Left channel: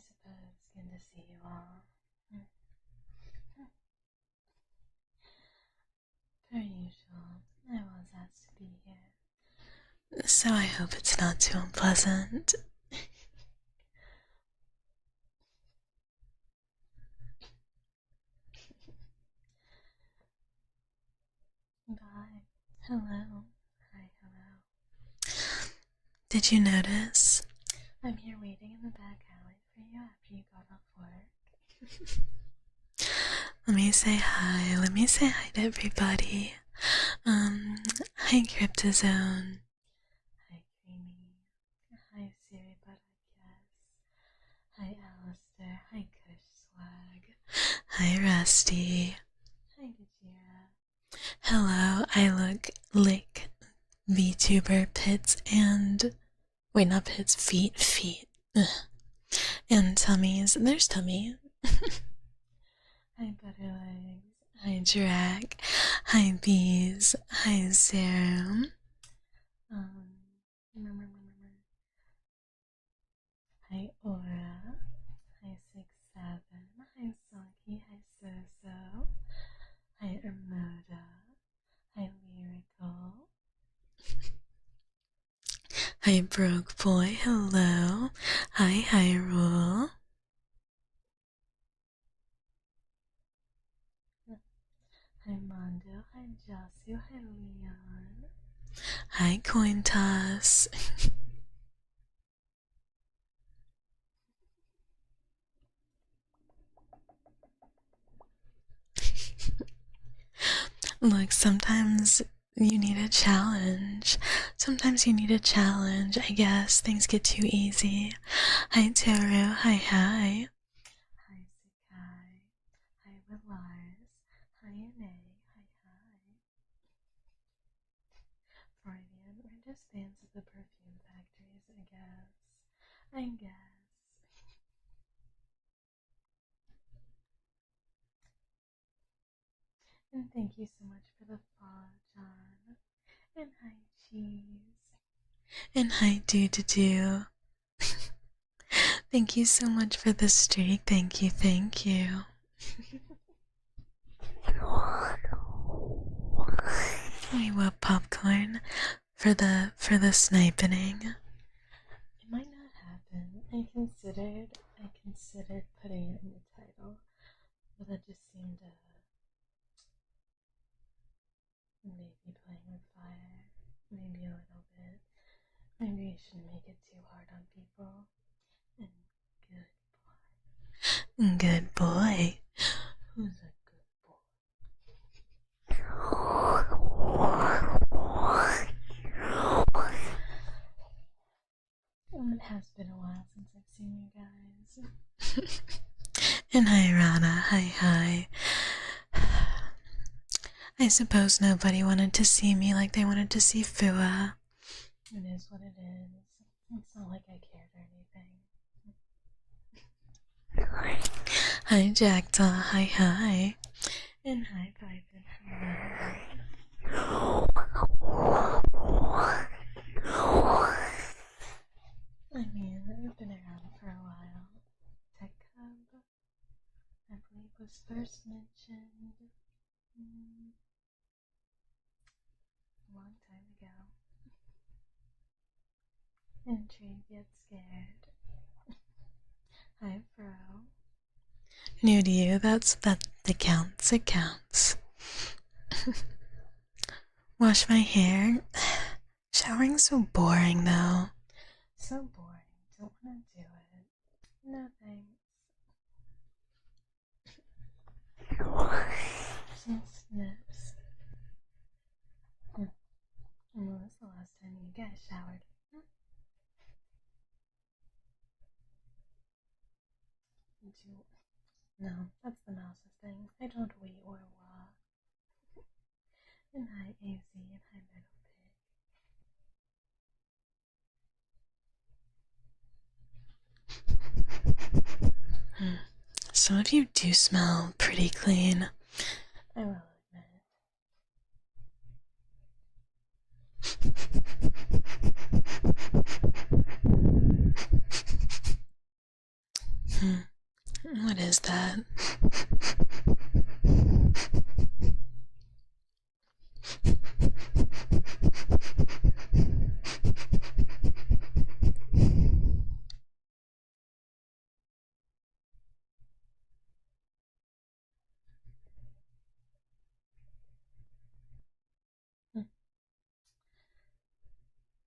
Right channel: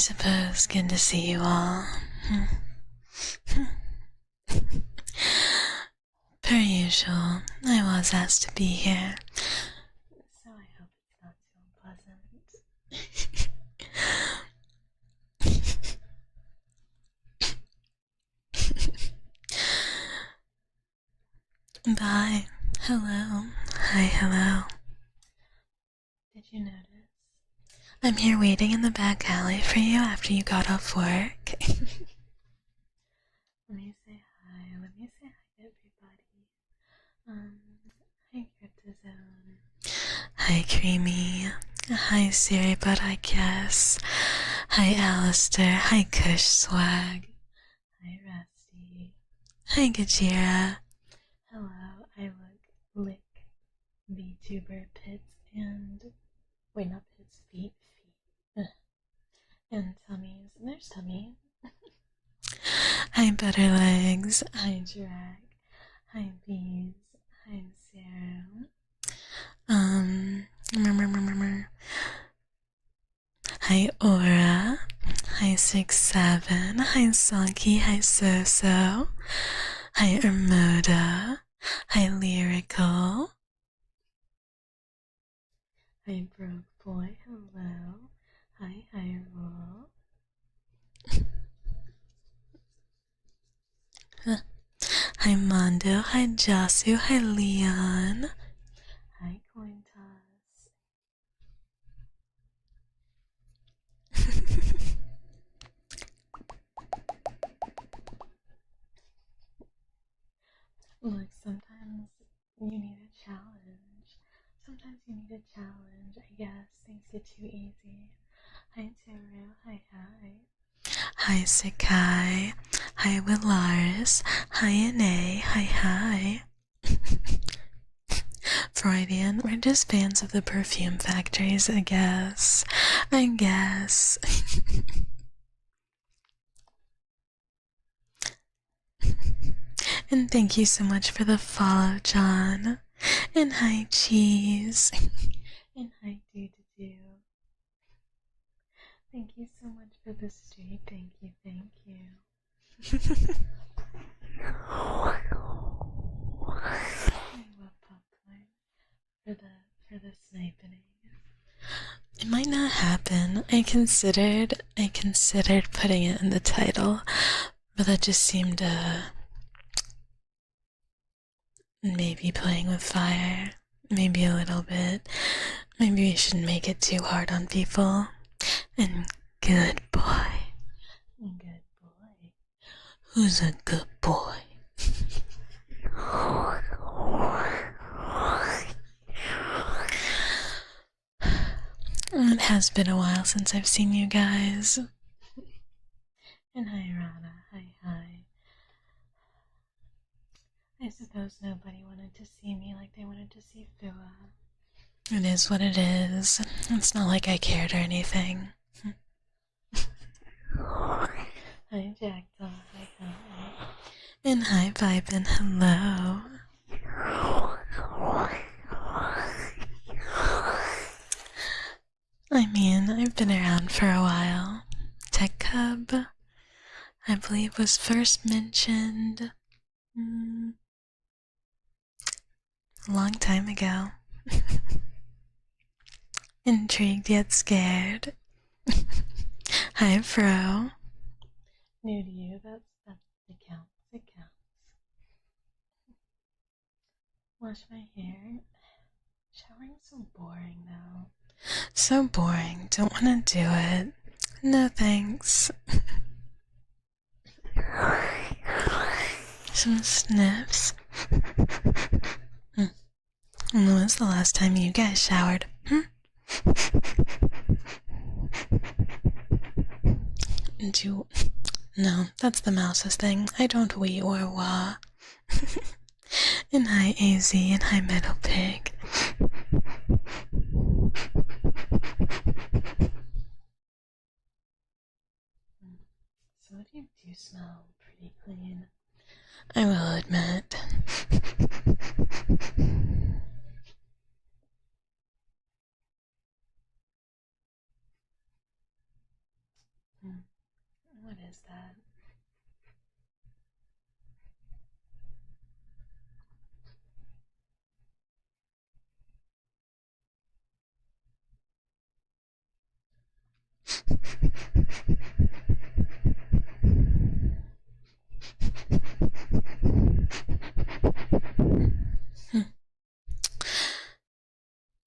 suppose good to see you all. Per usual, I was asked to be here, so I hope it's not too unpleasant. Bye. Hello. Hi, hello. Did you notice? I'm here waiting in the back alley for you after you got off work. Let me say hi. Let me say hi to everybody. Hi Cryptozone. Hi Creamy. Hi Siri, but I guess. Hi Alistair. Hi Kush Swag. Hi Rusty. Hi Gajira. Hello, I look like VTuber Pits and... Wait, not Pits, feet. Ugh. And tummies. There's tummy. Hi Butterlegs. Hi Drac. Hi Bees. Hi Serum. Hi Aura. Hi 6-7. Hi Saki. Hi Soso. Hi Ermoda. Hi Lyrical. Hi Broke Boy. Hello. Hi Hyrule. Hi Mondo. Hi Jasu. Hi Leon. Hi Coin Toss. Look, sometimes you need a challenge. Sometimes you need a challenge, I guess. Things get too easy. Hi Toru. Hi. Hi Sakai. Hi Willaris. Hi Ine. Hi. Freudian, we're just fans of the perfume factories, I guess. And thank you so much for the follow, John. And hi, Cheese. And hi, Do. Thank you so much for the streak. Thank you. We want popcorn for the sniping. It might not happen. I considered putting it in the title, but that just seemed maybe playing with fire. Maybe a little bit. Maybe we shouldn't make it too hard on people. And good boy. Who's a good boy? It has been a while since I've seen you guys. And hi Rana, hi. I suppose nobody wanted to see me like they wanted to see Fua. It is what it is. It's not like I cared or anything. Hi Jackdaw, hi. And hi Vibin, hello. I mean, I've been around for a while. Tekcub, I believe, was first mentioned a long time ago. Intrigued yet scared. Hi Fro. New to you, it counts. Wash my hair. Showering's so boring though. So boring. Don't wanna do it. No thanks. Some sniffs. When was the last time you guys showered? No, that's the mouse's thing. I don't wee or wah. And hi AZ and hi Metal Pig. Some of you do smell pretty clean, I will admit. What is that?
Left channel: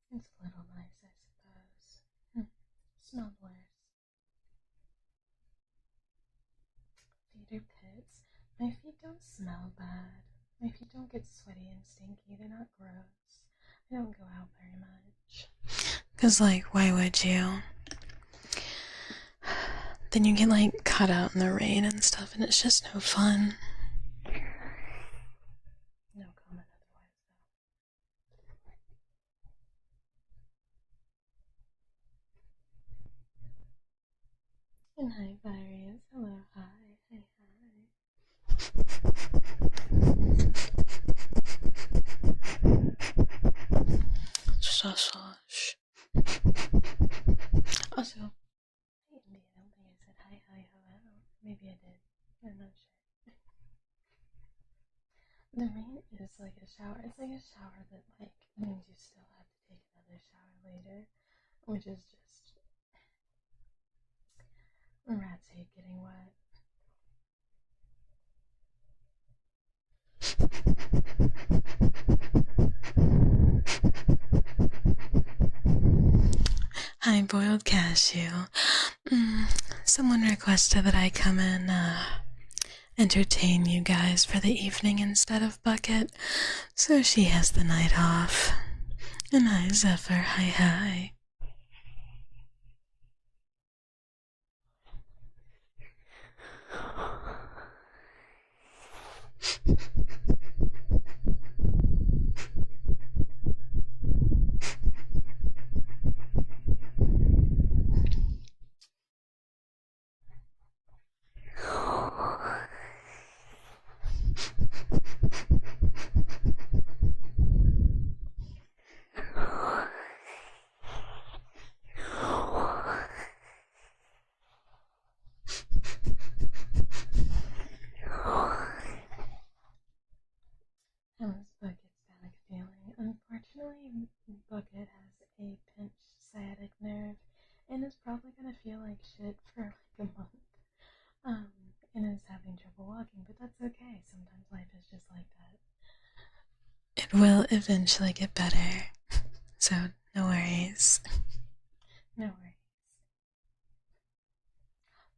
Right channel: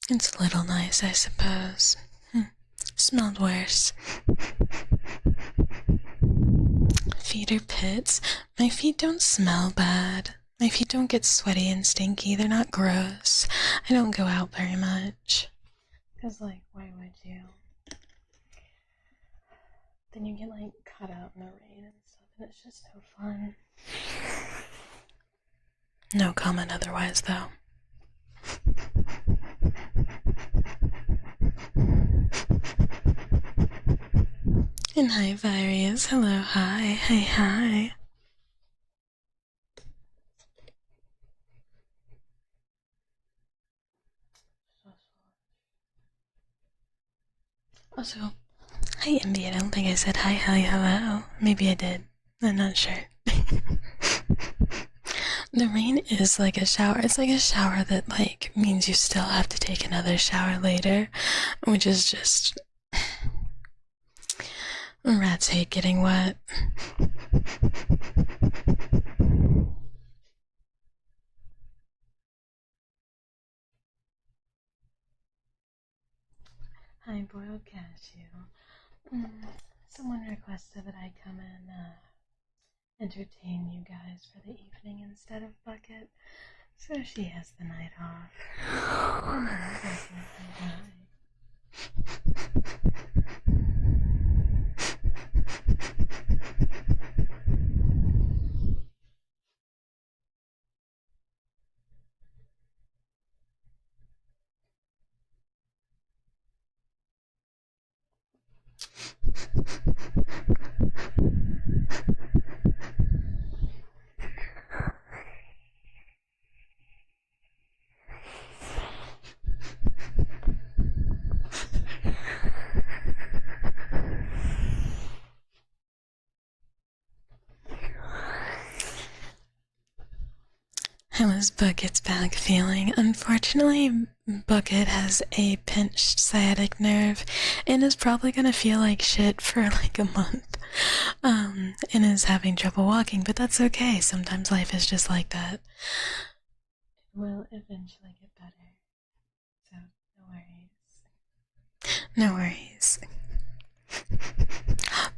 It's a little nice, I suppose. Smelled worse. Feet are pits. My feet don't smell bad. My feet don't get sweaty and stinky. They're not gross. I don't go out very much. 'Cause, like, why would you? Then you get, like, caught out in the rain and stuff, and it's just no fun. No comment otherwise, though. And hi, Various. Hello, hi. Hi. Also, hi, Envy. I don't think I said hi, hello. Maybe I did. I'm not sure. The rain is like a shower. It's like a shower that, like, means you still have to take another shower later, which is just... Rats hate getting wet. Hi, Boiled Cashew. Someone requested that I come and entertain you guys for the evening instead of Bucket, so she has the night off. And hi, Zephyr. Hi. How is Bucket's back feeling? Unfortunately, Bucket has a pinched sciatic nerve and is probably gonna feel like shit for like a month. And is having trouble walking, but that's okay. Sometimes life is just like that. It will eventually get better. So, no worries. No worries.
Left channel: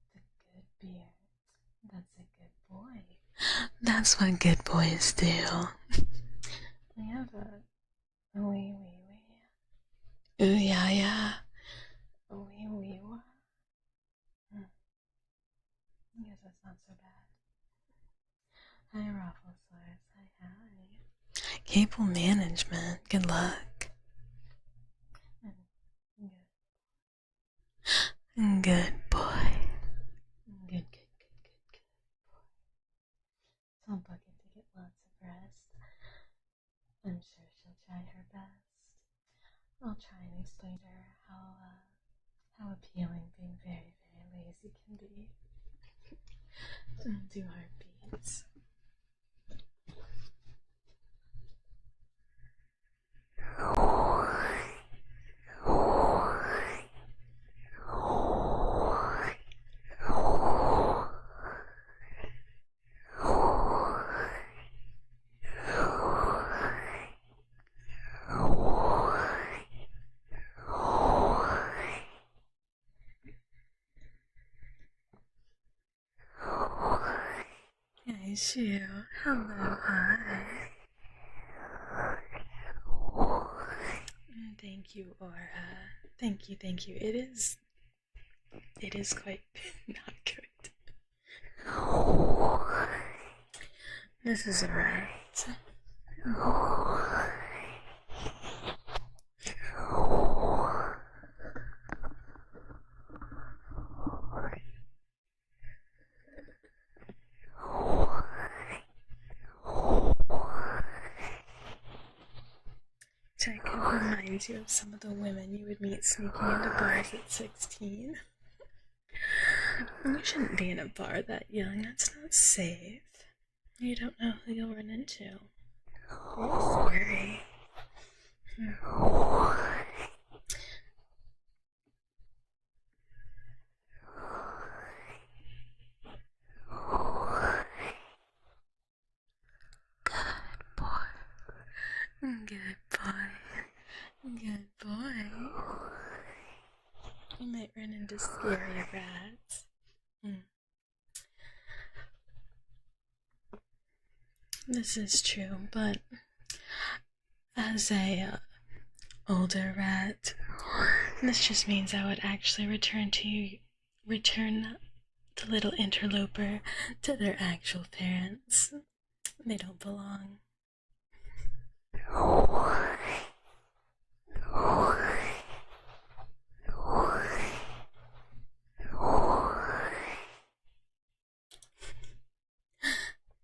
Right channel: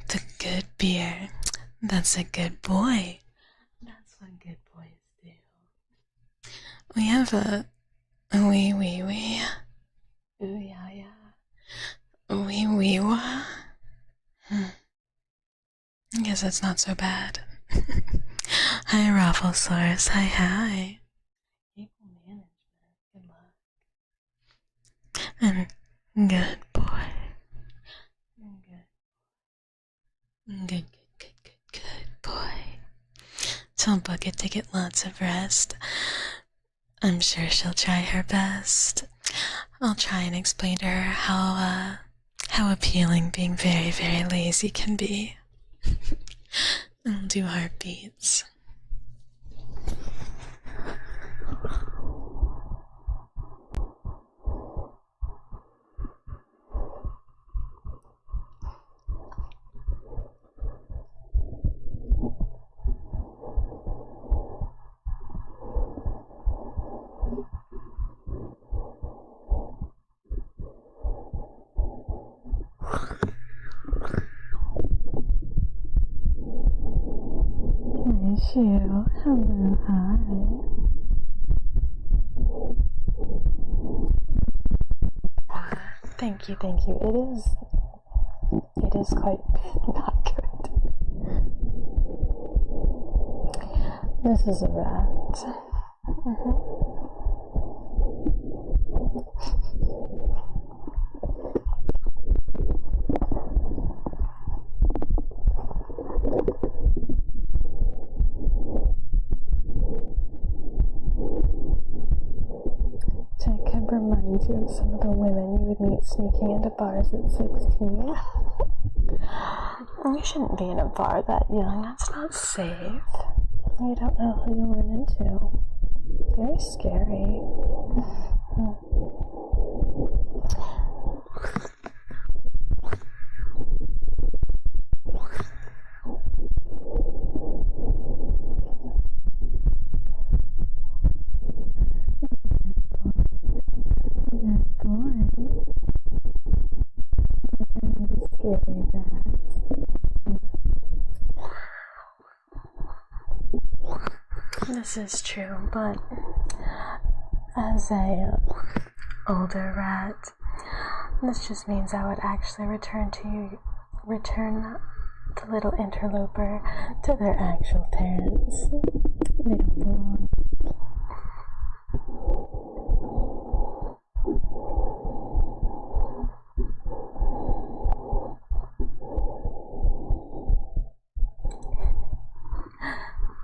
The good beer. That's a good boy. That's what good boys do. We have a wee. Ooh yeah. Wee wah. I guess that's not so bad. Hi, Rafflesaurus. Hi. Cable management. Good luck. And good boy. Good boy. Good boy. Tell Bucket to get lots of rest. I'm sure she'll try her best. I'll try and explain to her how appealing being very, very lazy can be. I'll do heartbeats. Hello, hi. Thank you, Aura. Thank you. It is quite not good. This is a rat. Tekcub reminds you of some of the women you would meet sneaking into bars at 16. You shouldn't be in a bar that young. That's not safe. You don't know who you'll run into. You're scary. Good boy. Good boy. You might run into scary rats. This is true, but as a older rat, this just means I would actually return the little interloper to their actual parents. They don't belong.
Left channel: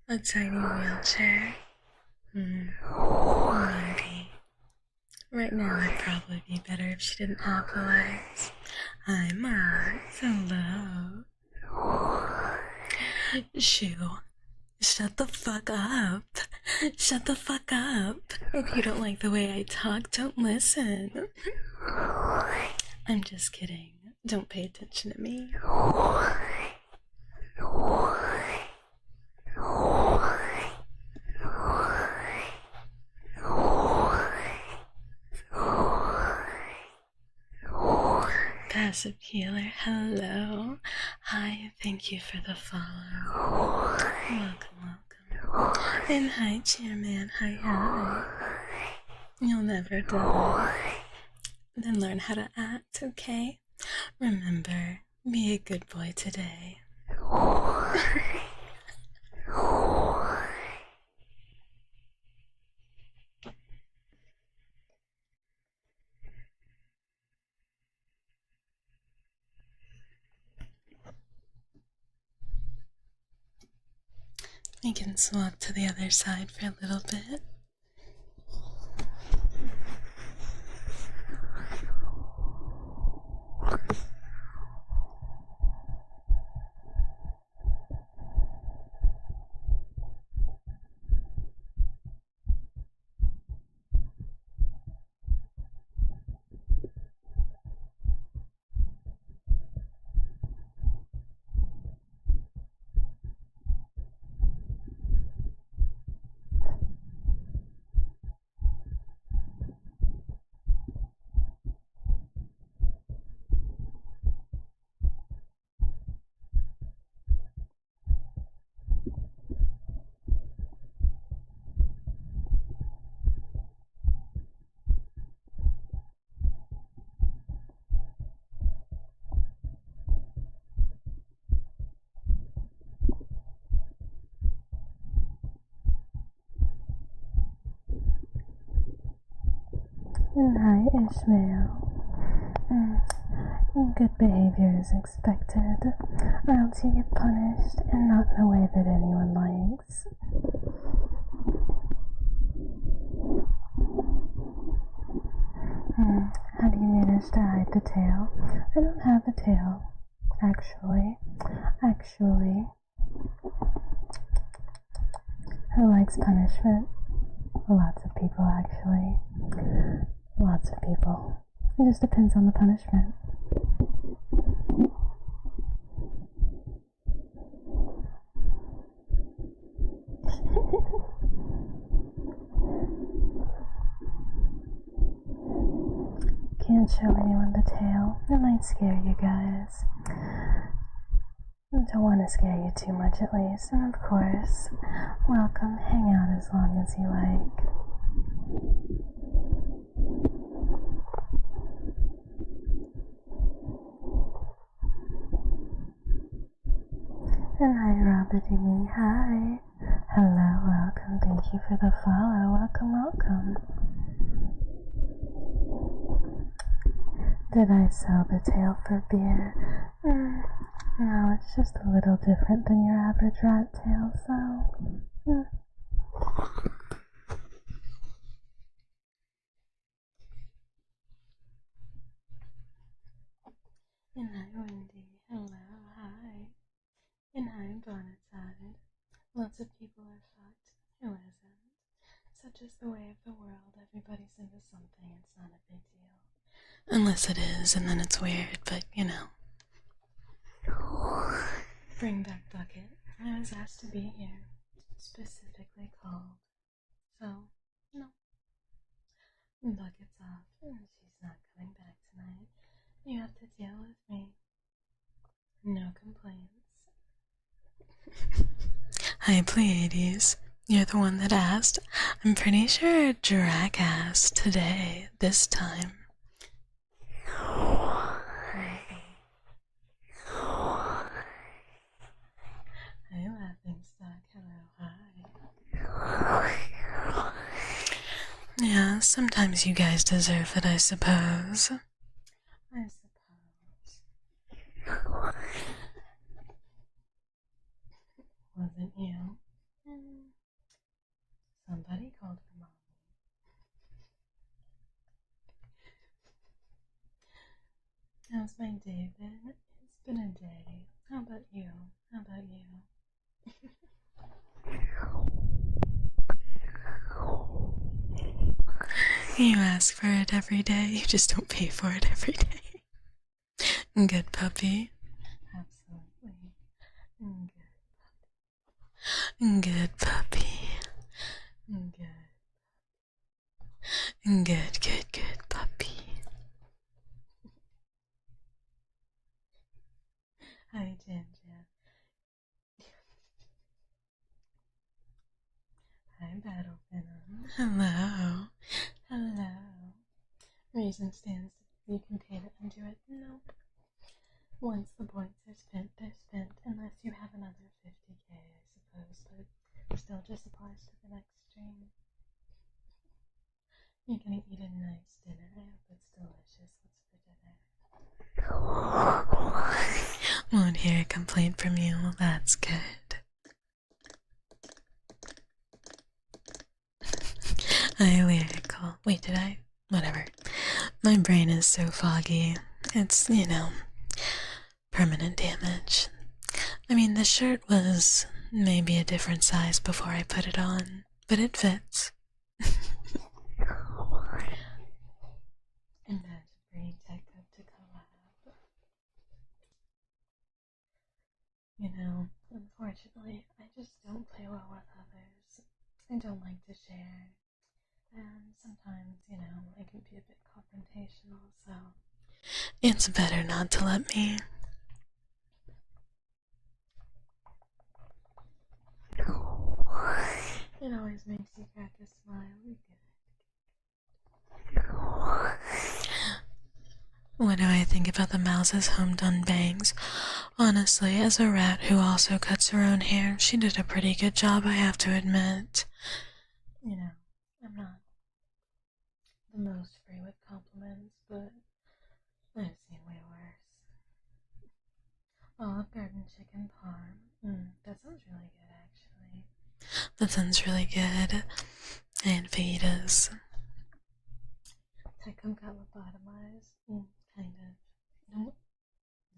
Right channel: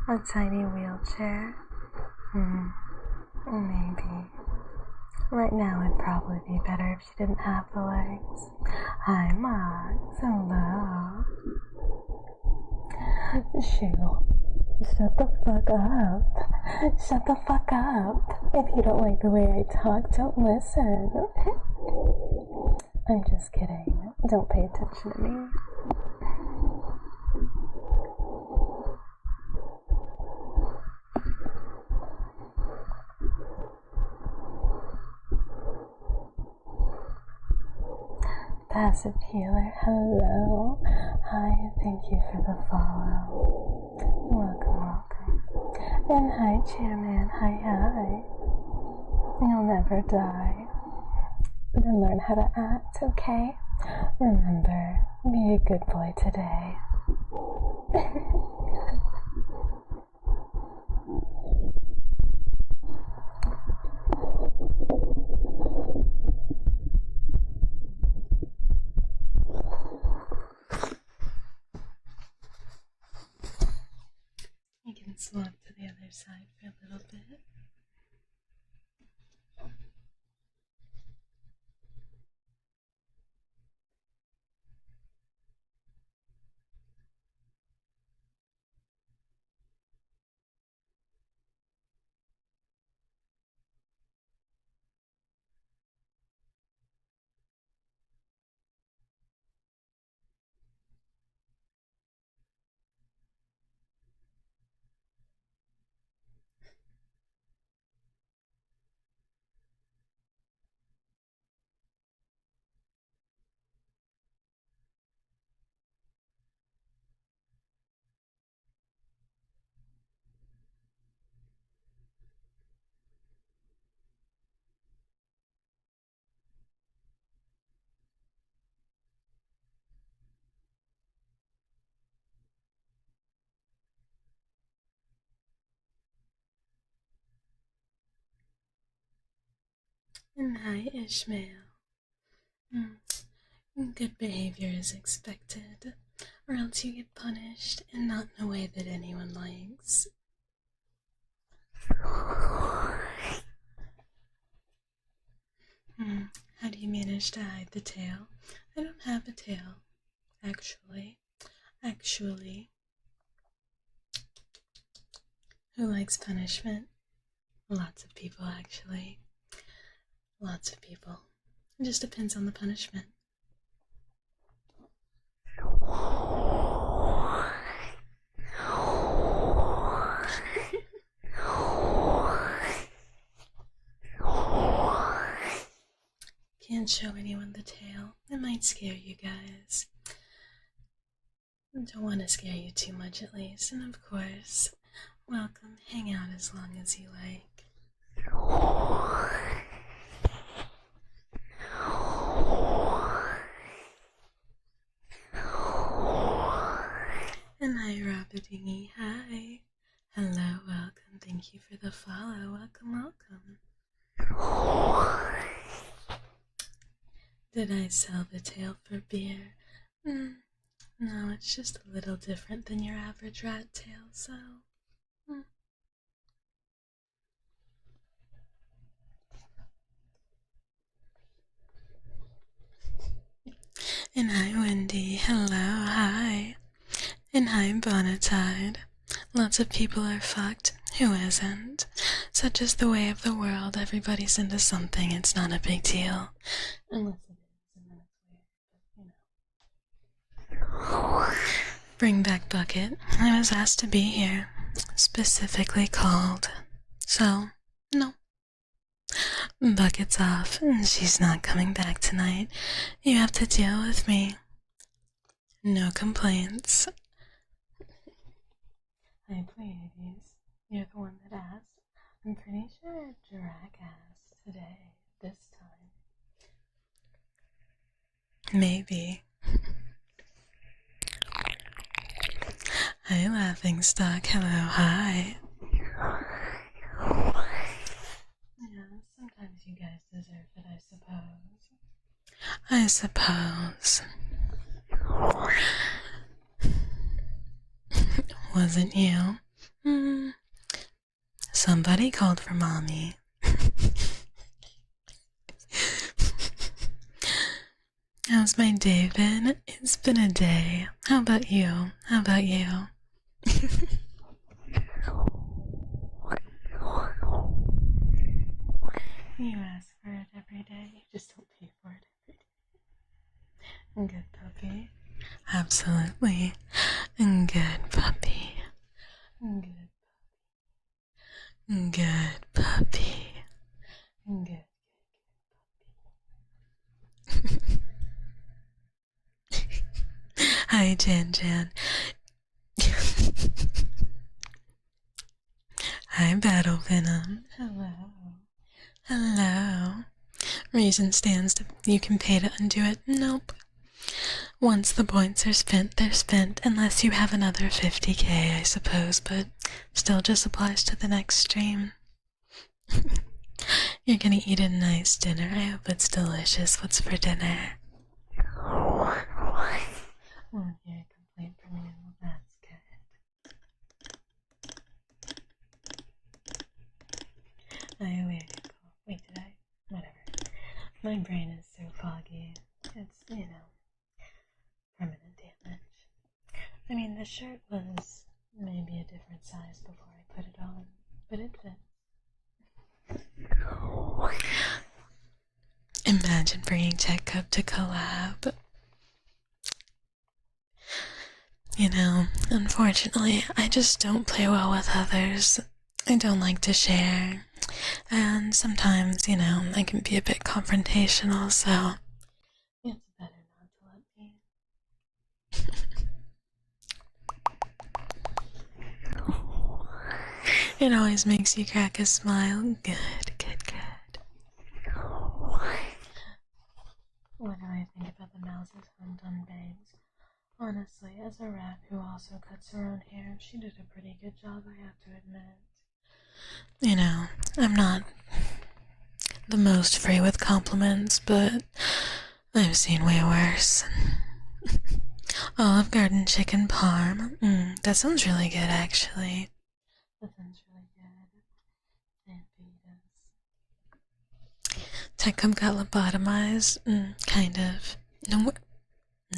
A tiny wheelchair? Maybe. Right now I'd probably be better if she didn't have the legs. Hi, Max. Hello. Shoo. Shut the fuck up. Shut the fuck up. If you don't like the way I talk, don't listen. I'm just kidding. Don't pay attention to me. Passive healer, hello. Hi, thank you for the follow. Welcome, welcome. And hi, Chairman. Hi. You'll never die. Then learn how to act, okay? Remember, be a good boy today. We can swap to the other side for a little bit. And hi, Ishmael. Good behavior is expected, or else you get punished, and not in a way that anyone likes. How do you manage to hide the tail? I don't have a tail, actually. Who likes punishment? Lots of people, actually. Lots of people. It just depends on the punishment. Can't show anyone the tail. It might scare you guys. Don't want to scare you too much at least. And of course, welcome. Hang out as long as you like. And hi, Robadingy. Hi. Hello, welcome. Thank you for the follow. Welcome. Did I sell the tail for beer? No, it's just a little different than your average rat tail, so... And hi, Wendy. Hello, hi. And hi, Bonatide. Lots of people are fucked. Who isn't? Such is the way of the world. Everybody's into something. It's not a big deal. Unless it is, and then it's weird, but you know. Bring back Bucket. I was asked to be here. Specifically called. So, no. Bucket's off. She's not coming back tonight. You have to deal with me. No complaints. Hi, Pleiades. You're the one that asked. I'm pretty sure Drac asked today, this time. Maybe. Hi, Laughingstock. Hello, hi. Yeah, sometimes you guys deserve it, I suppose. I suppose. Wasn't you? Somebody called for mommy. How's my day been? It's been a day. How about you? How about you? You ask for it every day, you just don't pay for it every day. Good puppy. Absolutely. Good puppy. Good puppy. Good puppy. Good puppy. Hi, Jan. Hi, Battle Venom. Hello. Reason stands to you can pay to undo it. Nope. Once the points are spent, they're spent, unless you have another 50k, I suppose, but still just applies to the next stream. You're gonna eat a nice dinner. I hope it's delicious. What's for dinner? Won't hear a complaint from you. Well, that's good. Lyrical. Wait, did I? Whatever. My brain is so foggy. It's, you know, permanent damage. I mean, the shirt was maybe a different size before I put it on, but it fits. Imagine bringing Tekcub to collab. You know, unfortunately, I just don't play well with others. I don't like to share. And sometimes, you know, I can be a bit confrontational, so it's better not to let me. It always makes you crack a smile. Good. What do I think about the mouse's home-done bangs? Honestly, as a rat who also cuts her own hair, she did a pretty good job, I have to admit. You know, I'm not the most free with compliments, but I've seen way worse. Olive Garden chicken parm. That sounds really good, actually. That sounds really good. And fajitas. Tekcub got lobotomized. Kind of.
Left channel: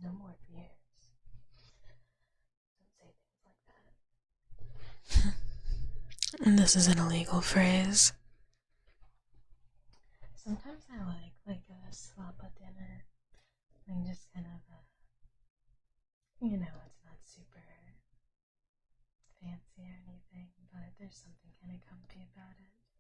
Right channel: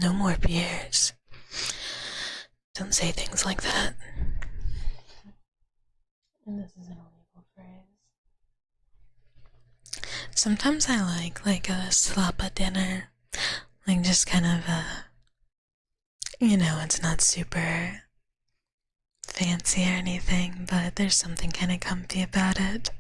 No more beers. Don't say things like that. This is an illegal phrase. Sometimes I like a slappa dinner. Like just kind of you know, it's not super fancy or anything, but there's something kind of comfy about it.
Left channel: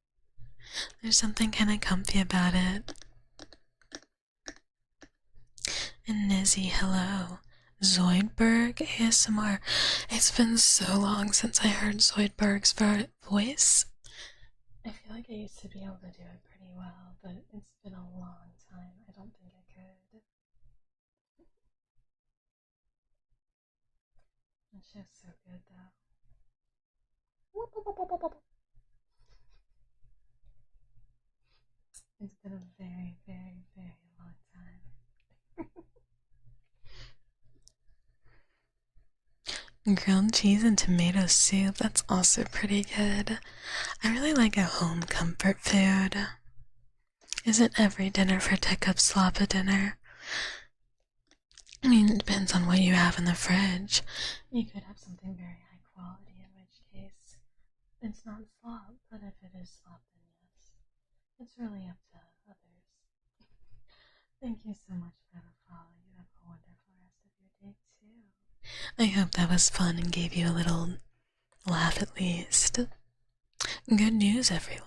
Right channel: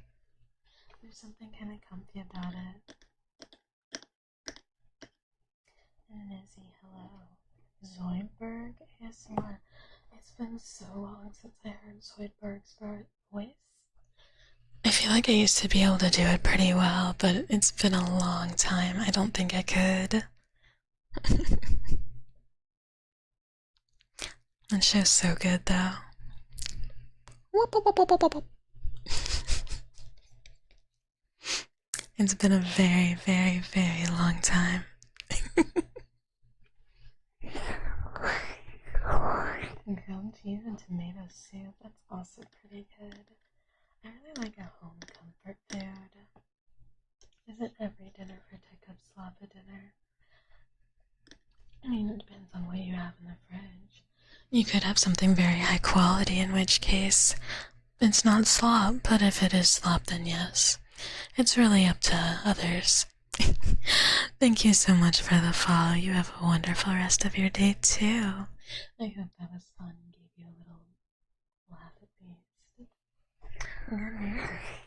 And Nizzy, hello. Zoidberg ASMR. It's been so long since I heard Zoidberg's voice. I feel like I used to be able to do it pretty well, but it's been a long time. I don't think I could. That show's so good, though. It's been a very, very, very long time. Grilled cheese and tomato soup, that's also pretty good. I really like a home comfort food. Isn't every dinner for Tekcub slop a dinner? I mean, it depends on what you have in the fridge. You could have something very high quality, in which case it's not slop, but if it is slop, then yes. It's really up to others. Thank you so much for the follow. You have a wonderful rest of your day, too. I hope that was fun and gave you a little laugh at least. Good news, everyone.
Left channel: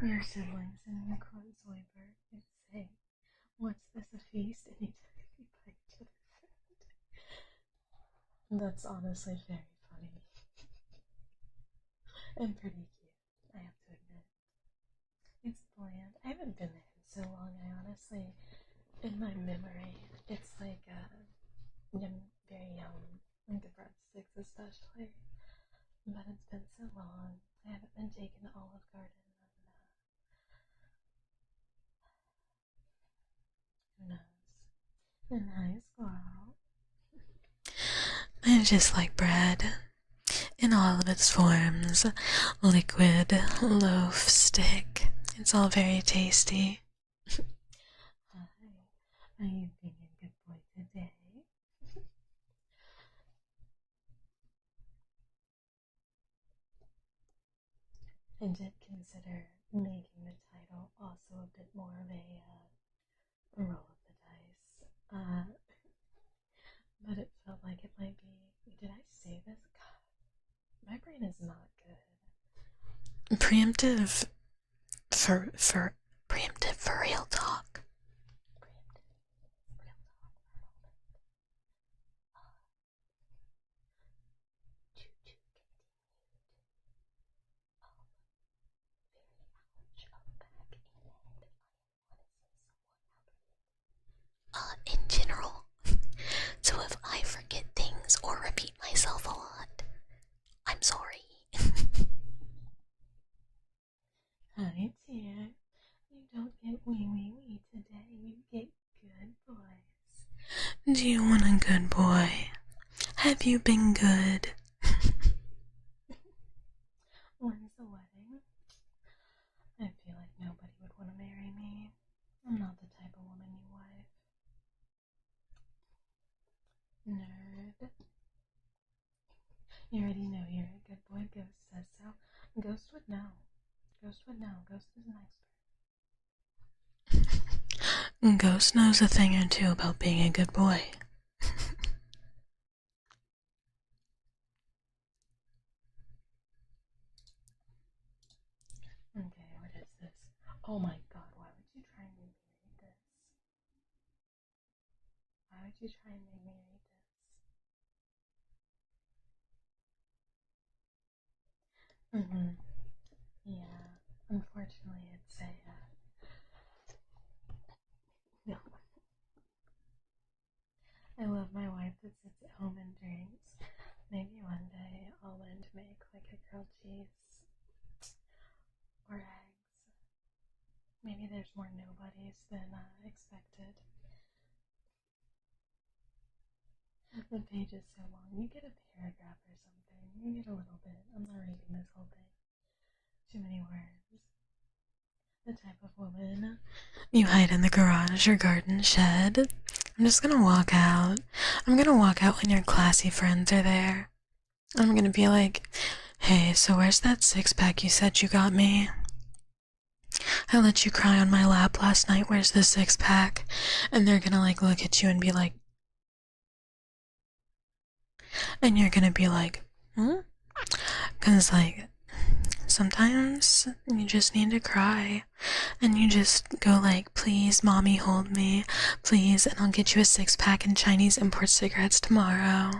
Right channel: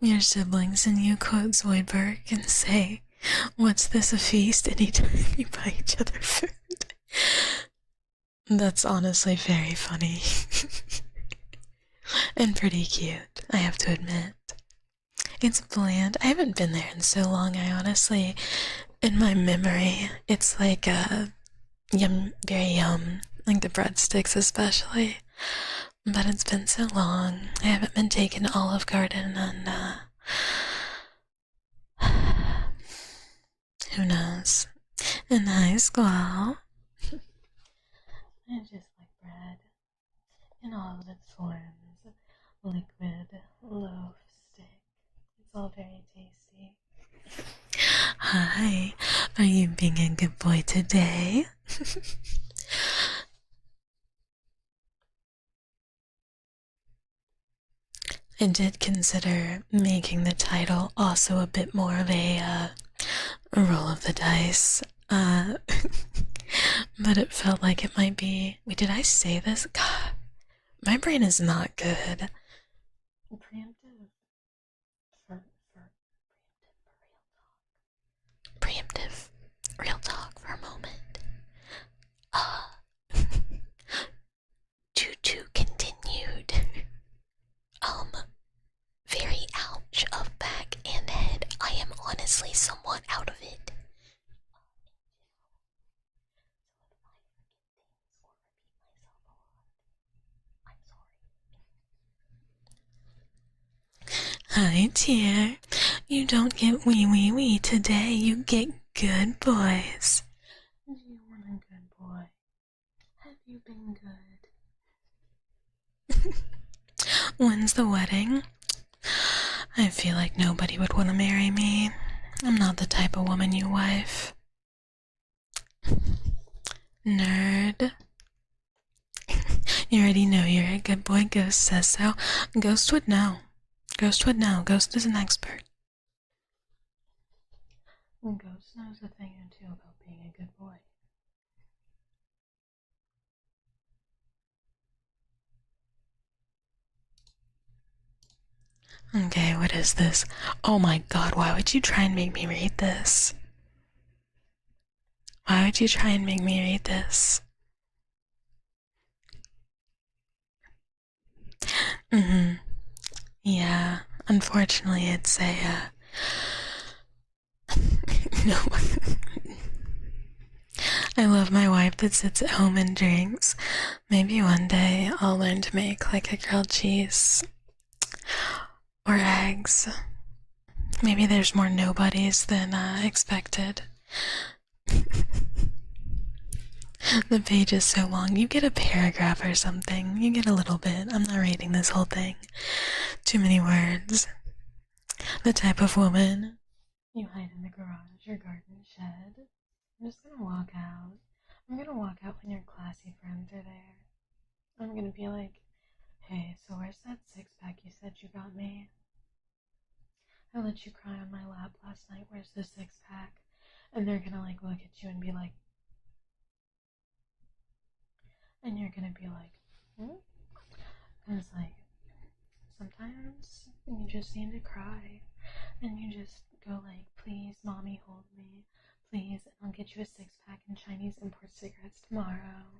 Your siblings and you quote Zoidberg and say, "What's this, a feast?" anytime you buy each other food. That's honestly very funny. And pretty cute, I have to admit. It's bland. I haven't been there in so long, I honestly, in my memory, it's like yum, very yum, like the breadsticks especially. But it's been so long. I haven't been taken to Olive Garden and who knows? In high school, I just like bread in all of its forms. Liquid, loaf, stick. It's all very tasty. Hi, are you being a good boy today? I did consider making the title also a bit more of a roll of the dice, but it felt like it might be. Wait, did I say this? God, my brain is not good. Preemptive for preemptive for real talk. Preemptive real talk for a moment. Tutu continued. Very ouch of back and head. I am honestly somewhat out of it, in general. So if I forget things or repeat myself a lot, I'm sorry. Hi, dear. You don't get wee today, you get good boys. Do you want a good boy? Have you been good? When's the wedding? I feel like nobody would want to marry me. I'm not the type of woman you wife. Nerd. You already know you're a good boy. Ghost says so. Ghost would know. Ghost would know. Ghost is an expert. Ghost knows a thing or two about being a good boy. Okay, what is this? Oh my god, why would you try and make me read this? Why would you try and make me read this? Yeah, unfortunately it's a, no. I love my wife that sits at home and drinks. Maybe one day I'll learn to make like a grilled cheese or eggs. Maybe there's more nobodies than expected. The page is so long. You get a paragraph or something. You get a little bit. I'm not reading this whole thing. Too many words. The type of woman you hide in the garage or garden shed. I'm just gonna walk out. I'm gonna walk out when your classy friends are there. I'm gonna be like, "Hey, so where's that six-pack you said you got me? I let you cry on my lap last night. Where's the six-pack?" And they're gonna like look at you and be like, and you're gonna be like, Cause like, sometimes you just need to cry. And you just go like, "Please, mommy, hold me. Please, and I'll get you a six-pack and Chinese import cigarettes tomorrow."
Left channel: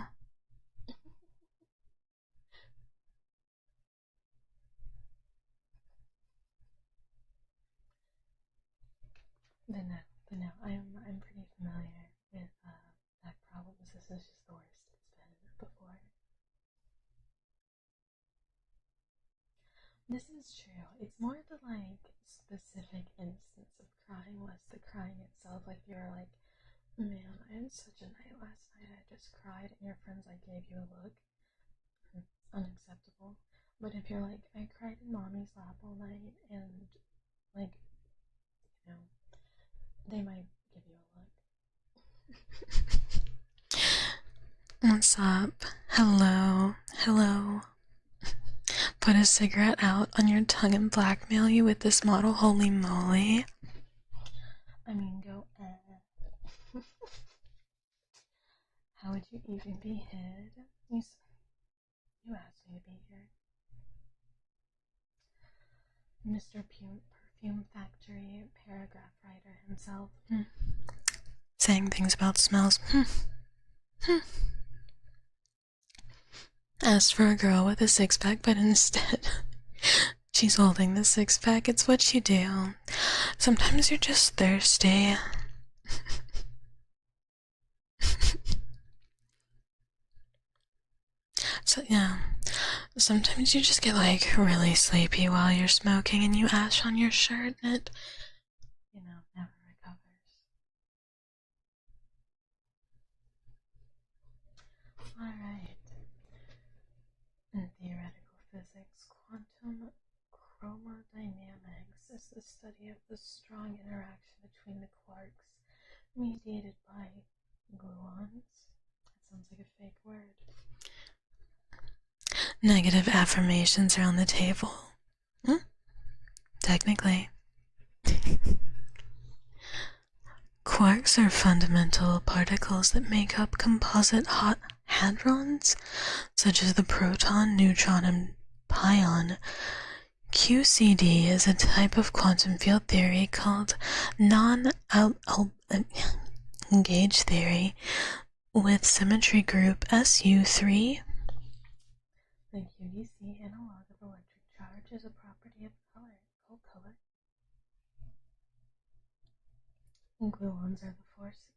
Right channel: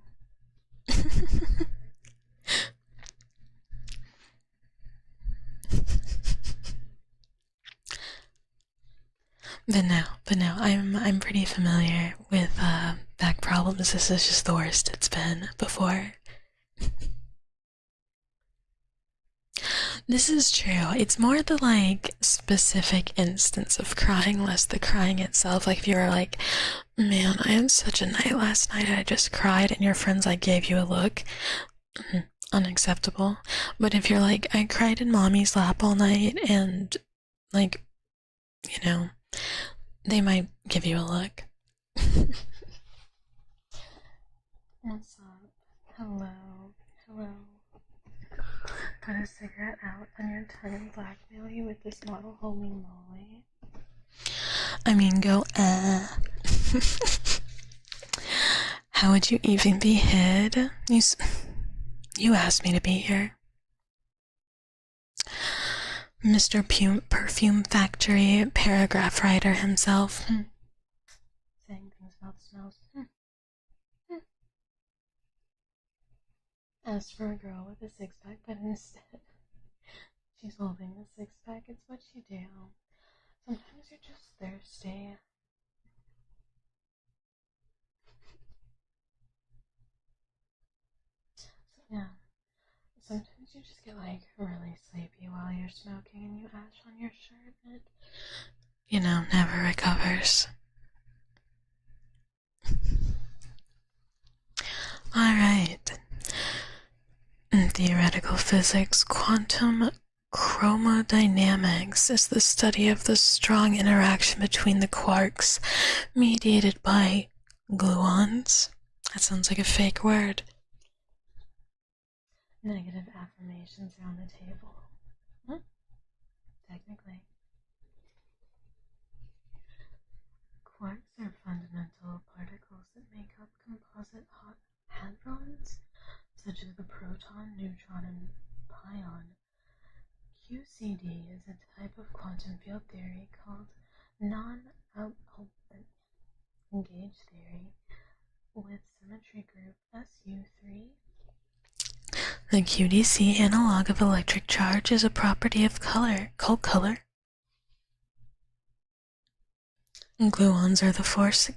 But no, I'm pretty familiar with back problems. This is just the worst it's been before. This is true. It's more the like specific instance of crying, less the crying itself. Like if you were like, "Man, I had such a night last night, I just cried," and your friends like gave you a look, unacceptable. But if you're like, "I cried in mommy's lap all night and Like, they might give you a look. What's up? Hello. Hello. Put a cigarette out on your tongue and blackmail you with this model? Holy moly. I mean, go, How would you even be hid? You asked me to be here. Mr. Perfume Factory paragraph writer himself. Saying things about smells. Asked for a girl with a six-pack, but instead she's holding the six-pack. It's what you do. Sometimes you're just thirsty. So yeah, sometimes you just get like really sleepy while you're smoking and you ash on your shirt and it, never recovers. Alright. In theoretical physics, quantum chromodynamics is the study of the strong interaction between the quarks mediated by gluons. That sounds like a fake word. Negative affirmations are on the table. Technically. Quarks are fundamental particles that make up composite hadrons, such as the proton, neutron, and pion. QCD is a type of quantum field theory called non-gauge theory with symmetry group SU3. The QDC analog of electric charge is a property of color, called color. Gluons are the force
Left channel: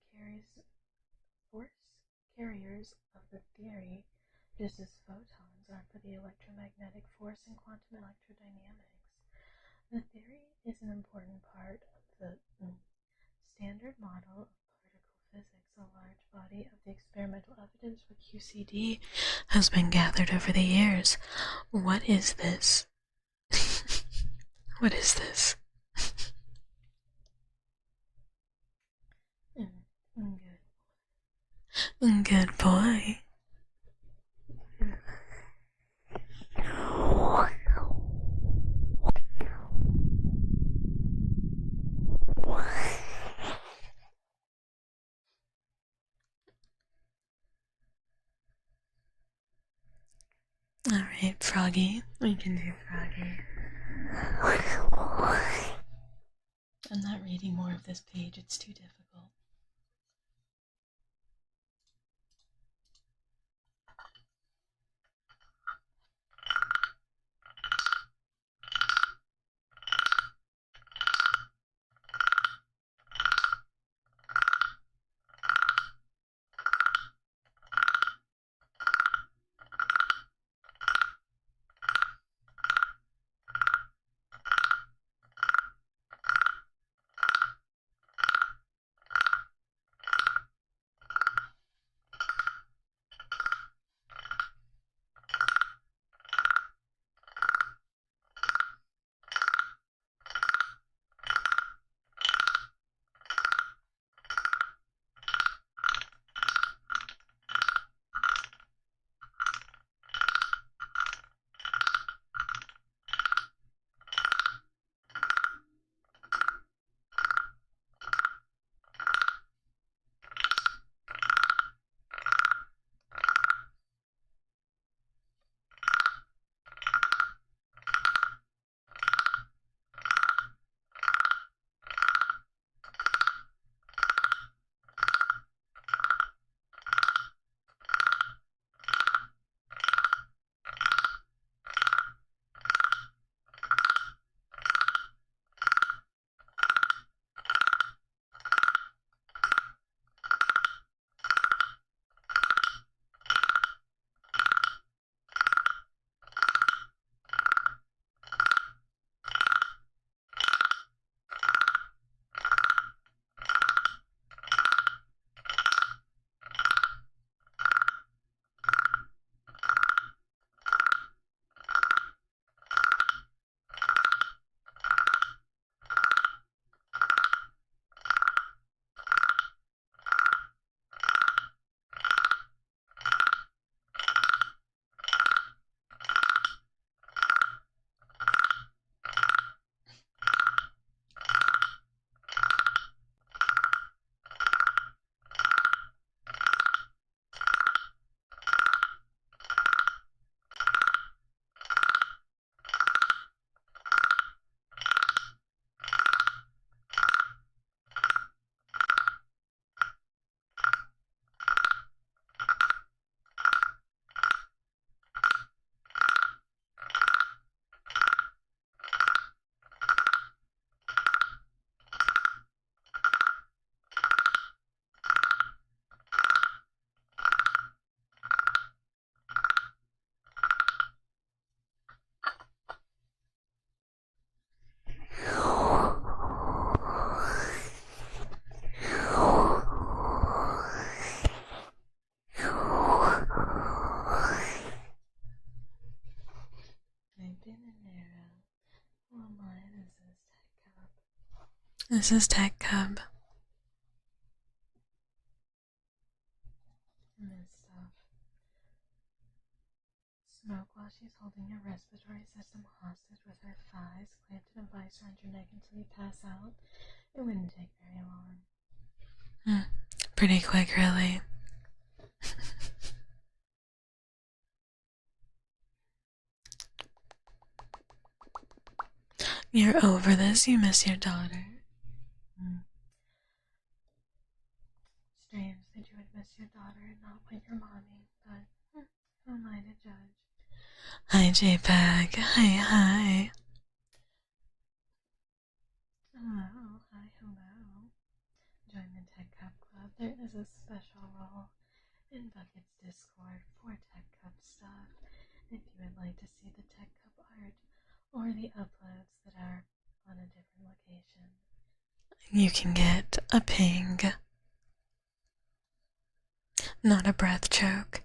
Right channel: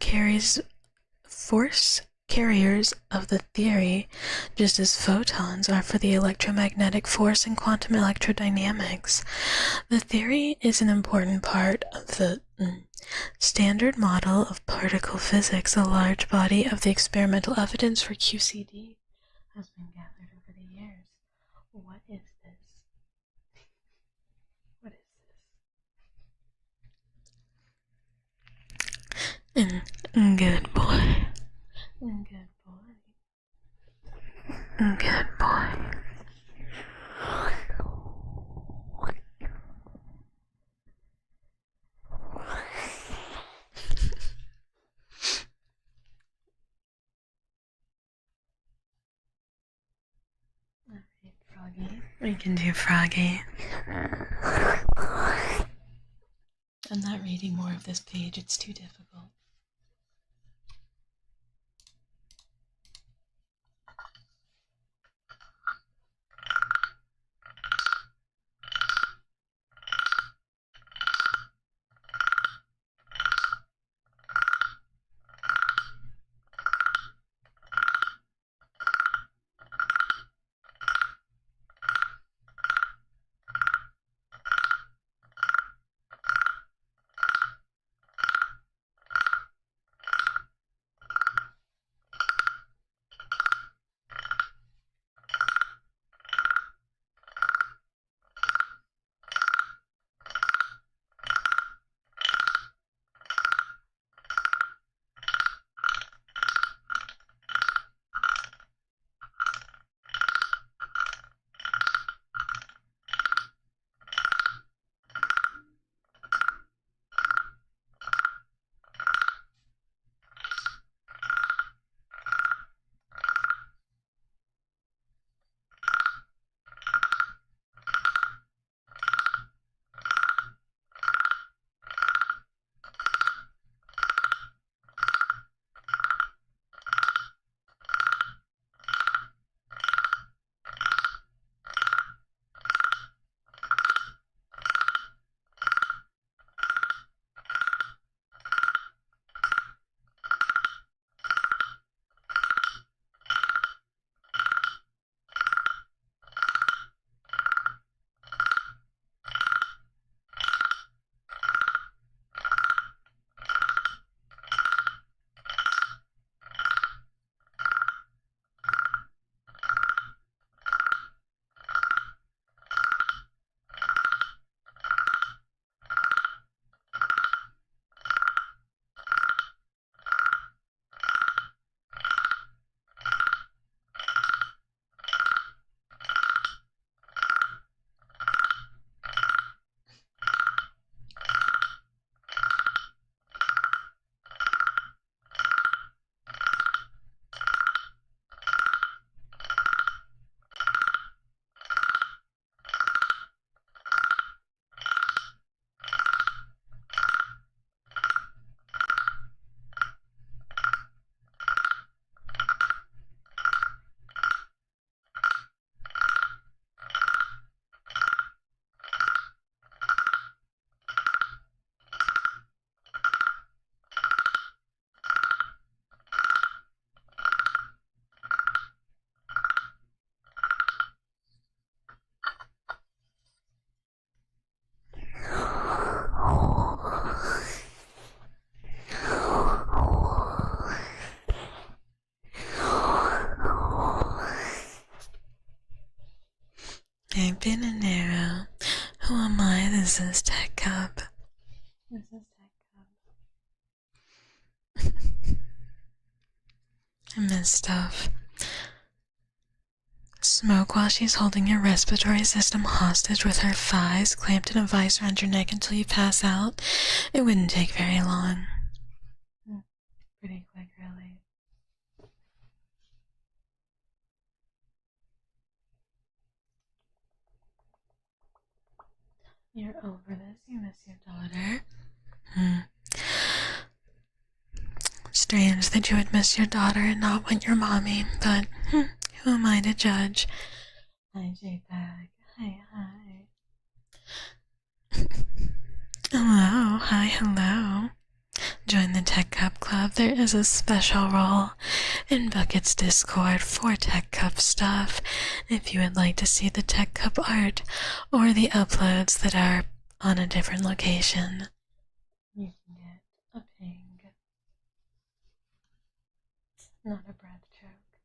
carriers of the theory, just as photons are for the electromagnetic force in quantum electrodynamics. The theory is an important part of the standard model of particle physics. A large body of the experimental evidence for QCD has been gathered over the years. What is this? What is this? Good boy. Good boy. Good boy. Alright, Froggy. We can do Froggy. I'm not reading more of this page, it's too difficult. This is Tekcub. This is Tekcub. I miss stuff. Smoke while she's holding your respiratory system hostage with her thighs clamped in a vice around your neck until you pass out. It wouldn't take very long. Pretty quick, really. You're over this, you miss your daughter. Strange that you would miss your daughter and not want your mommy, but who am I to judge? Hi, JPEG. Hi. Hello, hi, hello. Join the Tekcub Club. There is a special role in Bucket's Discord for Tekcub stuff. If you would like to see the Tekcub art or the uploads that are on a different location, you can get a ping. Not a breath choke.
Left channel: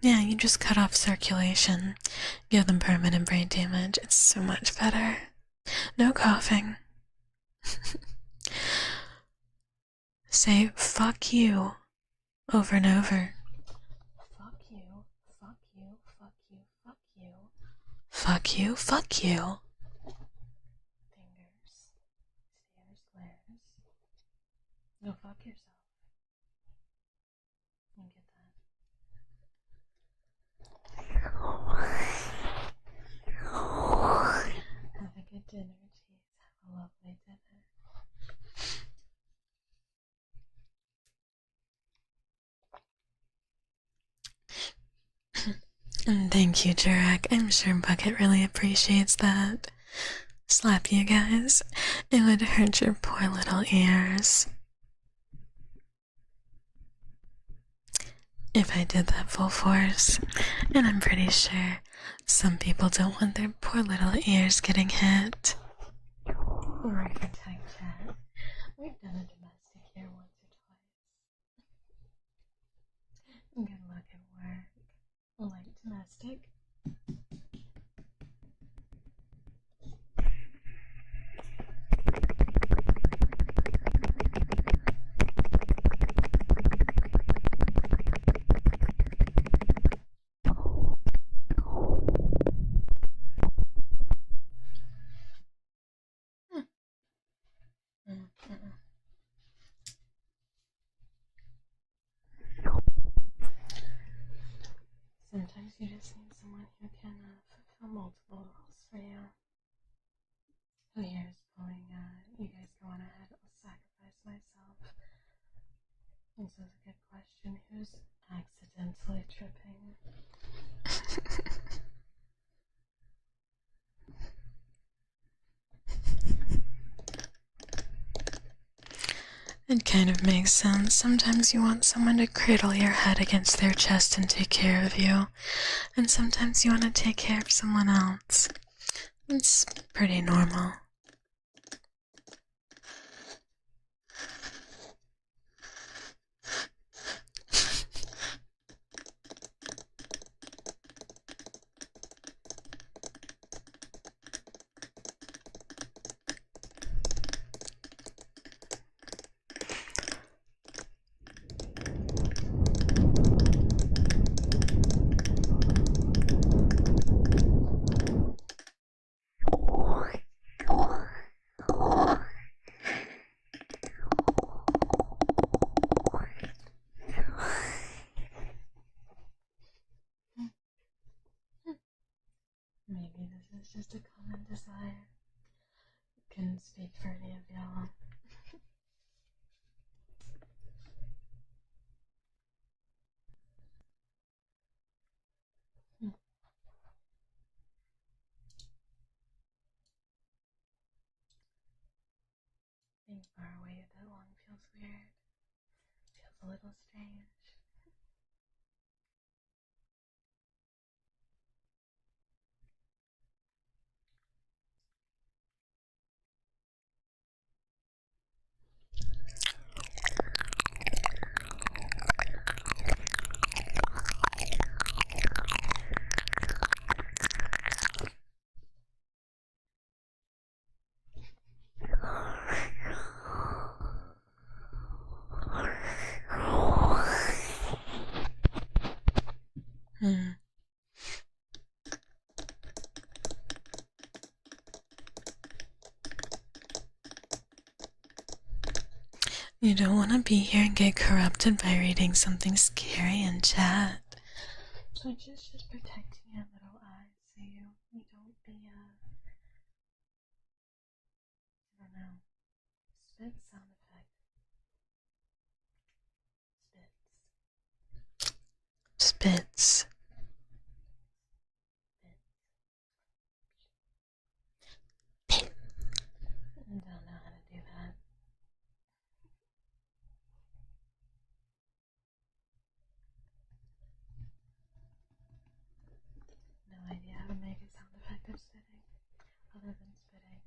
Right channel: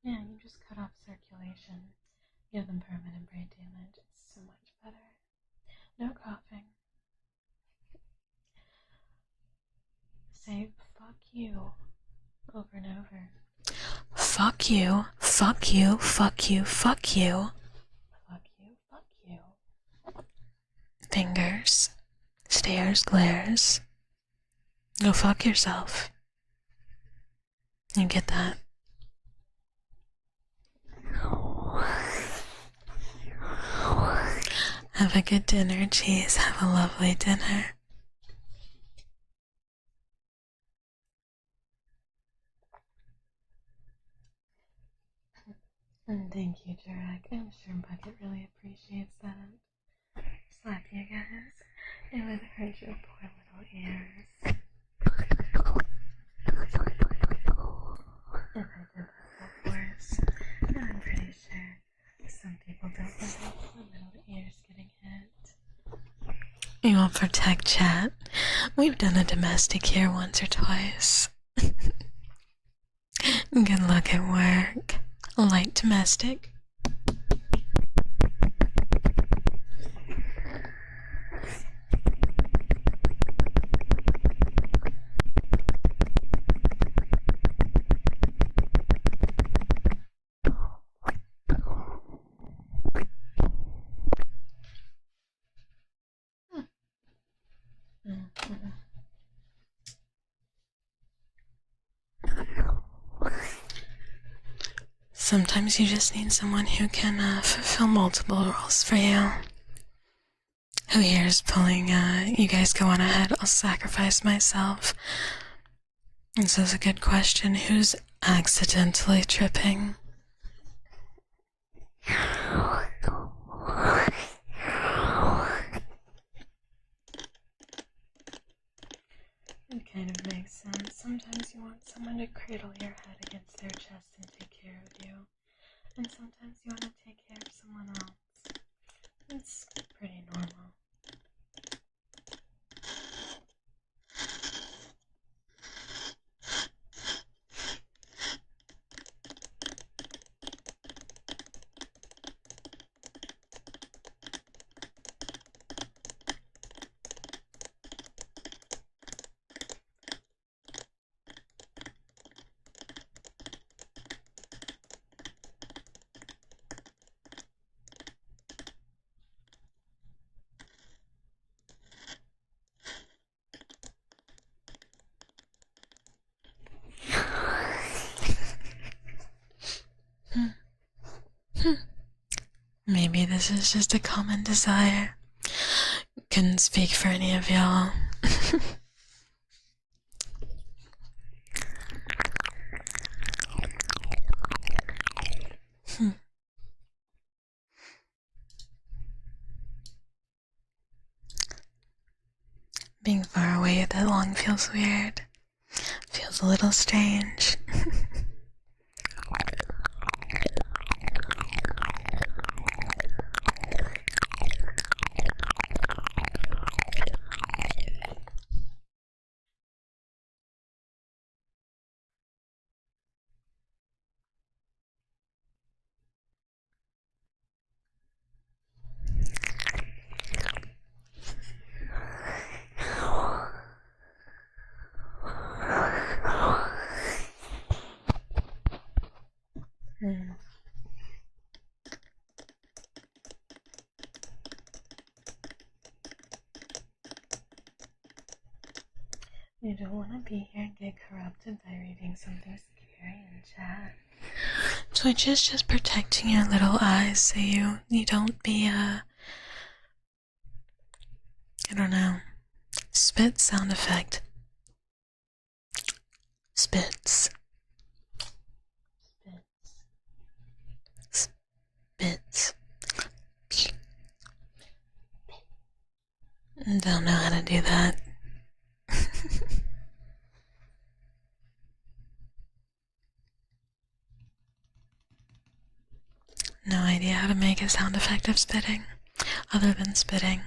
Yeah, you just cut off circulation. Give them permanent brain damage. It's so much better. No coughing. Say fuck you over and over. Fuck you, fuck you, fuck you, fuck you. Fuck you, fuck you. Fingers, stares, glares. Go fuck yourself. You get that? Have a good dinner, cheese. Have a lovely dinner. And thank you, Jurek. I'm sure Bucket really appreciates that. Slap you guys. It would hurt your poor little ears if I did that full force. And I'm pretty sure some people don't want their poor little ears getting hit. We won't protect chat. We've done a domestic here once or twice. Good luck at work. Light domestic. Sometimes you just need someone who can fulfill multiple roles for you. Who here is pulling, you guys go on ahead, I'll sacrifice myself. This is a good question. Who's accidentally tripping? It kind of makes sense. Sometimes you want someone to cradle your head against their chest and take care of you. And sometimes you want to take care of someone else. It's pretty normal. Maybe this is just a common desire. Couldn't speak for any of y'all. Being far away that long feels weird. Feels a little strange. You don't want to be here and get corrupted by reading something scary in chat. Twitch is just protecting your little eyes so you don't be I don't know. Spit sound effect. Spits. Spits. Spits. Don't know how to do that. No idea how to make a sound effect of spitting, other than spitting.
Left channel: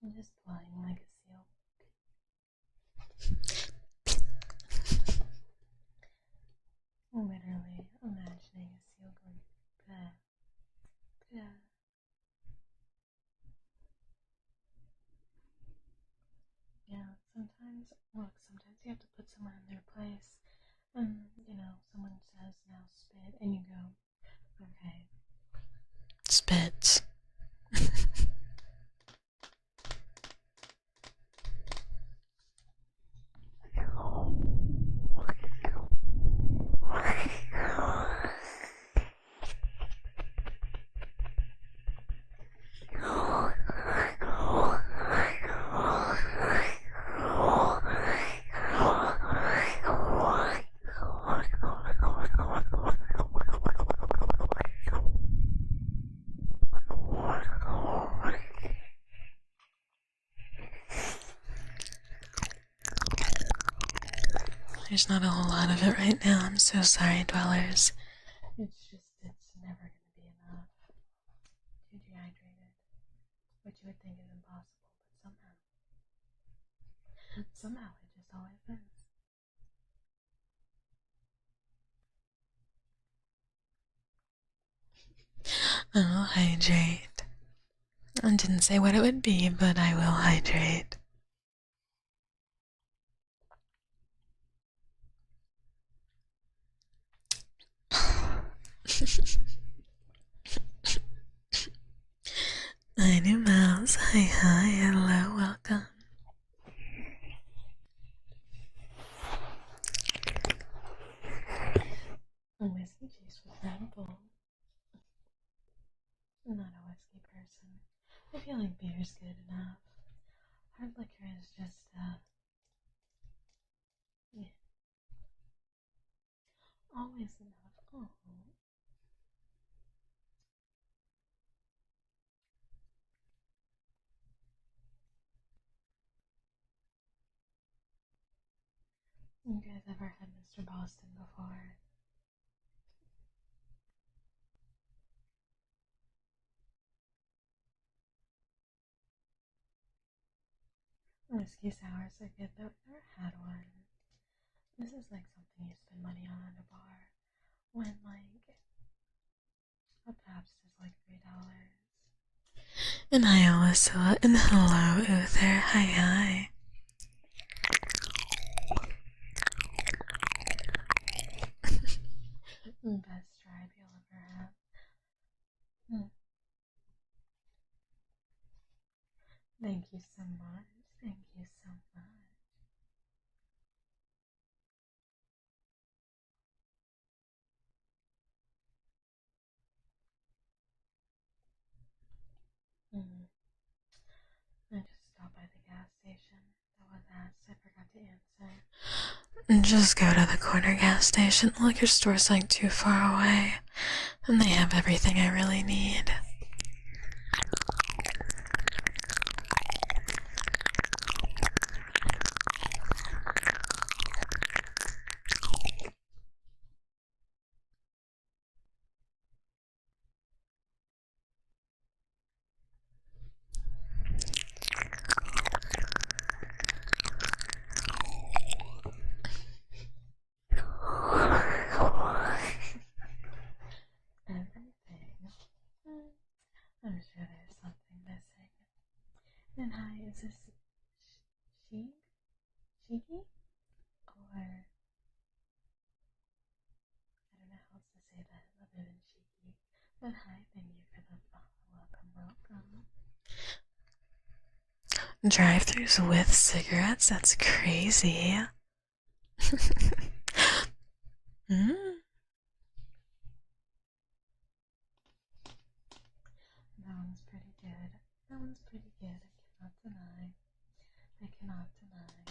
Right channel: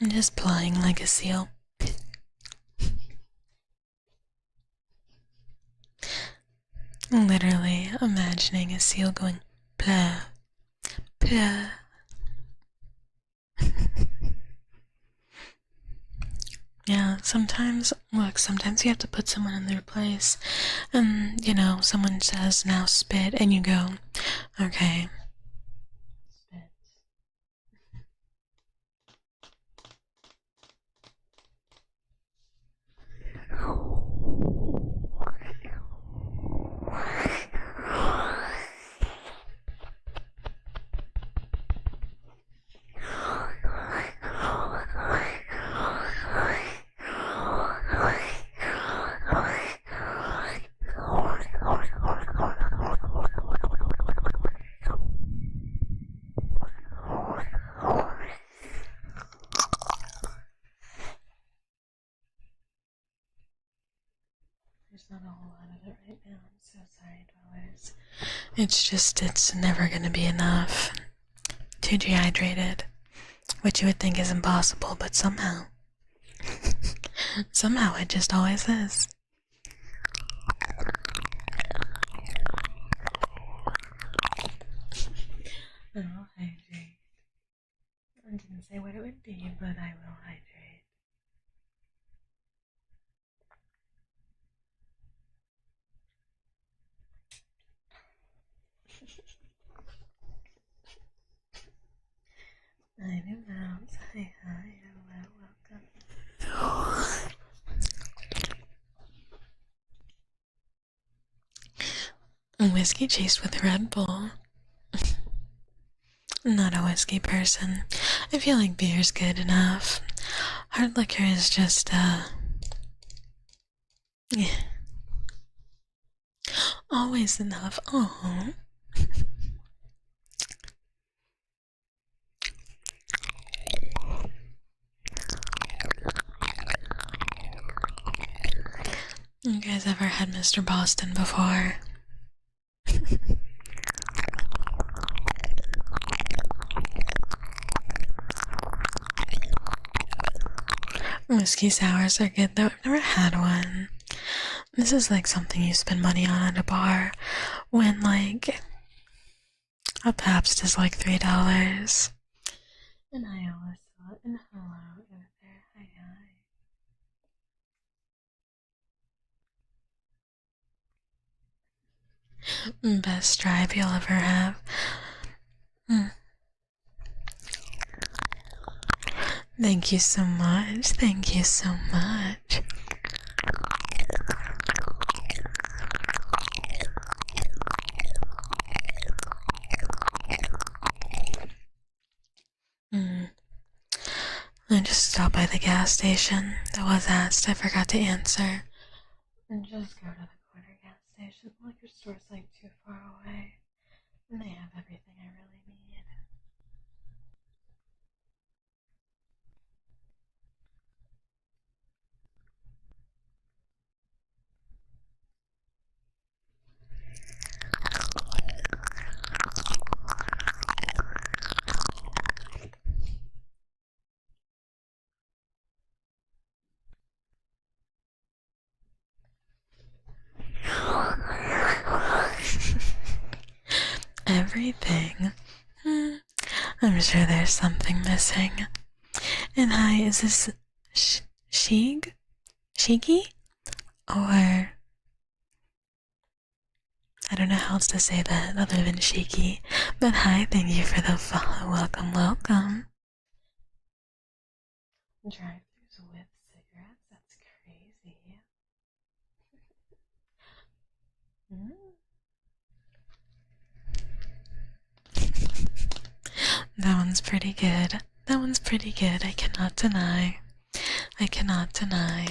I'm just plying like a seal. Literally imagining a seal going plah, plah. Yeah, sometimes you have to put someone in their place, and someone says now spit, and you go, okay, spits. There's not a whole lot of it right now. I'm so sorry, dwellers. It's never gonna be enough. Too dehydrated. Which you would think is impossible, but somehow. Somehow it just always is. I will hydrate. I didn't say what it would be, but I will hydrate. Hi, new mouse. Hi, hello, welcome. Whiskey chased with Red Bull. I'm not a whiskey person. I feel like beer's good enough. Hard liquor is just, yeah. Always enough. Oh. You guys ever had Mr. Boston before? Whiskey sours are good though. I've never had one. This is like something you spend money on at a bar when like a Pabst is like $3. And hi Alyssa, and hello Uther, hi. Best drive you'll ever have. Thank you so much. Thank you so much. I just stopped by the gas station. That was asked. I forgot to answer. Just go to the corner gas station. The liquor store's like too far away, and they have everything I really need. Everything. I'm sure there's something missing. And hi, is this Shigi? Or don't know how else to say that other than shaky. But hi, thank you for the follow. Welcome, welcome. Drive-thrus with cigarettes? That's crazy. mm. That one's pretty good. That one's pretty good. I cannot deny. I cannot deny.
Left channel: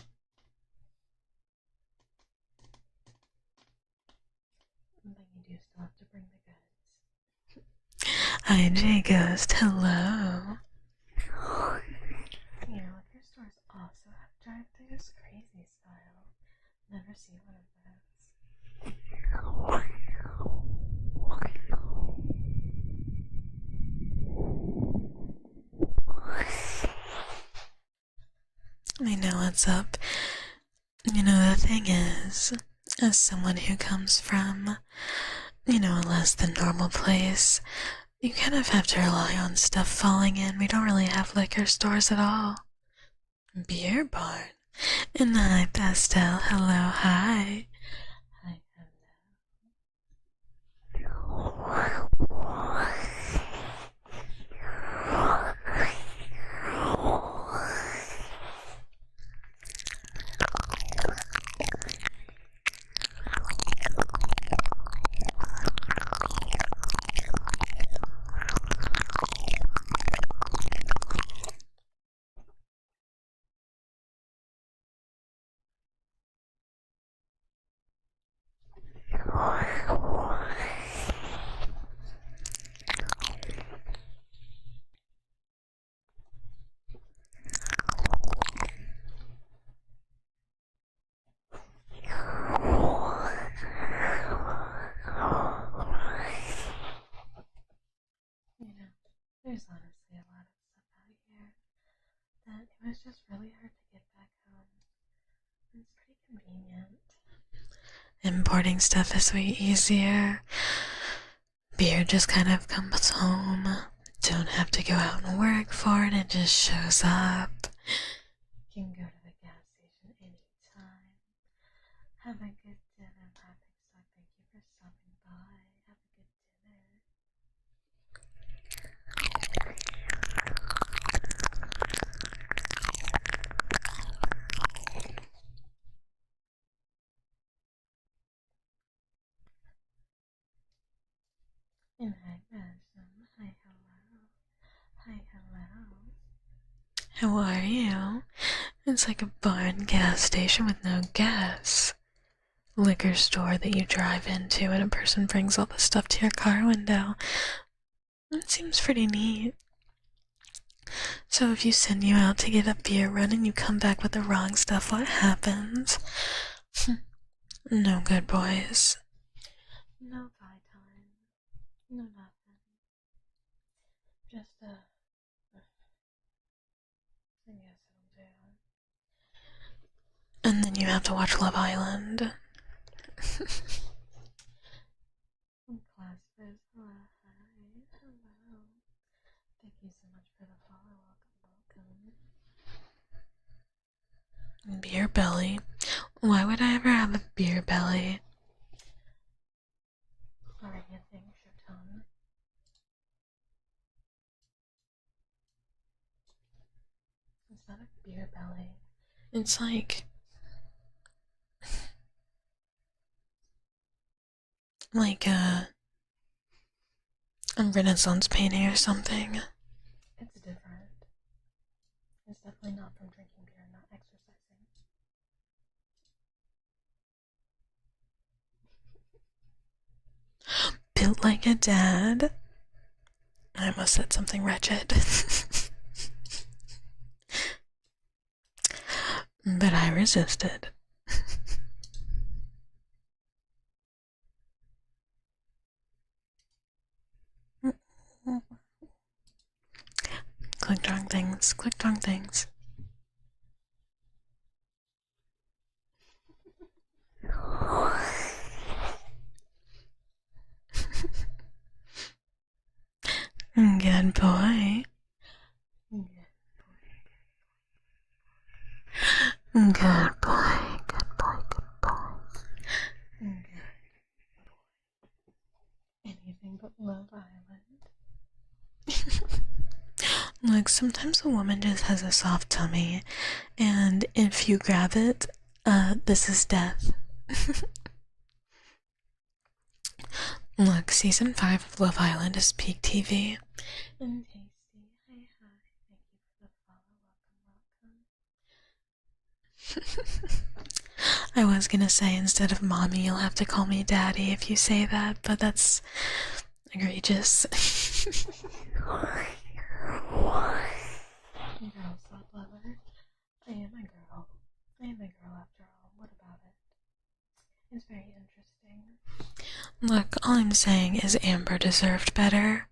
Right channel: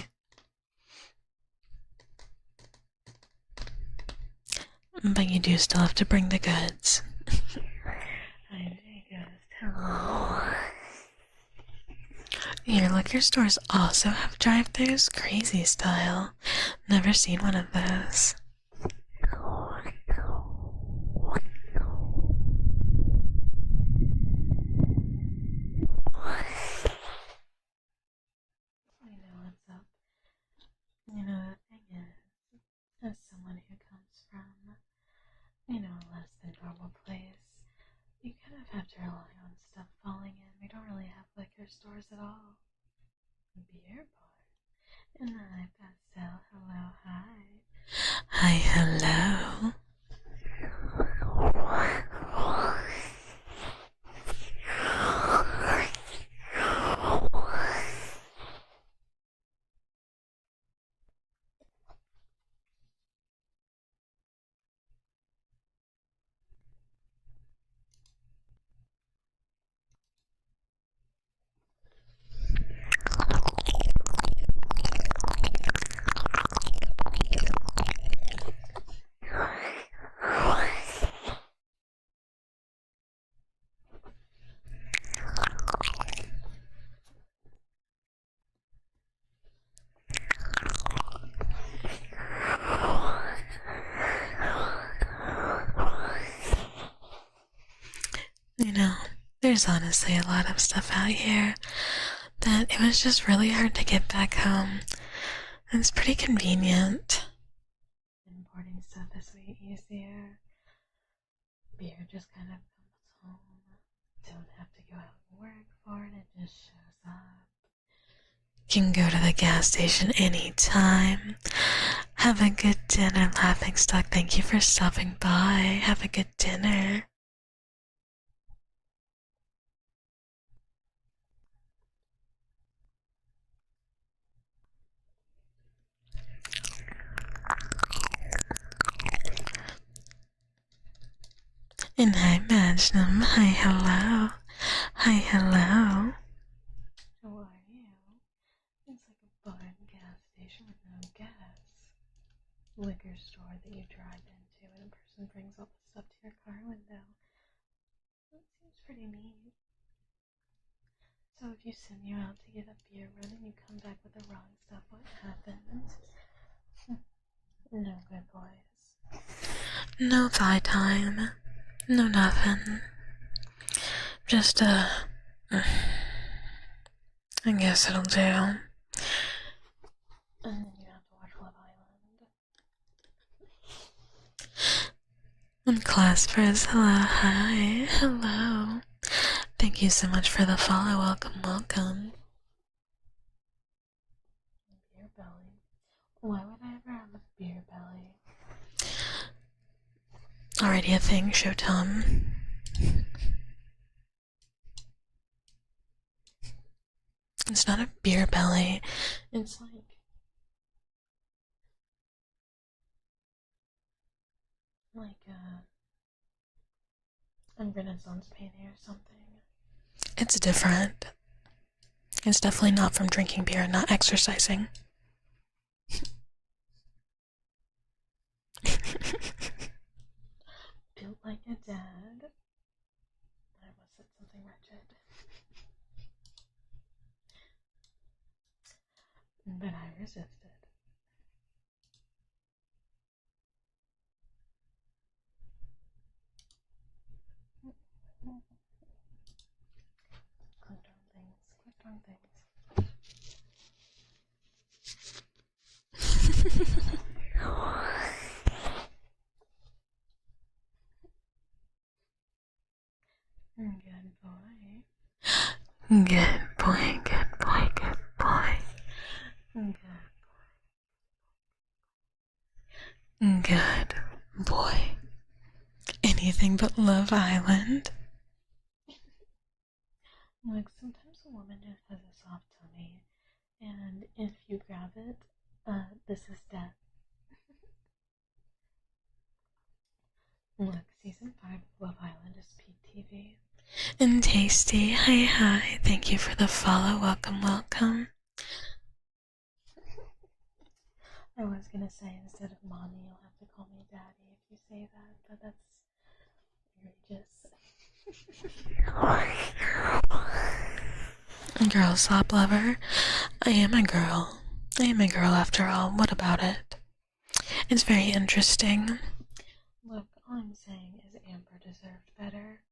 But you do still have to bring the goods. Hi, J Ghost. Hello. Your liquor stores also have drive-thrus? Crazy style. Never seen one of those. I know what's up. You know, the thing is, as someone who comes from, you know, a less than normal place, you kind of have to rely on stuff falling in. We don't really have liquor stores at all. Beer barn. And hi, Pastel. Hello, hi. Hi, hello. You know, there's honestly a lot of stuff out here that it was just really hard to get back home. It's pretty convenient. Importing stuff is way easier. Beer just kind of comes home. Don't have to go out and work for it, it just shows up. Can go to the gas station anytime. Have a good dinner, Laughing Stock. Thank you for stopping by. Have a good dinner. And hi, Magnum. Hi, hello. Hi, hello. How are you? It's like a barn gas station with no gas. Liquor store that you drive into and a person brings all the stuff to your car window. It seems pretty neat. So if you send you out to get a beer run and you come back with the wrong stuff, what happens? No good, boys. No thigh time. No nothing. Just, I guess it'll do. And then you have to watch Love Island. And Claspers, hello, hi, hello. Thank you so much for the follow, welcome, welcome. Beer belly? Why would I ever have a beer belly? Already a thing, Showtime. It's not a beer belly, it's like a Renaissance painting or something. It's different. It's definitely not from drinking beer and not exercising. Built like a dad. I almost said something wretched. But I resisted. Clicked wrong things, clicked wrong things. Good boy. Good boy, good boy, good boy. Good boy, good boy, good boy. Good boy. anything but Love Island. Look, sometimes a woman just has a soft tummy, and if you grab it, this is death. Look, season 5 of Love Island is peak TV. And Tasty, hi, thank you for the follow, welcome. I was gonna say, instead of mommy, you'll have to call me daddy if you say that, but that's egregious. Girl slop lover? I am a girl. I am a girl after all, what about it? It's very interesting. Look, all I'm saying is Amber deserved better.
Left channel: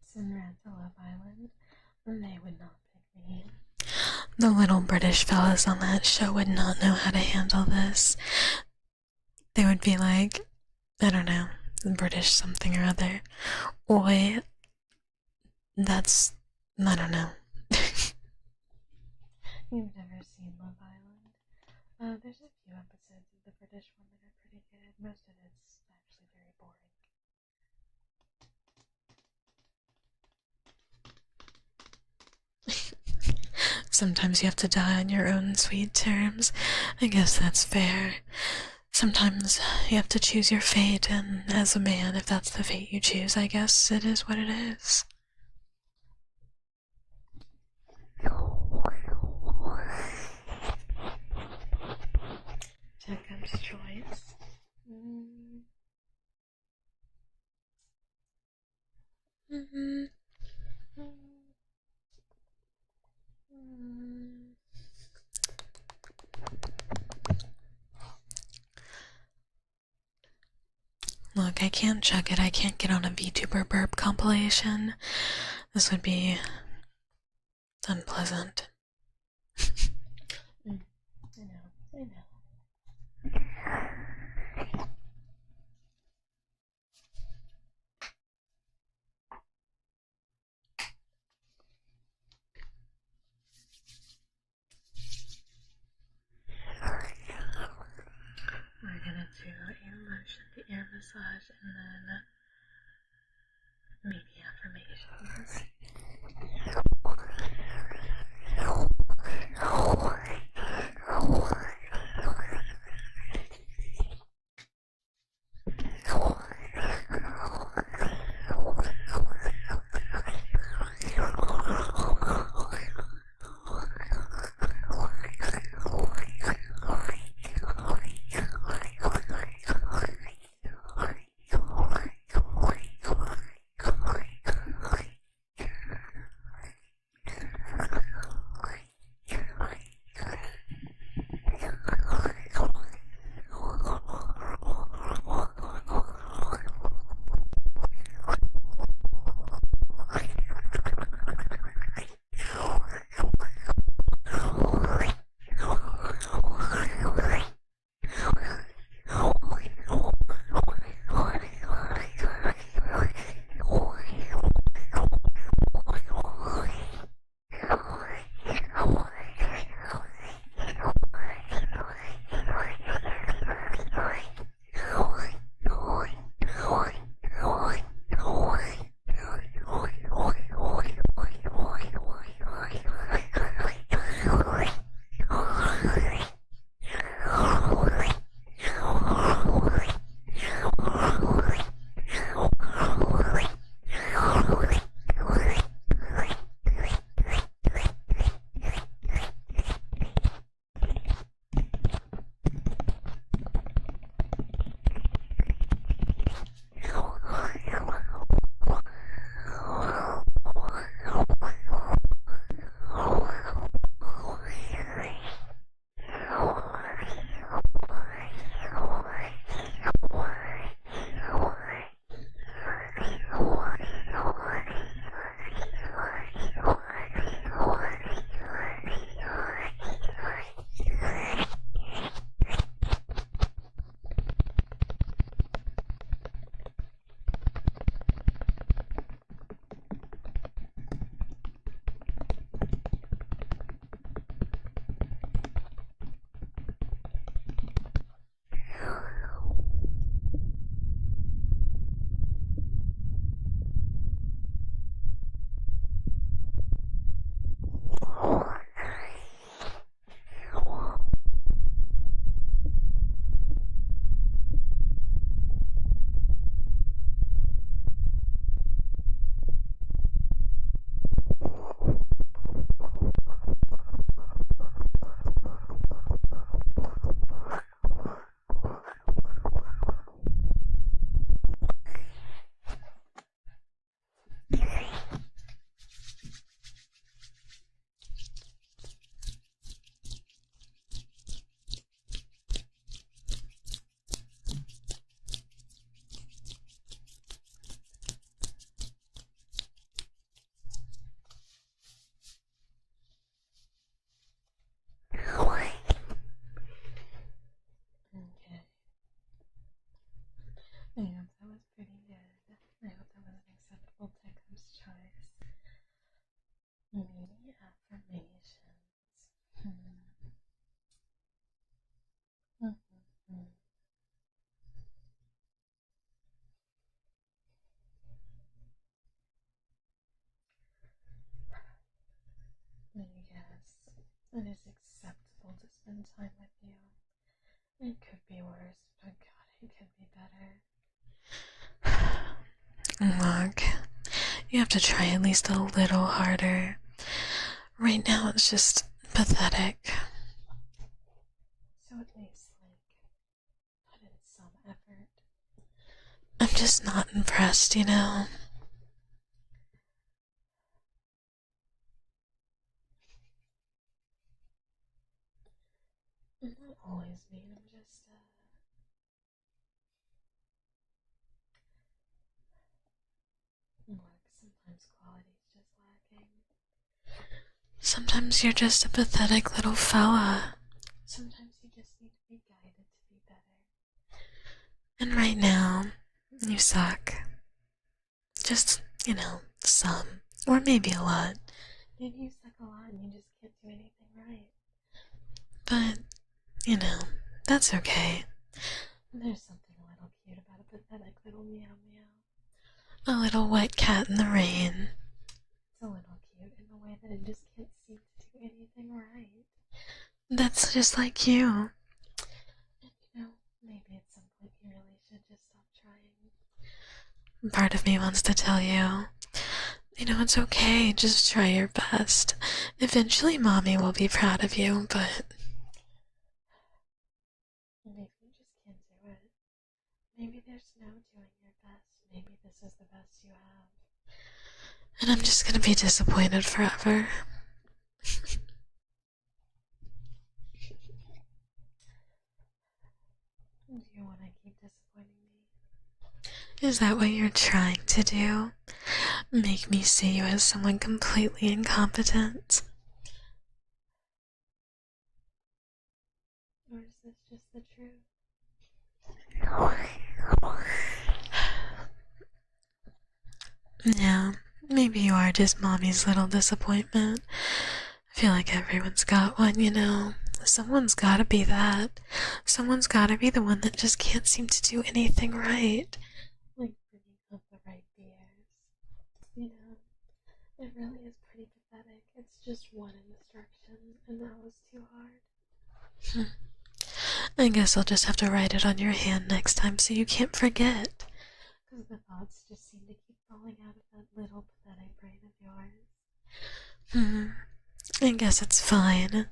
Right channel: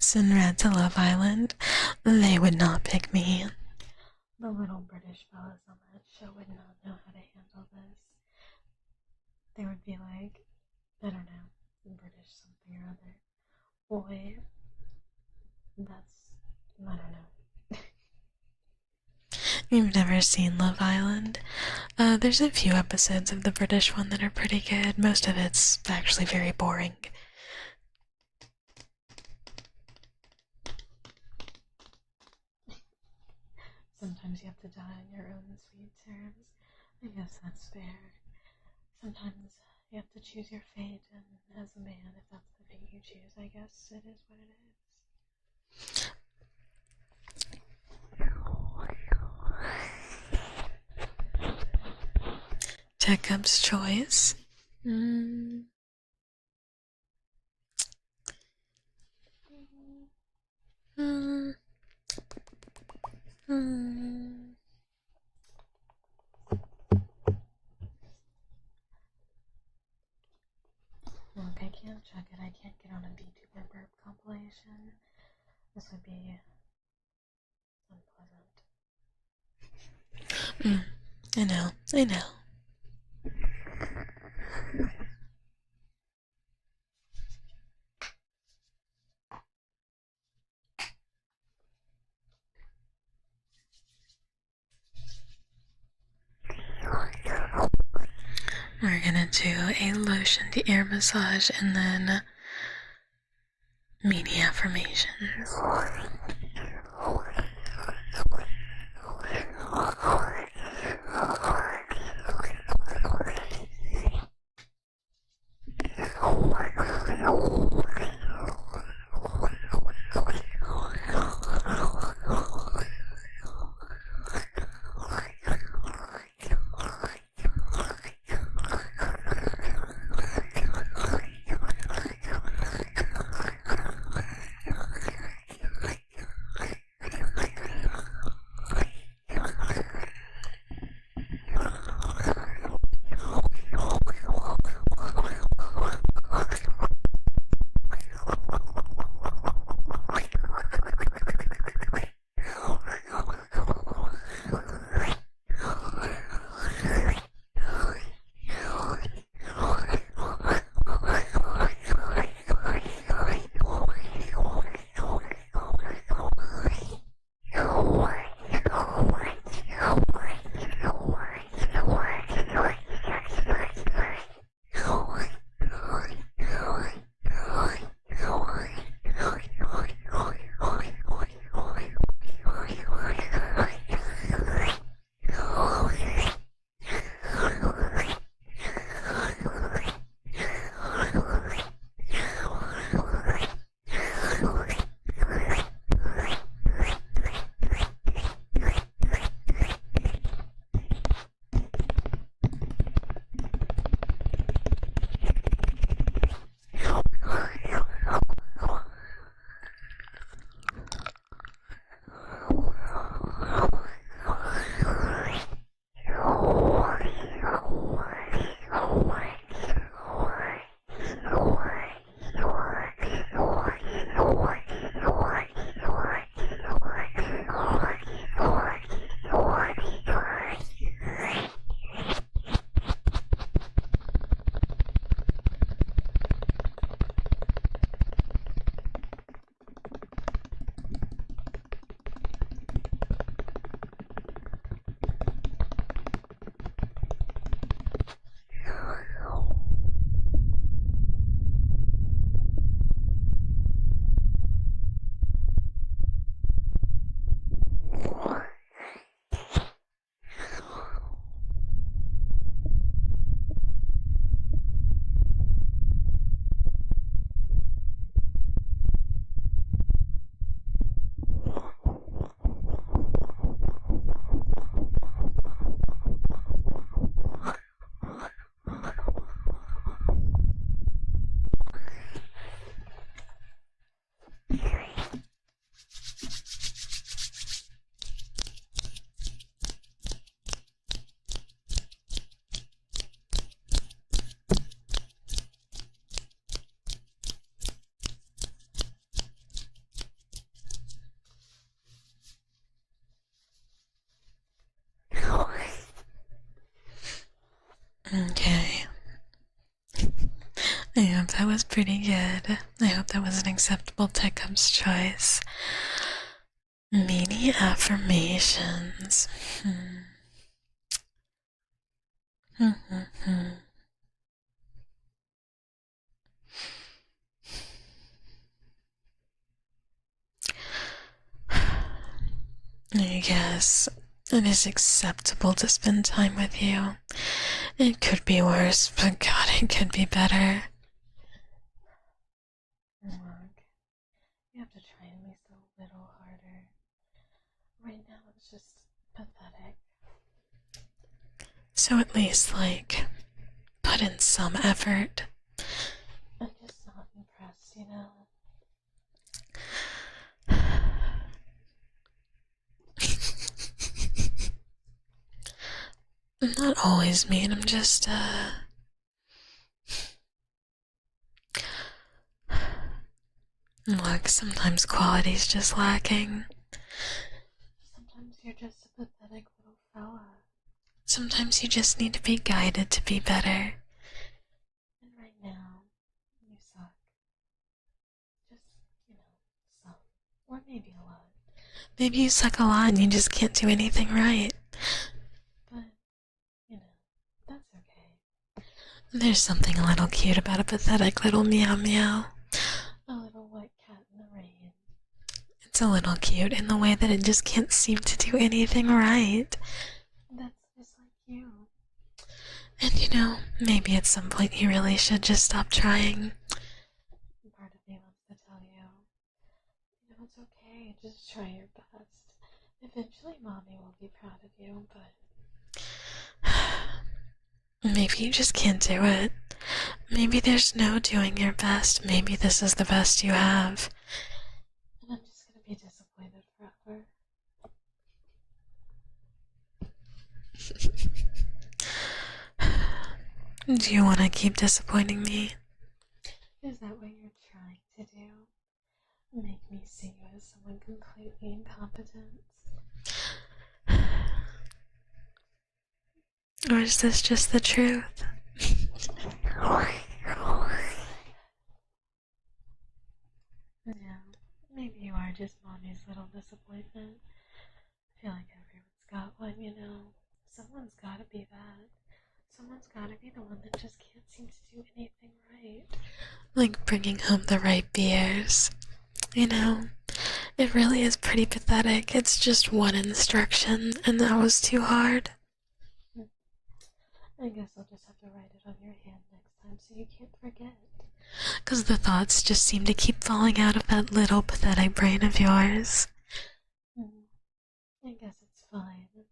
Sinrad to Love Island? They would not pick me. The little British fellas on that show would not know how to handle this. They would be like, I don't know, British something or other. Oi, that's, I don't know. You've never seen Love Island? There's a few episodes of the British one that are pretty good. Most of it's actually very boring. Sometimes you have to die on your own sweet terms. I guess that's fair. Sometimes you have to choose your fate, and as a man, if that's the fate you choose, I guess it is what it is. Tekcub's choice. Look, I can't chug it. I can't get on a VTuber burp compilation. This would be unpleasant. I know. We're gonna do a lotion to ear massage and then mini affirmations. I hope that was pretty good. I hope that was an acceptable Tekcub's choice. Mini affirmations. I guess it is acceptable to spend time with you. It could be worse, but God, it could be better. Look, you have to try at least a little harder. Right now it's just pathetic. So at least, like, put in some effort. I'm just not impressed, you know? I'm not always mean, I'm just, Look, sometimes quality's just lacking. Sometimes you're just a pathetic little fella. Sometimes you just need to be guided to be better. And right now, you suck. Just, some. Or maybe a lot. Maybe you suck a lot and you just can't do anything right. But, that's okay. There's something a little cute about a pathetic little meow meow. A little wet cat in the rain. It's a little cute in the way that it just can't seem to do anything right. That's just like you. And maybe at some point you really should just stop trying. Part of me wants to tell you, it's okay, just try your best. Eventually mommy will be proud of you, but maybe you just can't do it. Maybe there's no doing your best. Maybe this is the best you have. And I'm just gonna be disappointed forever. Do you want to keep disappointing me? Is that what you're trying to do? Make me see you as someone completely incompetent? Or is this just the truth? Yeah, maybe you are just mommy's little disappointment. I feel like everyone's got one, Someone's gotta be that. Someone's gotta be the one that just can't seem to do anything right. Like bringing home the right beers. It really is pretty pathetic. It's just one instruction, and that was too hard. I guess I'll just have to write it on your hand next time so you can't forget. 'Cause the thoughts just seem to keep falling out of that little pathetic brain of yours. I guess it's fine.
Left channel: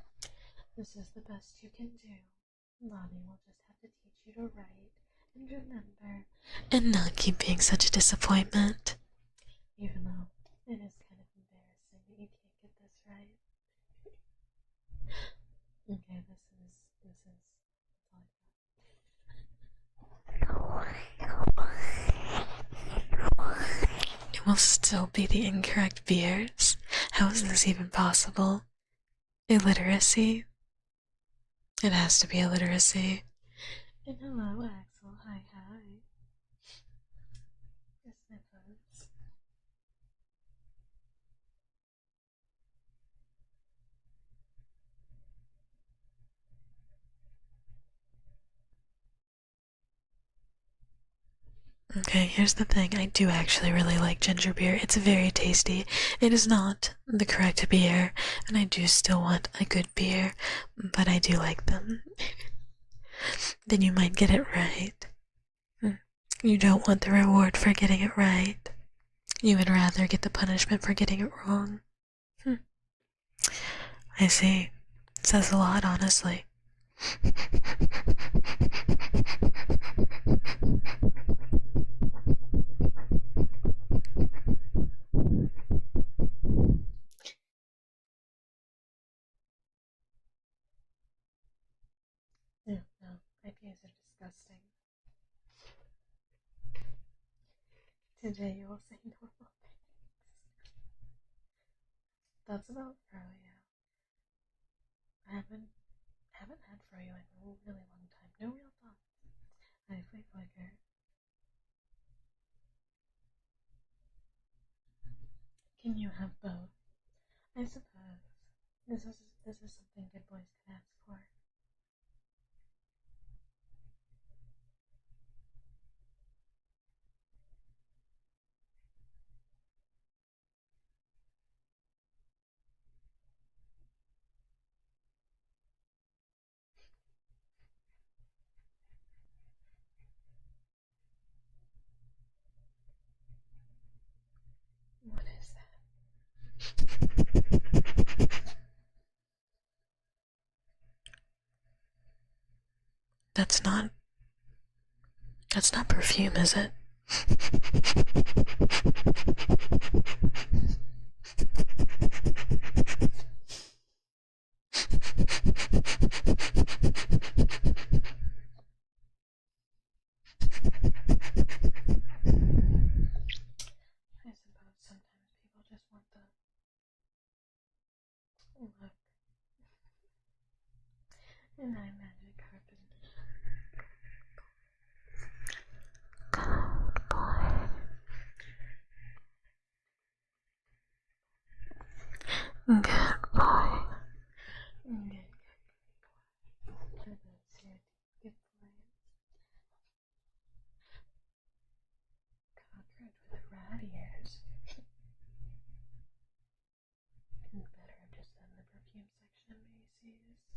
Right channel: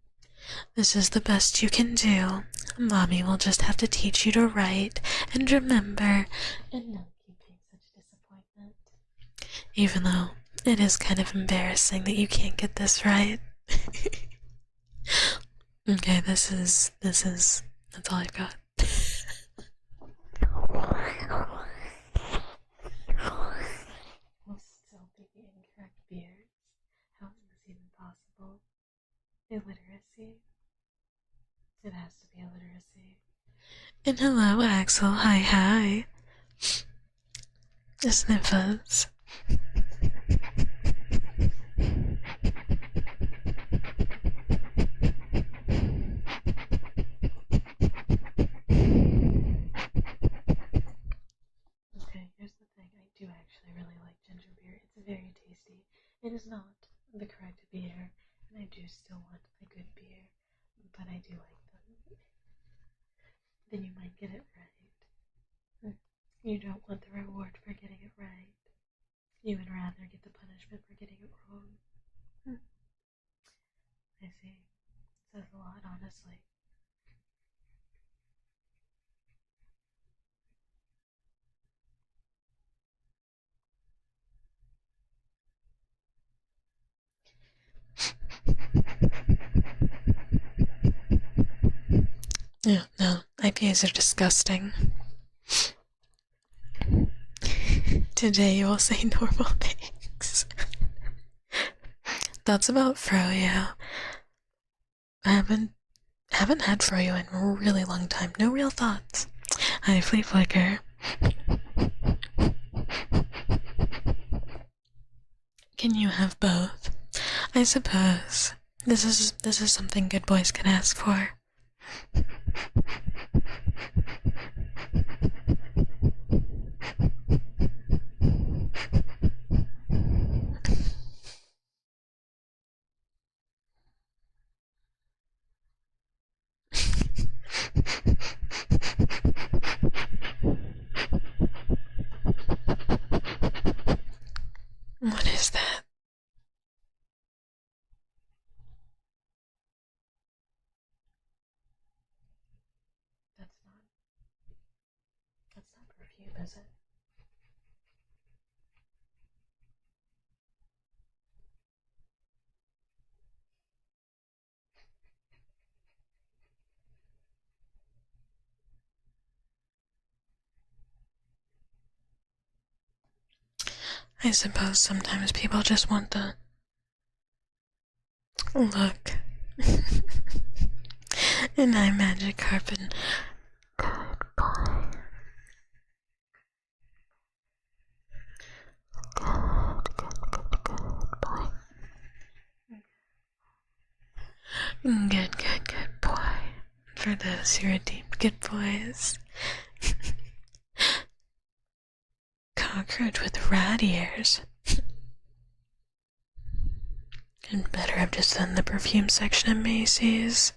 This is the best you can do. Mommy will just have to teach you to write and remember and not keep being such a disappointment. Even though it is kind of embarrassing that you can't get this right. Okay, that's all I've got. It will still be the incorrect beers. How is this even possible? Illiteracy? It has to be illiteracy. And hello, Axel. Hi. Sniffers. Okay, here's the thing. I do actually really like ginger beer. It's very tasty. It is not the correct beer, and I do still want a good beer, but I do like them. Then you might get it right. You don't want the reward for getting it right. You would rather get the punishment for getting it wrong. I see. It says a lot, honestly. Yeah, no, IPAs are disgusting. Today you will say normal things. Thoughts about Froyo. I haven't had Froyo in a really long time. No real thoughts. Hi, Flea Flicker. Can you have both? I suppose this is something good boys can ask for. What is that? That's not perfume, is it? I suppose sometimes people just want the look. And I magic carpet. Good boy. Good boy. Good boy. Good boy. Good boy. For those who are deep good boys. Cockroach with rat ears. And better have just done the perfume section at Macy's.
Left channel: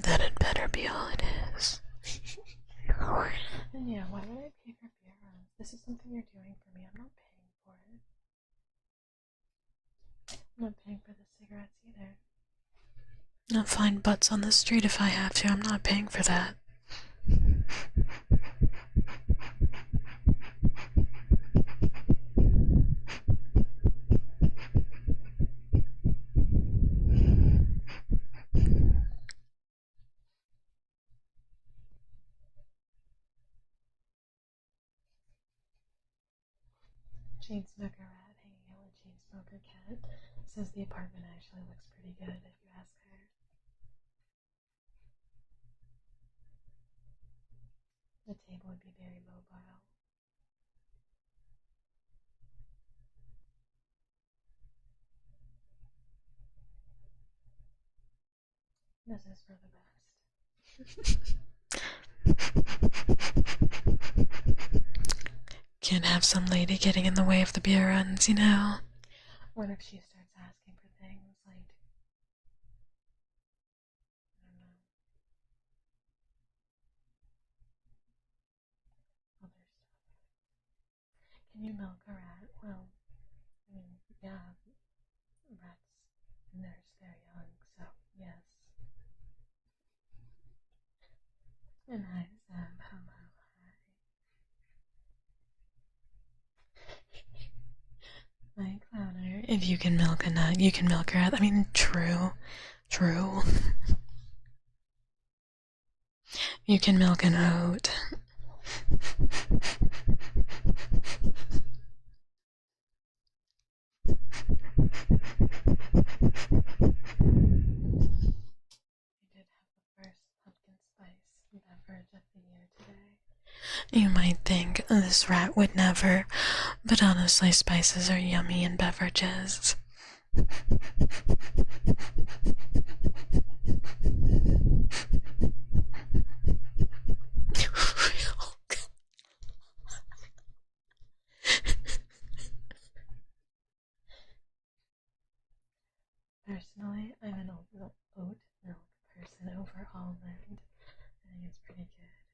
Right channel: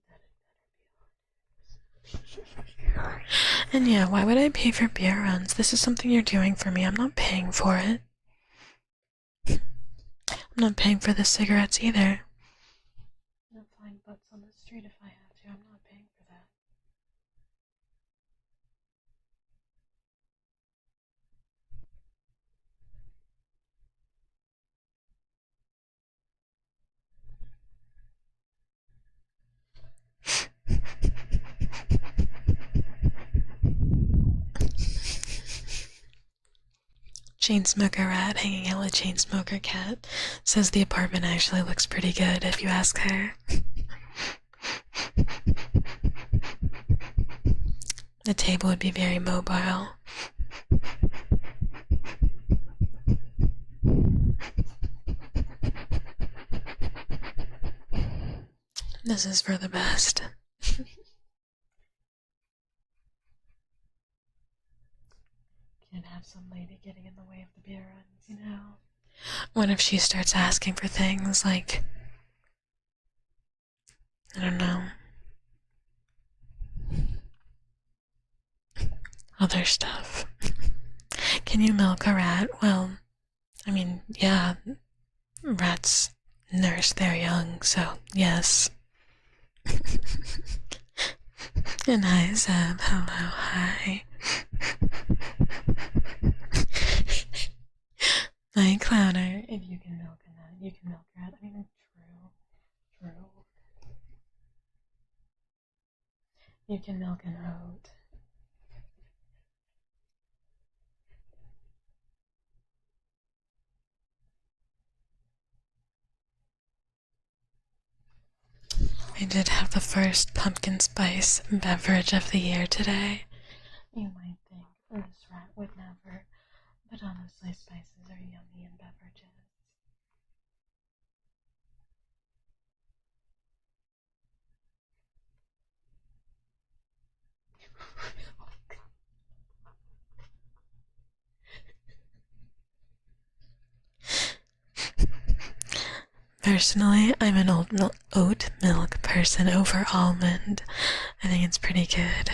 That'd better be all it is. And yeah, why would I pay for beer runs? This is something you're doing for me. I'm not paying for it. I'm not paying for the cigarettes either. I'll find butts on the street if I have to. I'm not paying for that. Chainsmoker rat hanging out with chainsmoker cat says the apartment actually looks pretty good if you ask her. The table would be very mobile. This is for the best. Can't have some lady getting in the way of the beer runs, you know? What if she starts asking for things like, I don't know, other stuff? Can you milk a rat? Well, I mean, yeah, rats nurse their young, so yes. And hi, Zeb. Hello, hi. Hi, Clowner. If you can milk a nut, you can milk a rat. I mean, true. True. You can milk an oat. I did have the first pumpkin spice beverage of the year today. You might think this rat would never, but honestly, spices are yummy in beverages. Personally, I'm an oat milk person over almond. I think it's pretty good.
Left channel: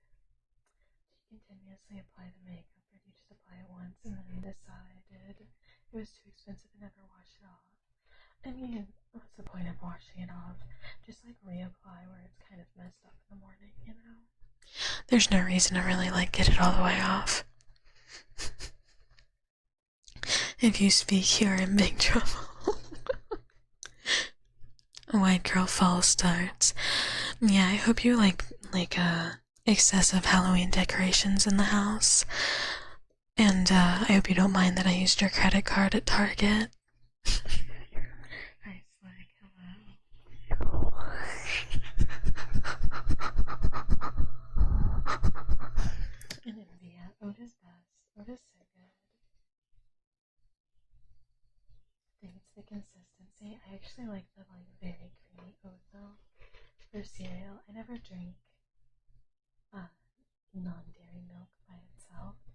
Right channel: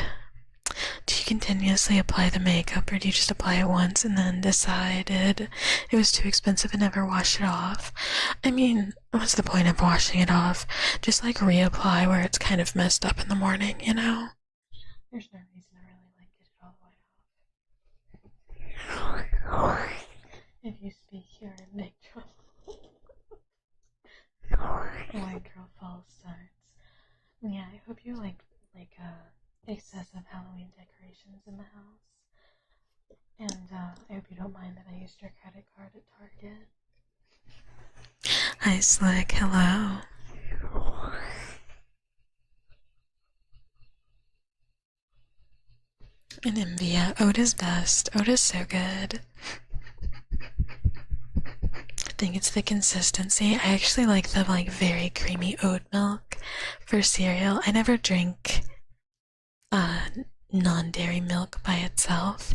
Do you continuously apply the makeup, or do you just apply it once and then decided it was too expensive and never wash it off? I mean, what's the point of washing it off? Just like reapply where it's kind of messed up in the morning, you know? There's no reason to really like get it all the way off. If you speak, you're in big trouble. White girl fall starts. Yeah, I hope you like excessive Halloween decorations in the house. And I hope you don't mind that I used your credit card at Target. Hi, Slick. Hello. And Invia. Oat is best. Oat is so good. I think it's the consistency. I actually like the very creamy oat milk for cereal. I never drink non-dairy milk by itself.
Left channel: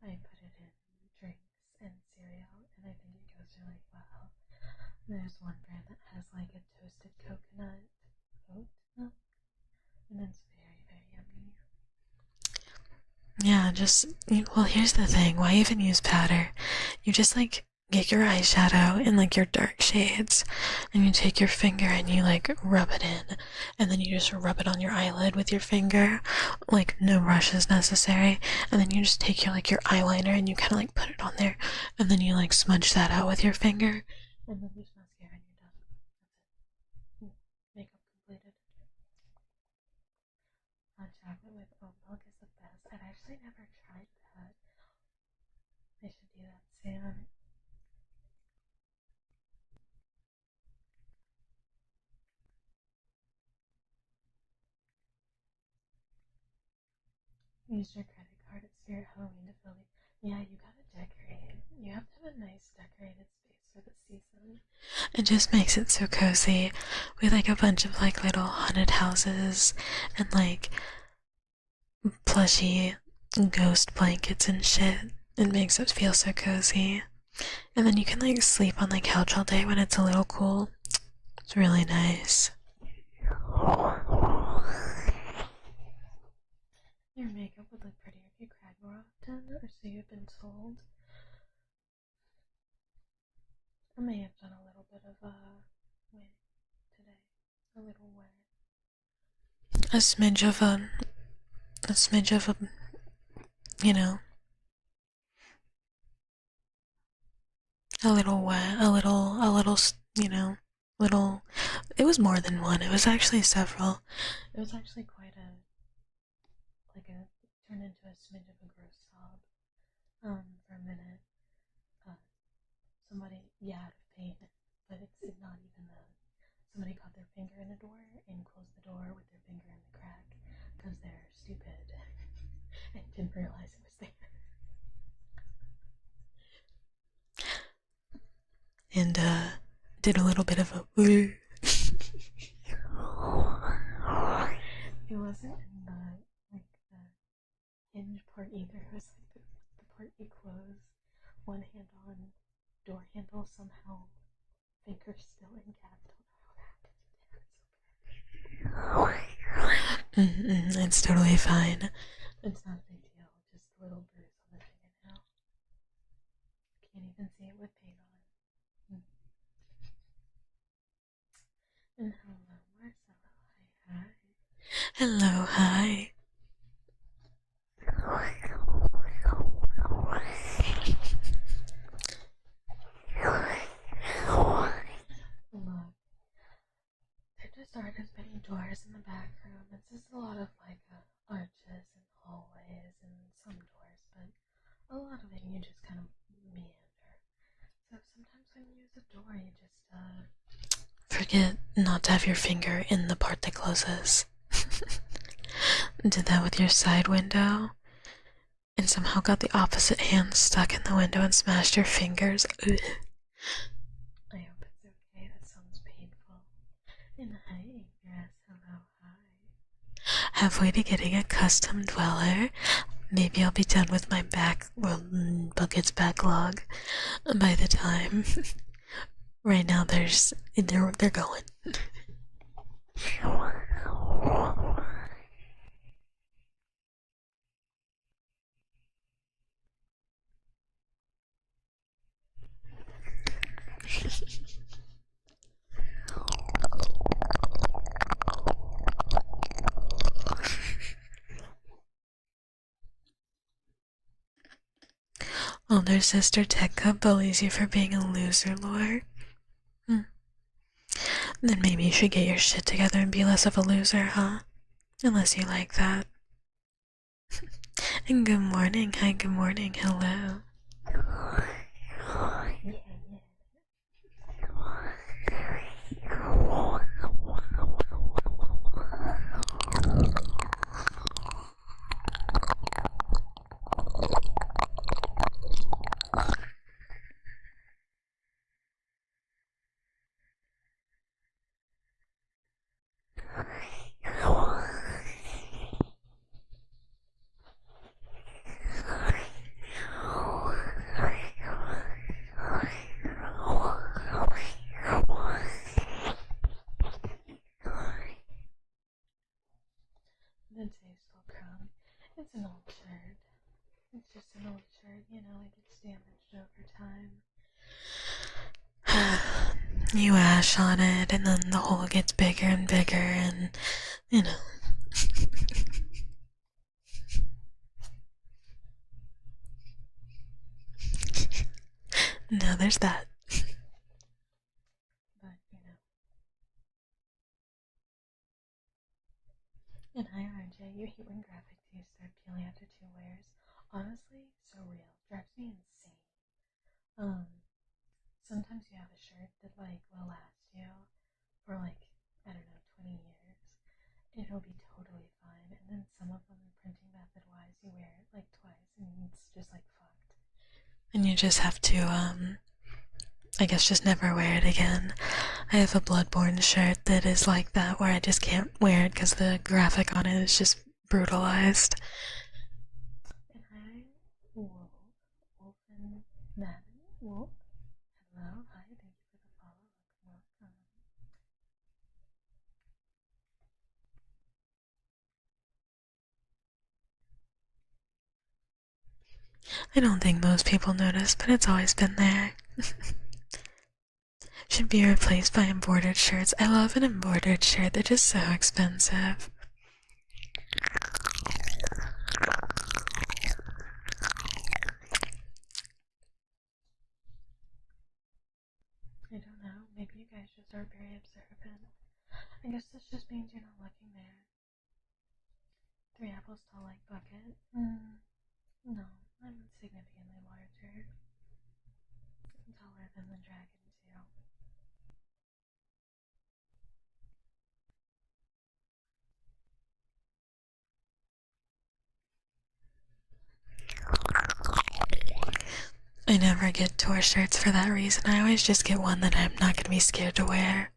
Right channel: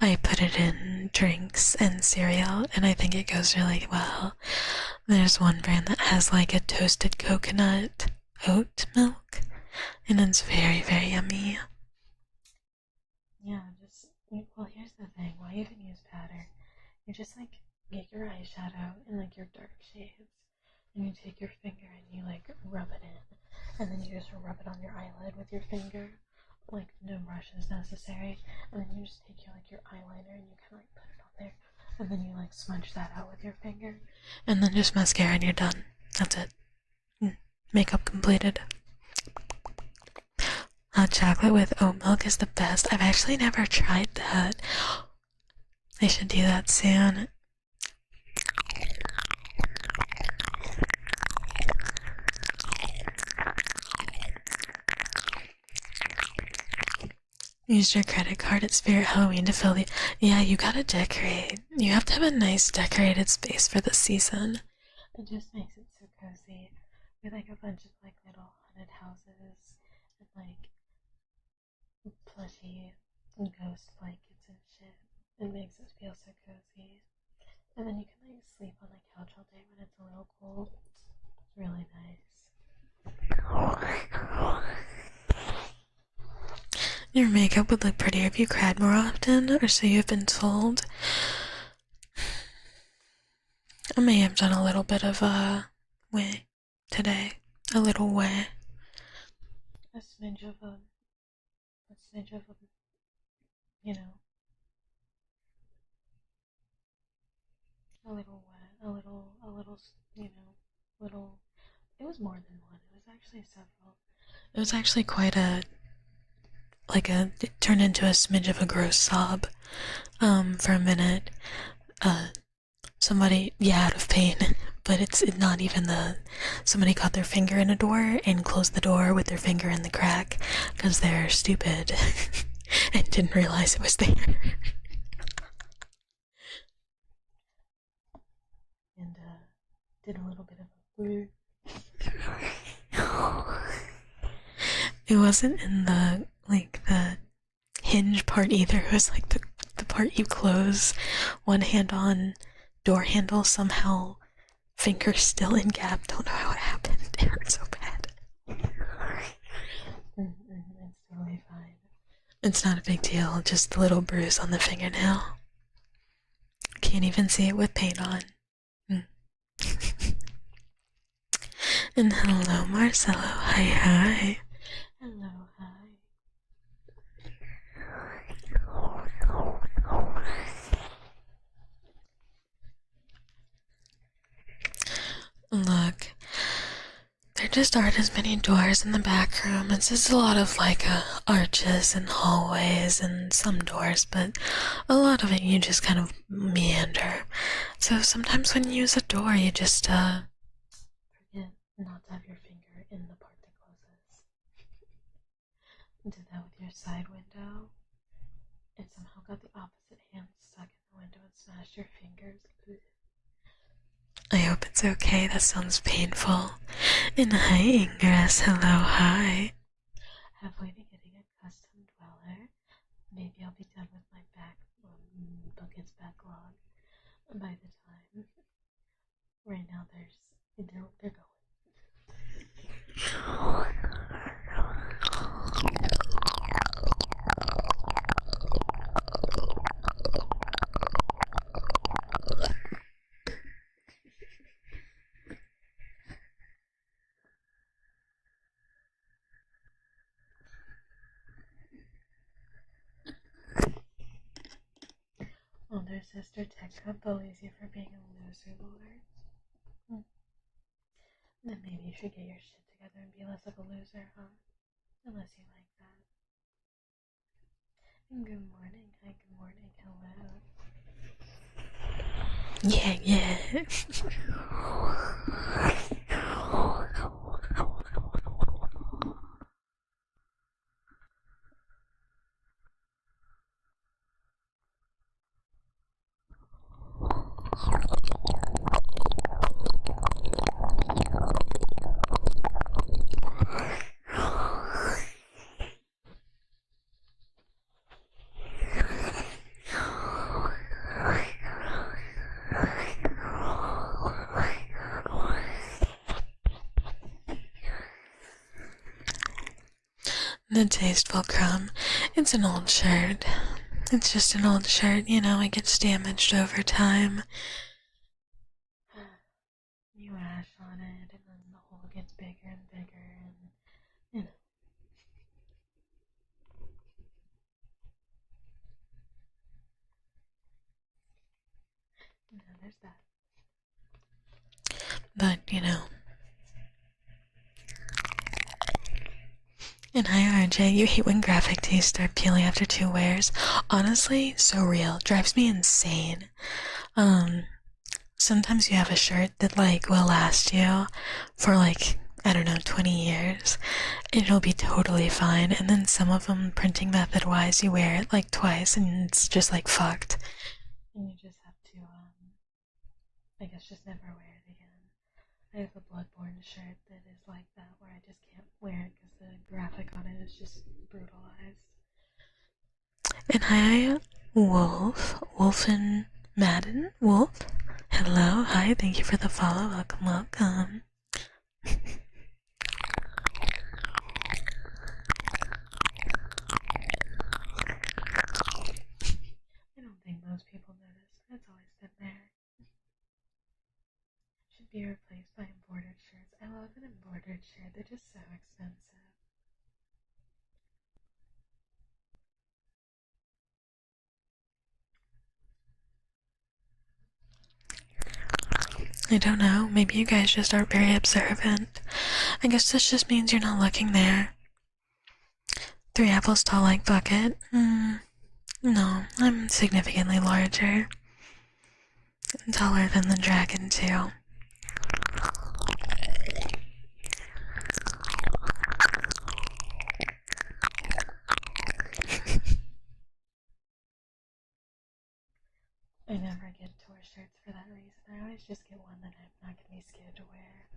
I put it in drinks and cereal, and I think it goes really well. There's one brand that has like a toasted coconut oat milk, and it's very, very yummy. Yeah, well, here's the thing. Why even use powder? You just get your eyeshadow in your dark shades, and you take your finger and you rub it in, and then you just rub it on your eyelid with your finger, no brushes necessary, and then you just take your eyeliner and you kind of put it on there, and then you smudge that out with your finger, and then just mascara and you're done. That's it. Makeup completed. Hot chocolate with oat milk is the best. I've actually never tried that. I should do that soon. Use your credit card at Spirit Halloween to fill the... Yeah, you gotta decorate. You have to have a nice decorated space for the season. It just makes it so cozy with a bunch of little haunted houses and plushy ghost blankets and shit. It makes it feel so cozy. And then you can sleep on the couch all day when it's a little cool. It's really nice. Your makeup would look prettier if you cried more often, or so you've been told. I may have done a little bit of a way today. A little way. A smidge of a, you know. A little way, little, it was more than one. It was actually several. It was actually quite it turned into a smidge of a gross sob, for a minute. Somebody, out of pain, but it's not even somebody caught their finger in a door and closed the door with their finger in the crack, because they're stupid, and didn't realize it was there. And, did a little bit of a woo. It wasn't in the hinge part either. It was the part you close one hand on door handle, somehow finger still in gap. Don't know how it happened. It hurt so bad. It's totally fine. It's not a big deal, just a little bruise on the fingernail. Can't even see it with paint on. And hello, Marcelo. Hi. Hello, hi. Look, there just aren't as many doors in the back room. It's just a lot of arches and hallways and some doors, but a lot of it you just kind of meander. So sometimes when you use a door, you just forget not to have your finger in the part that closes. Did that with your side window, and somehow got the opposite hand stuck in the window and smashed your fingers. Ugh. I hope it's okay. That sounds painful. And hi, Ingress. Hello, hi. Halfway to getting a custom dweller. Maybe I'll be done with my bucket's backlog by the time. Right now, they're going. Older sister Tekcub bullies you for being a loser, Lore. Then maybe you should get your shit together and be less of a loser, huh? Unless you like that. And good morning, hi, good morning, hello. Yeah. The tasteful crumb. It's an old shirt. It's just an old shirt, you know, it gets damaged over time. You ash on it, and then the hole gets bigger and bigger, and, you know. No, there's that. But, you know. And hi RJ, you hate when graphic tees start peeling after 2 wears. Honestly, so real. Drives me insane. Sometimes you have a shirt that, like, will last you for, like, I don't know, 20 years. It'll be totally fine. And then some of them, printing method wise, you wear it, like, twice and it's just, like, fucked. And you just have to, I guess just never wear it again. I have a Bloodborne shirt that is like that, where I just can't wear it because the graphic on it is just brutalized. And hi, Wolfen Madden? Wolf? Hello, hi, thank you for the follow, welcome, welcome. I don't think most people notice, but it's always been there. Should be replaced by embroidered shirts. I love an embroidered shirt, they're just so expensive. I don't know, maybe you guys just aren't very observant. I guess this just means you're not looking there. 3 apples tall like bucket? No, I'm significantly larger. Taller than the dragon, too. I never get tour shirts for that reason. I always just get one that I'm not gonna be scared to wear.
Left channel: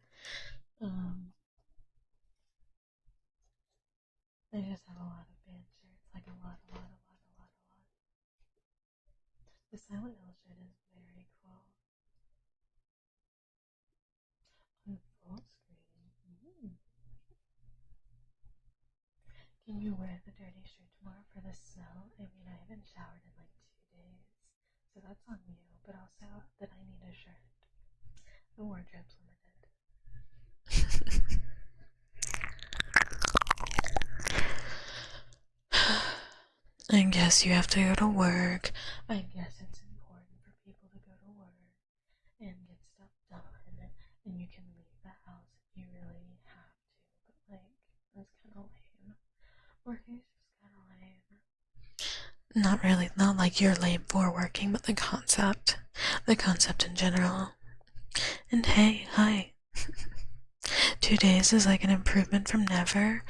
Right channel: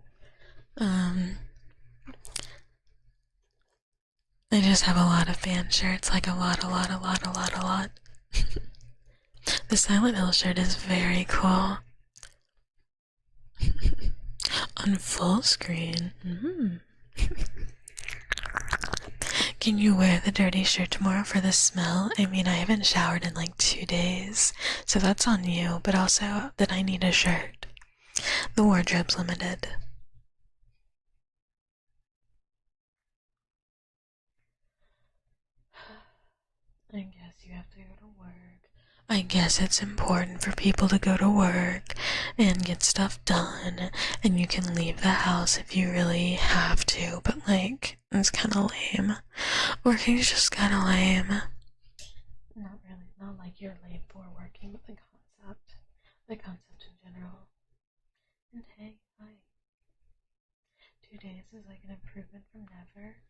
I just have a lot of band shirts, like a lot. The Silent Hill shirt is very cool. On full screen. Can you wear the dirty shirt tomorrow for the smell? I mean, I haven't showered in like 2 days, so that's on you, but also that I need a shirt. The wardrobe's limited. I guess you have to go to work. I guess it's important for people to go to work and get stuff done, and you can leave the house if you really have to, but like, it's kinda lame. Working's just kinda lame. Not really, not like you're lame for working, but the concept in general. And hey, hi. 2 days is like an improvement from never.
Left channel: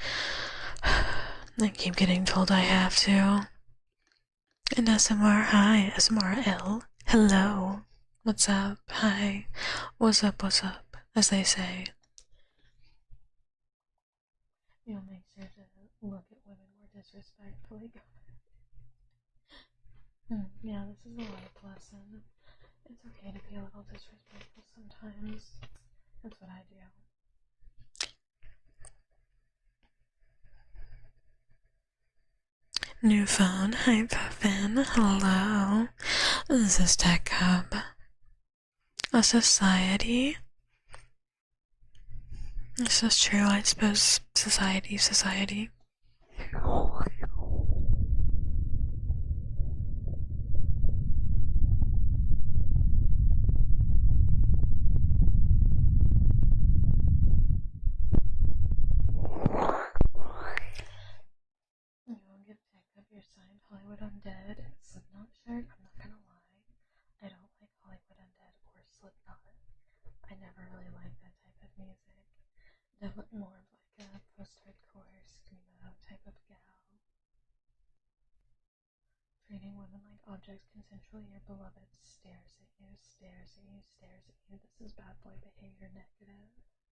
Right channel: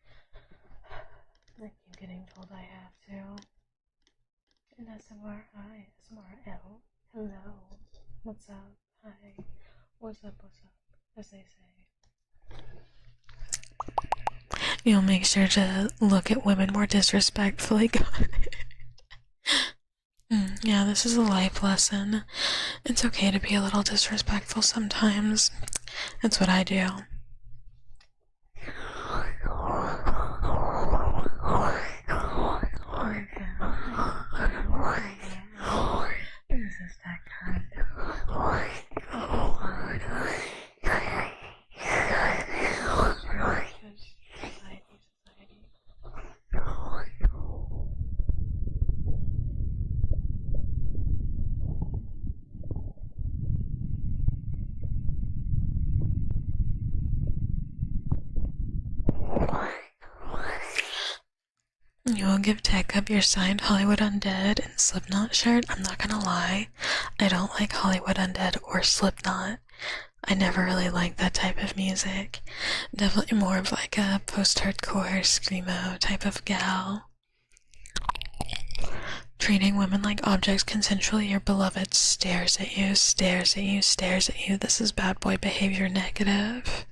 I keep getting told I have to. And SMR, hi, SMRL, hello, what's up, hi, what's up, as they say. You'll make sure to look at women more disrespectfully. Yeah, this is a life lesson. It's okay to be a little disrespectful sometimes. It's what I do. New phone, hi Puffin, hello. This is Tekcub. A society. This is true, I suppose. Society. You will give Tekcub your signed Hollywood Undead and Slipknot shirt? I'm not gonna lie, I don't like Hollywood Undead or Slipknot. I never really liked that type of music. Definitely more of like a post-hardcore, screamo type of gal. Treating women like objects consensually, your beloved stares at you, stares at you, stares at you. This is bad boy behavior negative.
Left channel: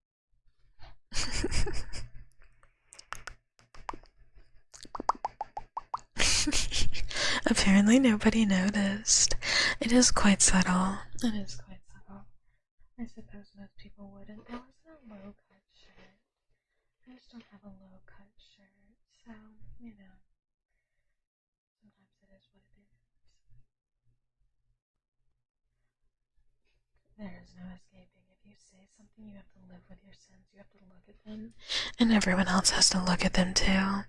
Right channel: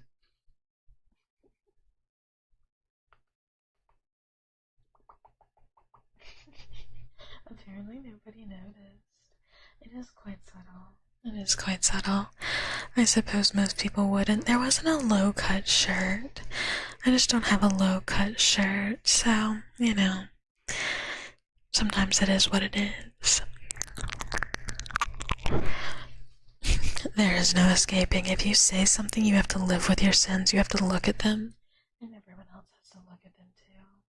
Apparently nobody noticed. It is quite subtle. It is quite subtle. I suppose most people wouldn't. There wasn't a low-cut shirt. I just don't have a low-cut shirt, so, you know, sometimes it is what it is. There is no escaping. If you say something, you have to live with your sins. You have to look at them, and everyone else has to look at them too.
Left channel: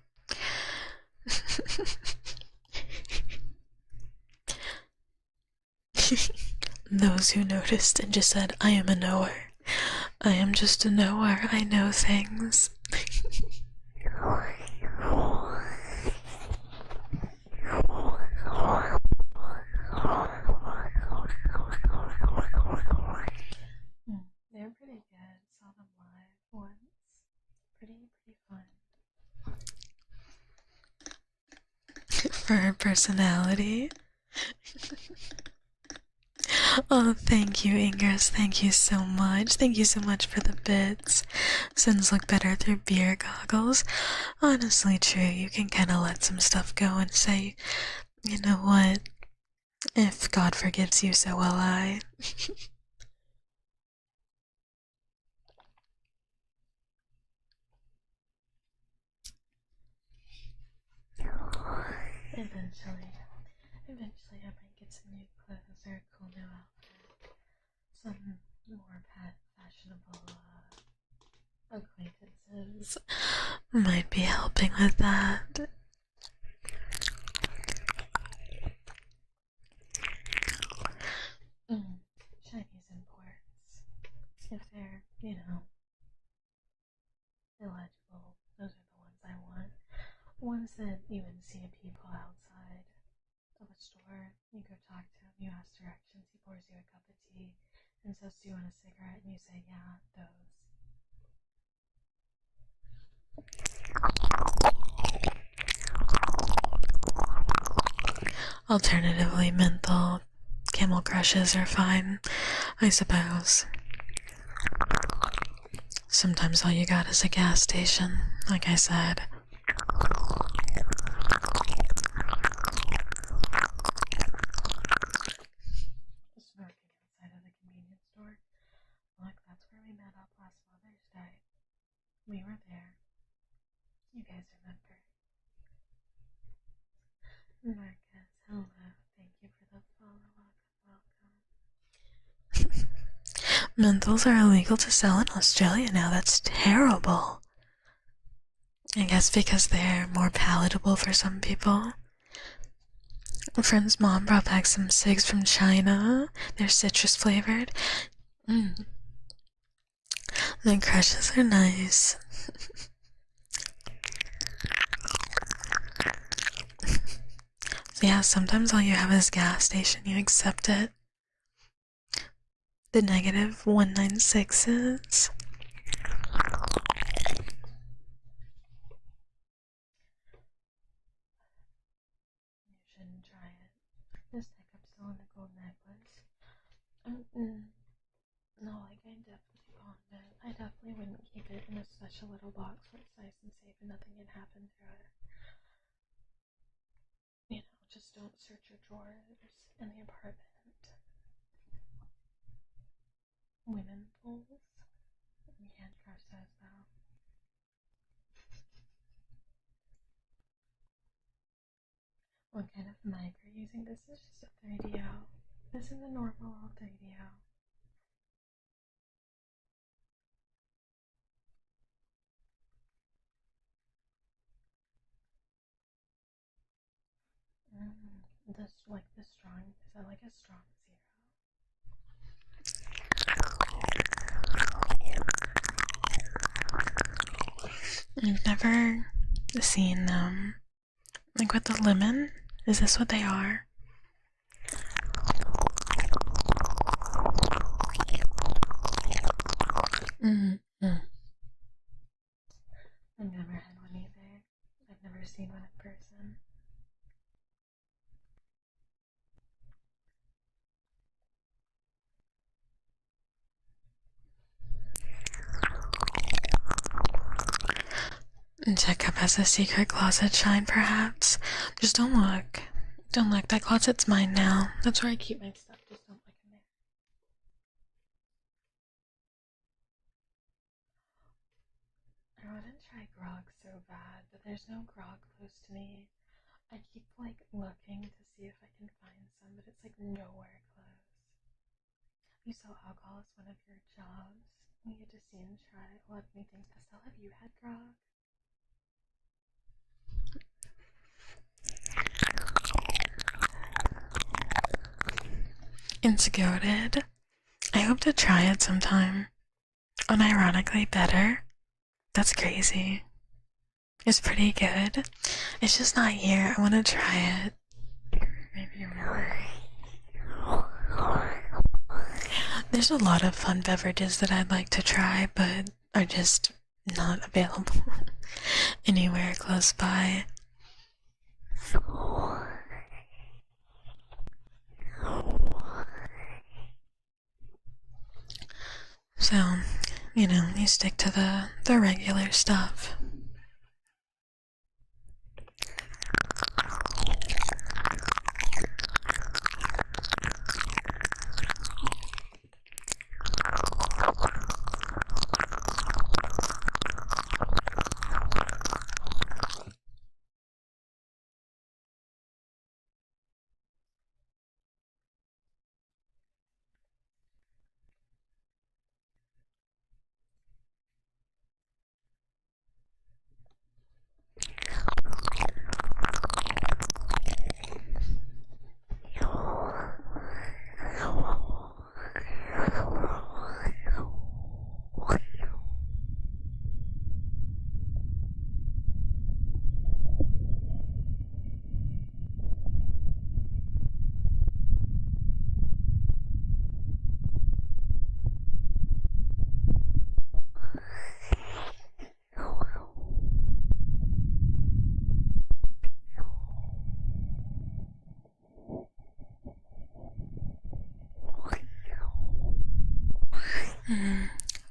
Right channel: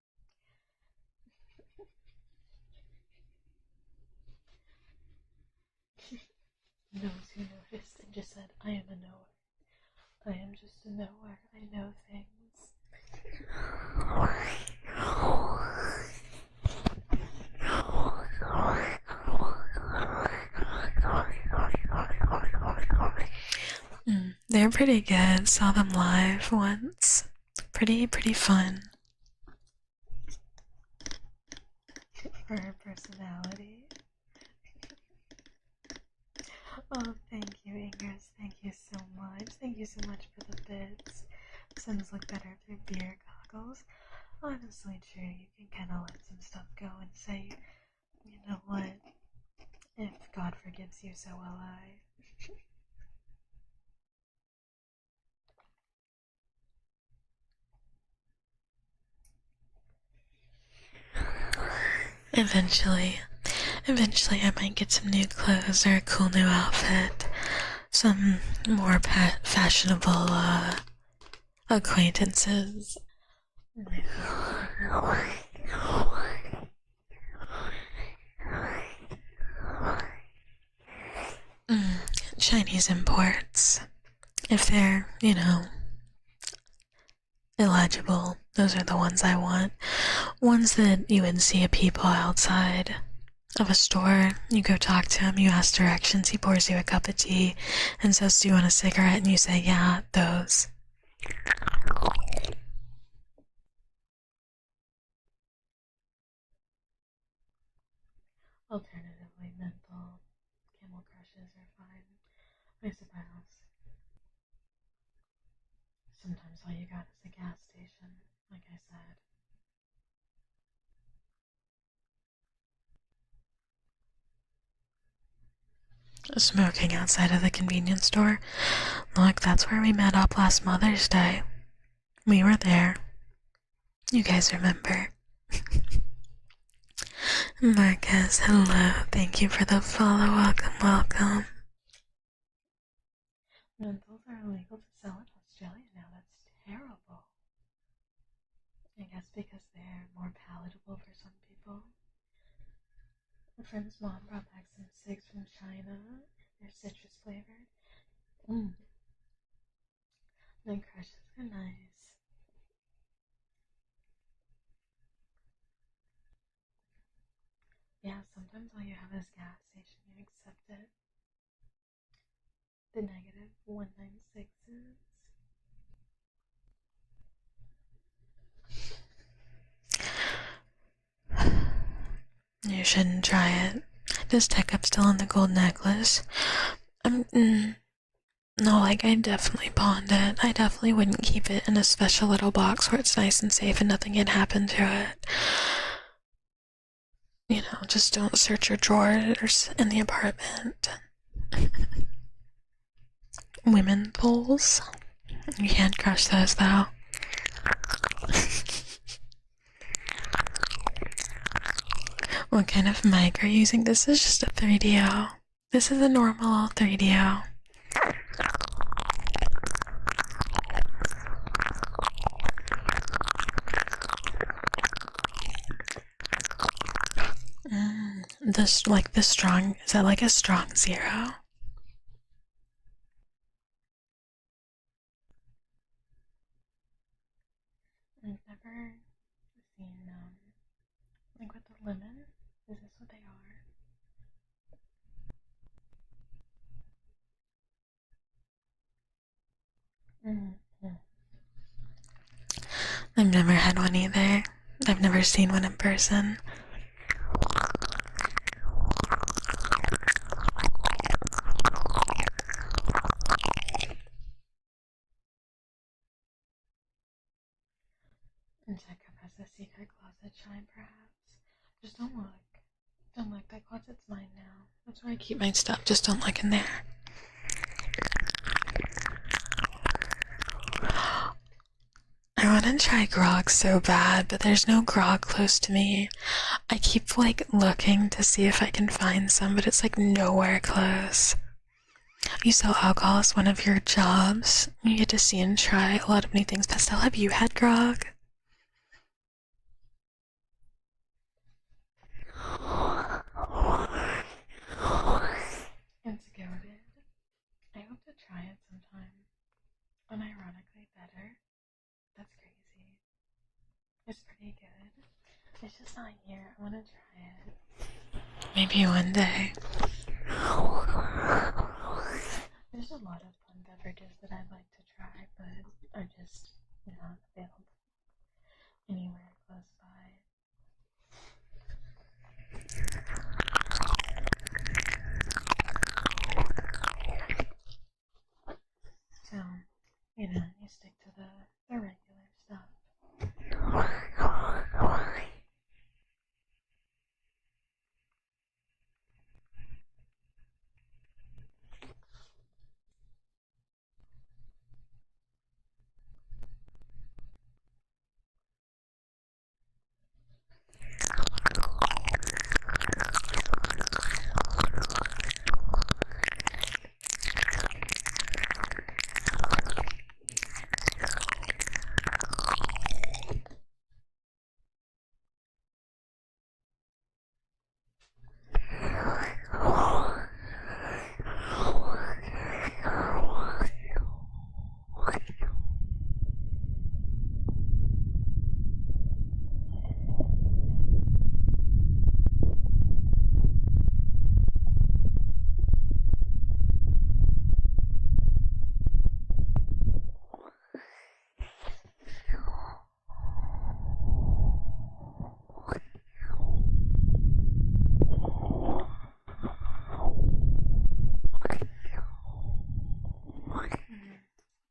Those who noticed and just said, I am a knower. I am just a knower. I know things. They're pretty good. Saw them live once. Pretty fun. For her personality. Oh, thank you, Ingress. Thank you so much. Thank you so much for the bits. Sins look better through beer goggles. Honestly, true. You can kind of let some stuff go and say, you know what? If God forgives you, so will I. Eventually I might get some new clothes or a cool new outfit. Some more fashionable, acquaintances might be helping with that. Chinese imports. If they're, you know, illegible, those are the ones I want. Ones that you would see a people outside of a store. You go talk to him, you ask directions, he pours you a cup of tea and says, do you want a cigarette? And you say, yeah, those. Alternatively, menthol, Camel Crushes are fine, I suppose. Sometimes all you got is a gas station, like I said. Smoking outside of the convenience store. Look, that's where we met up last Mother's Day. We were there. You guys remember. Marcus, hello. Thank you for the follow. Welcome. Menthols are illegal to sell in Australia now. That's terrible. I guess because they're more palatable for some people. A friend's mom brought back some cigs from China. They're citrus flavored. The crushes are nice. Yeah, sometimes all you have is gas station. You accept it. The negative 196s. You shouldn't try it. Does Tekcub still on the gold necklace? No, like, I definitely pawned it. I definitely wouldn't keep it in a special little box where it's nice and safe and nothing can happen to it. You know, just don't search your drawers in the apartment. Women pulls. You can't crush those, though. What kind of mic are you using? This is just a 3DO. This is a normal 3DO. This, like, the strong, is that like a strong 0? I've never seen them. Like with the lemon? Is this what they are? I've never had one either. I've never seen one in person. Tekcub has a secret closet shine, perhaps. Just don't look. Don't look. That closet's mine now. That's where I keep my stuff. Just don't look in there. I want to try grog so bad, but there's no grog close to me. I keep like looking to see if I can find some, but it's like nowhere close. You sell alcohol as one of your jobs. You get to see and try a lot of new things. Pastel, have you had grog? It's goated. I hope to try it sometime. Unironically better. That's crazy. It's pretty good. It's just not here. I want to try it. Maybe one day. There's a lot of fun beverages that I'd like to try, but are just not available anywhere close by. So, you know, you stick to the regular stuff.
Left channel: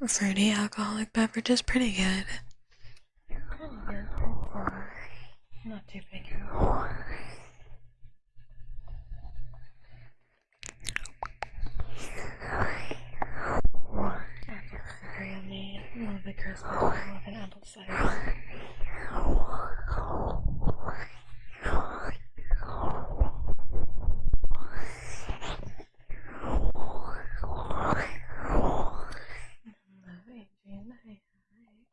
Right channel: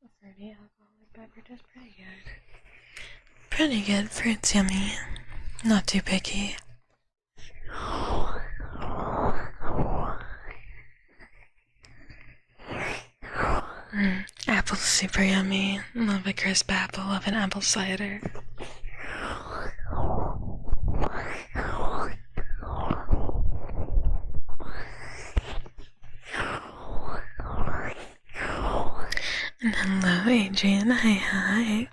Fruity alcoholic beverage is pretty good. Pretty good. Fruit's yummy. Not too picky. Apple's super yummy. Love a crisp apple. Love an apple cider. Hello, Adrian. Hi.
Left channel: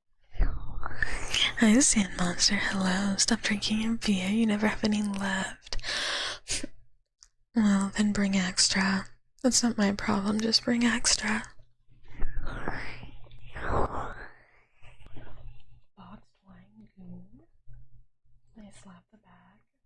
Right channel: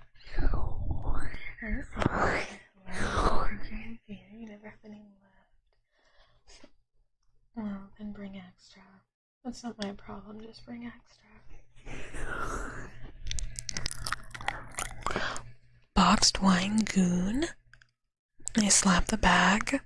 Hi, Sand Monster. Hello. Stop drinking your beer. You never have any left. Well, then bring extra. That's not my problem. Just bring extra. Boxed wine goon. I slap the bag.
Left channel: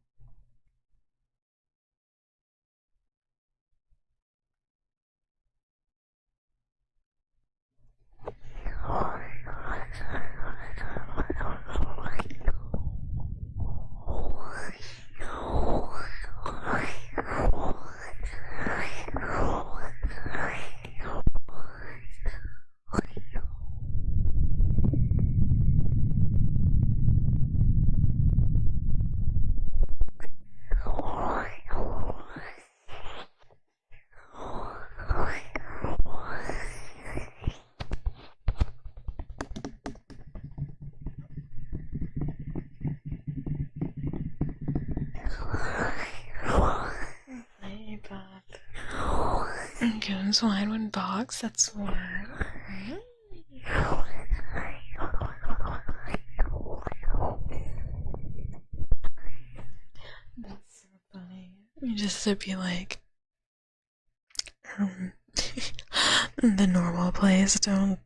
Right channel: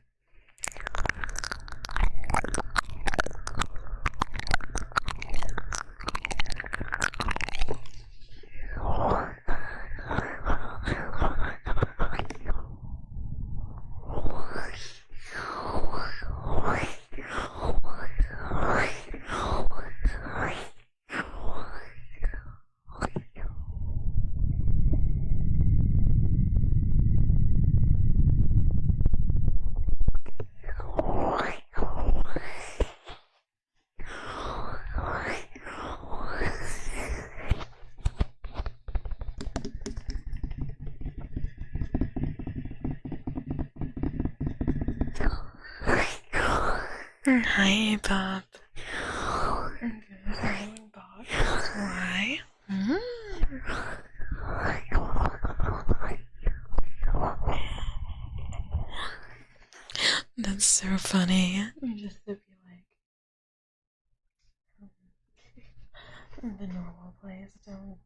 Hi, Bob. Goons wine when box, that's why. That's so funny. You just to be like, the normal place, don't.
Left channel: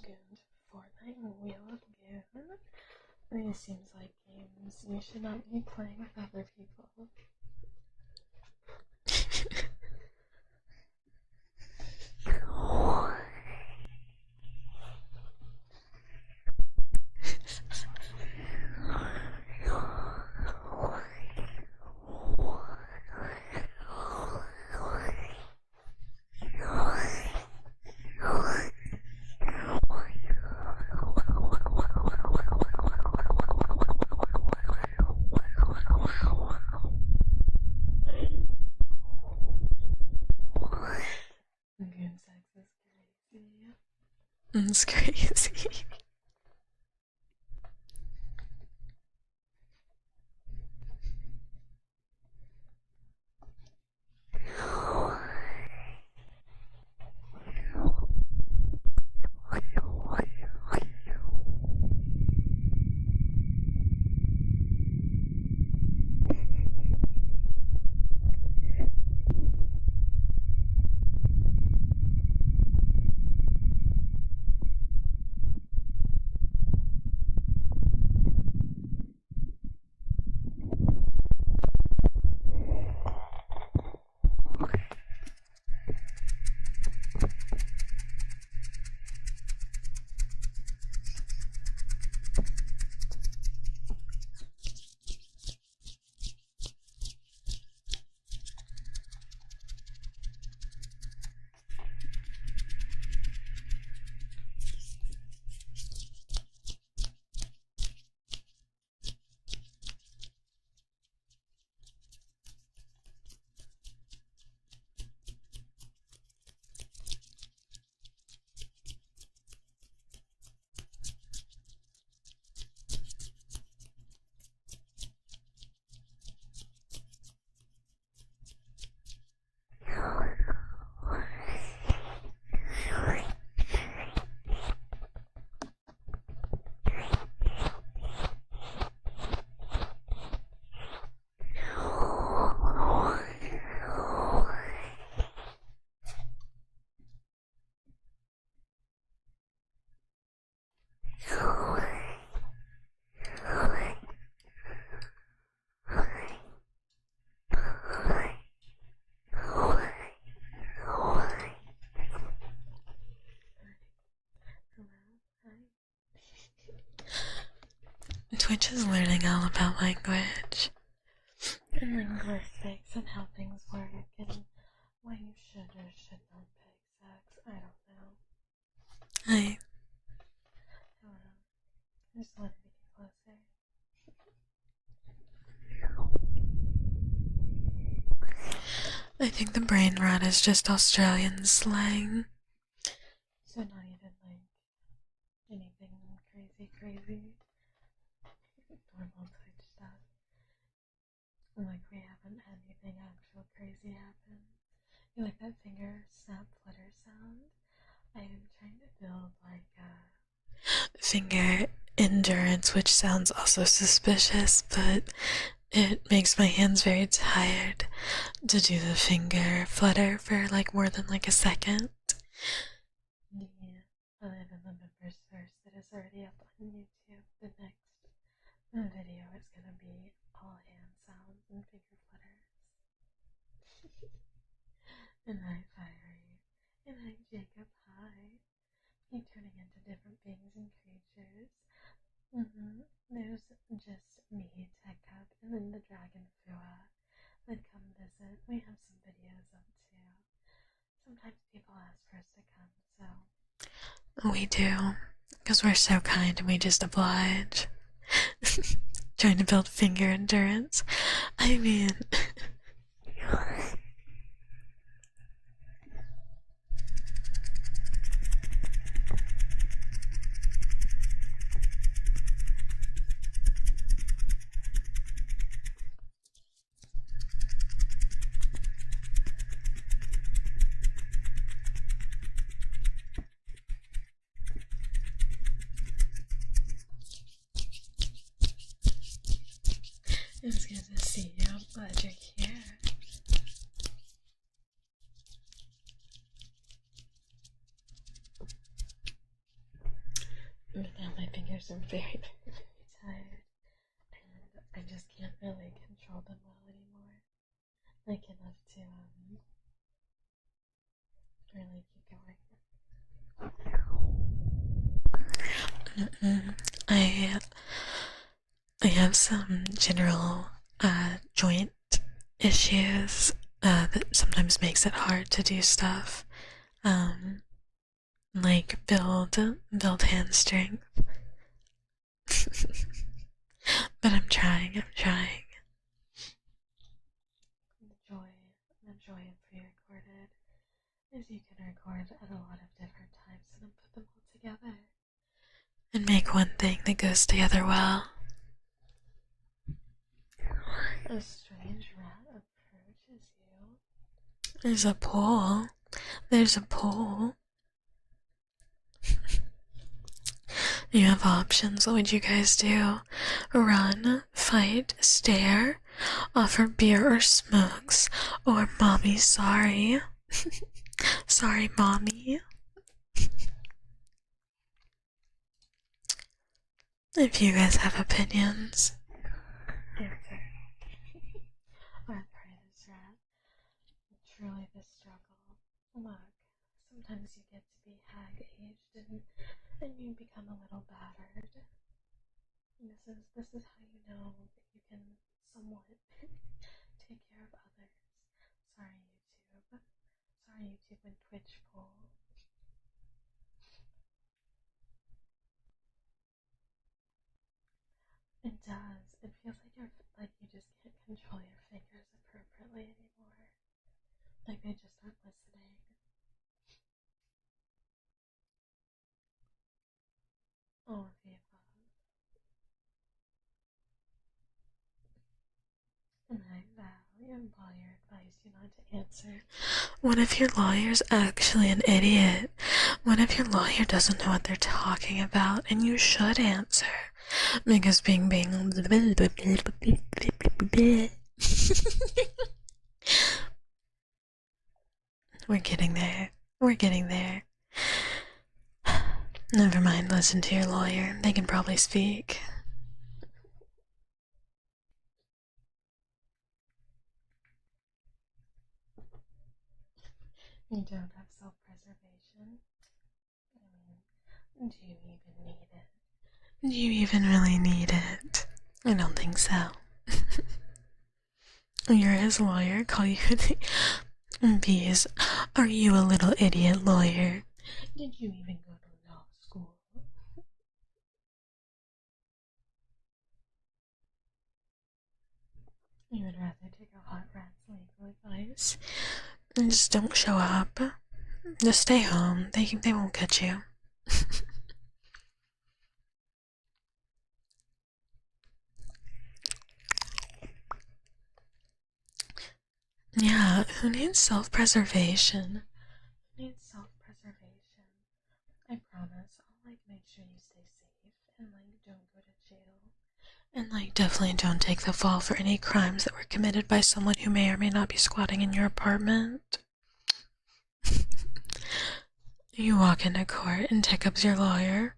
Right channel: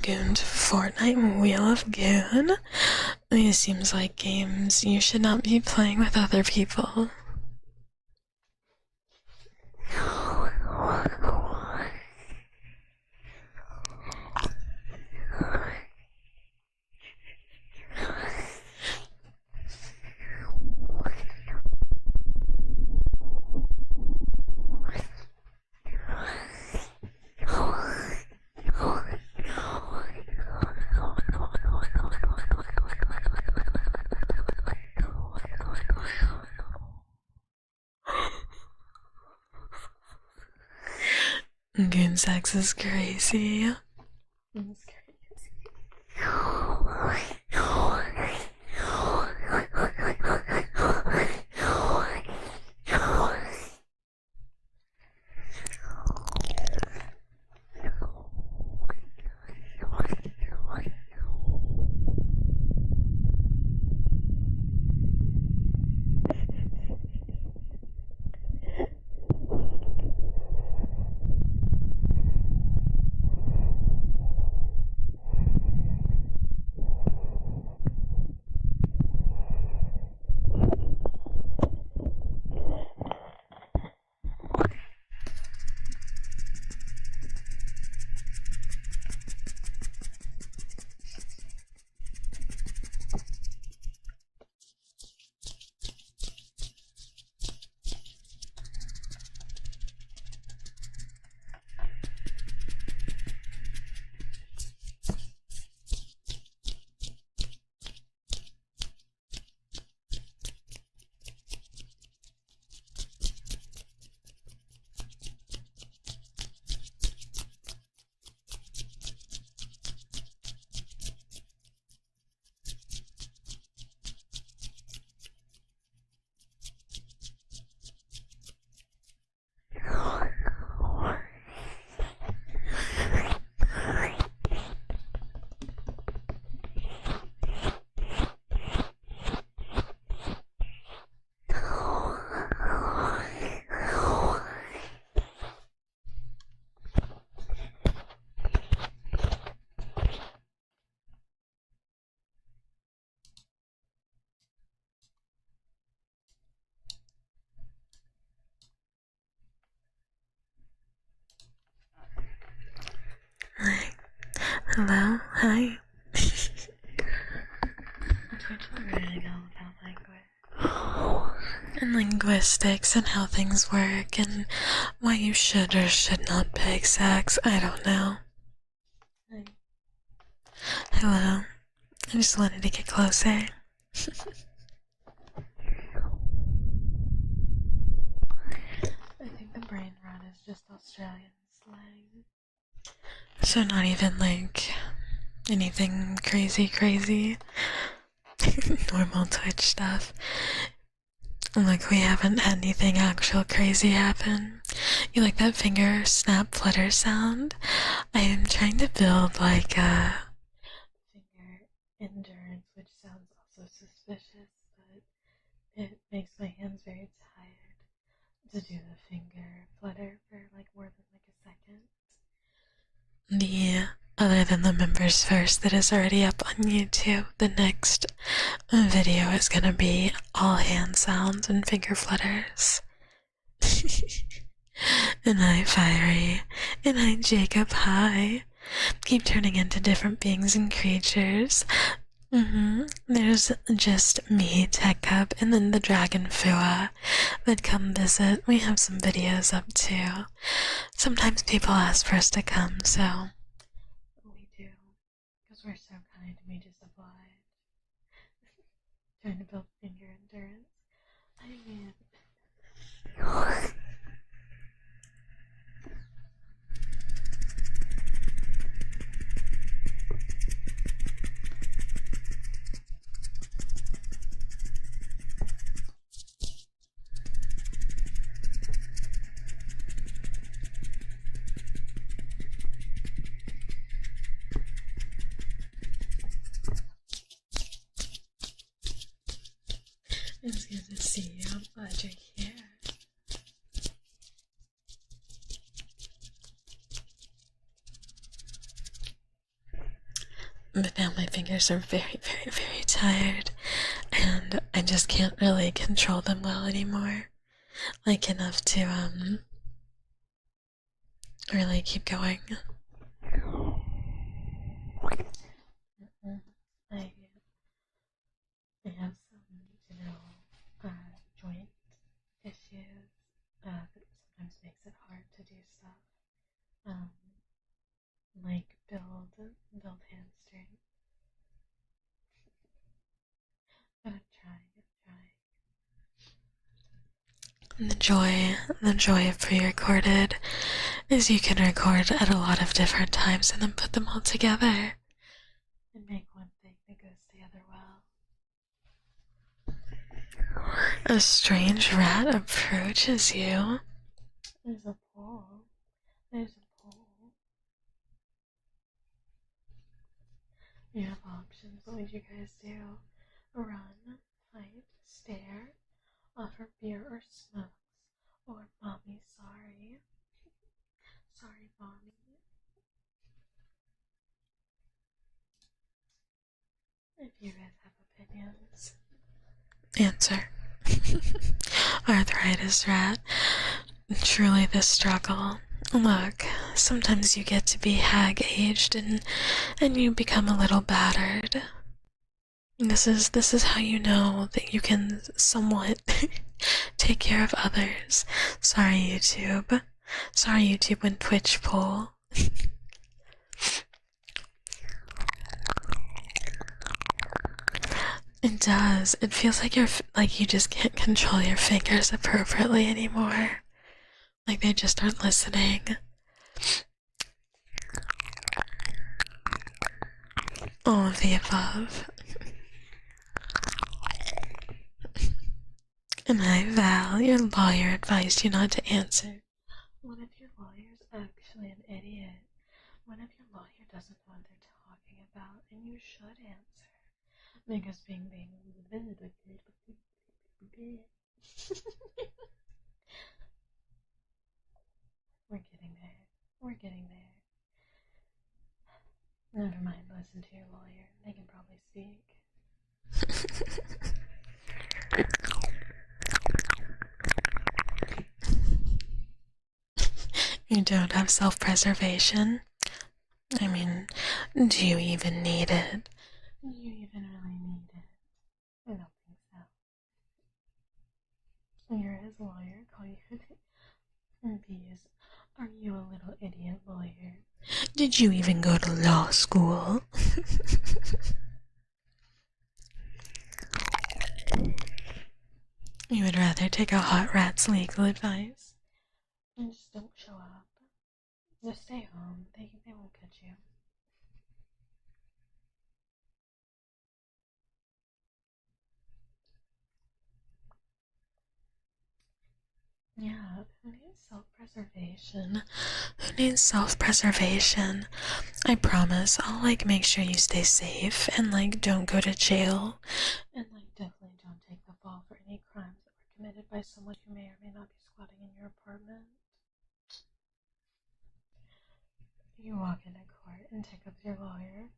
Goon to Fortnite Wheel of Goon? These seems like games you should not be playing with other people. Goon sex is crazy. It's crazy. Hello, hi. Twitch is learning all about language and linguistics and how things work and why you should or should not pick sex. I don't know. Hi. Hello. I just wanted to get closer. I think the brain rot is just Australian slang. So not even like anything crazy. Normal Twitch stuff. Like we haven't had anything actual crazy happen. You like that finger snap flutter sound? I am trying to build like a finger endurance, which sounds also suspicious, but it makes my hands very tired to do the finger flutter for like more than like a second. Other than the members first that is already up on YouTube, the next video is gonna be all hand sounds and finger flutters. And hi Fiery, and hi Jacob, hi. Keep turning into different beings and creatures. There's just me, Tekcub, and then the dragon Fua that come visit. We have some videos up too. Sometimes people ask for us to come, so we do, because we're so kind and we just oblige. Trying to build finger endurance. I mean... It's good to see you. I'm glad you're here. But now my fingers are very tired, and I just can't really control them well anymore. Like enough to, really keep going. I have some general joint issues that sometimes makes it hard to do stuff, like build hand strength. But I'm trying. The joy of pre-recorded is you can record at a lot of different times and then put them all together and make one thing that goes together well. A strange rat approaches you. There's a pole. There's a pole. You have options. What would you guys do? Run, fight, stare, offer beer or smokes, or mommy sorry. Sorry, mommy. If you guys have opinions, answer. Arthritis rat. Truly the struggle. Look, sometimes you get to be hag-aged and you become a little battered. This is how you know that you can somewhat take care of others. Sorry, YouTube. Sorry, YouTube and Twitch poll. It does. It feels like you just can't control your fingers appropriately anymore. Like they just aren't listening. All of the above. And I, Val, your lawyer, advised you not to answer. What if your lawyer's actually an idiot? What if your lawyer doesn't know what they're talking about and you should answer? Because being We're getting there. We're getting there. Never mind, listen to your lawyer. They can probably speak. You don't have self-preservation? I mean, do you even need it? Do you even really need it? I don't think so. You're his lawyer, call you Bees, are you a little idiot lawyer? Did you even go to law school? You would rather take a hot rat's legal advice? Just don't show up. Just stay home. They won't catch you. Yeah, who needs self-preservation? Who needs self-preservation? I promise I'll make sure you stay safe and don't go to jail and definitely don't take the fall for any crimes that were committed by someone who may or may not be squatting in your apartment. You walk into court and Tekcub's your lawyer.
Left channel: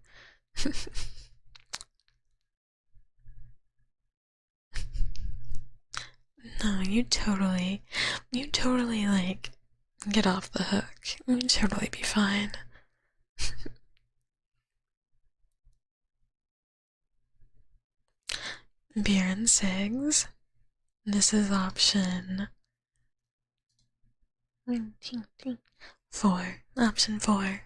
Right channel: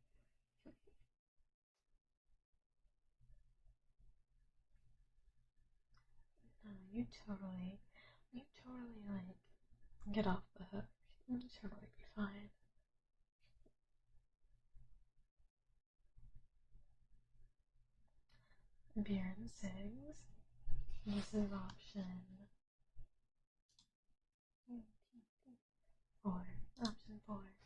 No, you totally get off the hook. You'd totally be fine. Beer and cigs. This is option 4. Option 4.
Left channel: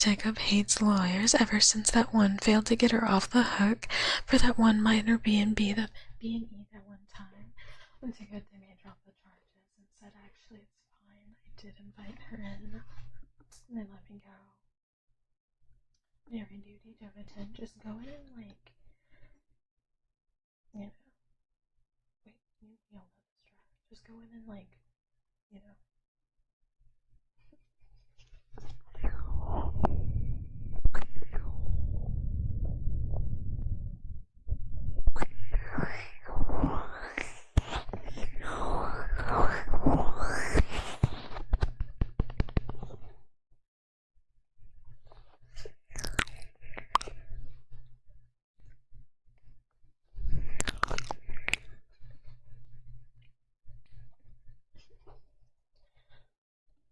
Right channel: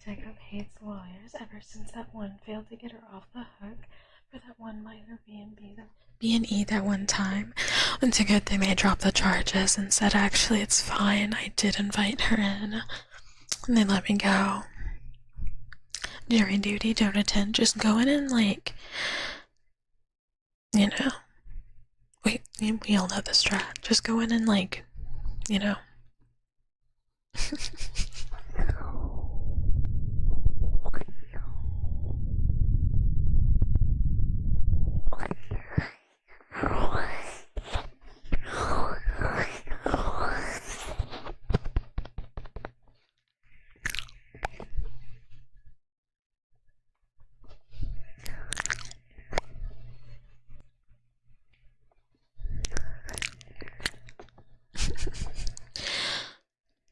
Tekcub hates lawyers ever since that one failed to get her off the hook for that one minor B&E that one time. It's a good thing they dropped the charges and said, actually, it's fine, I did invite her in. And they let me go. Jury duty, don't attend, just go in and we all know the strat. Just go in and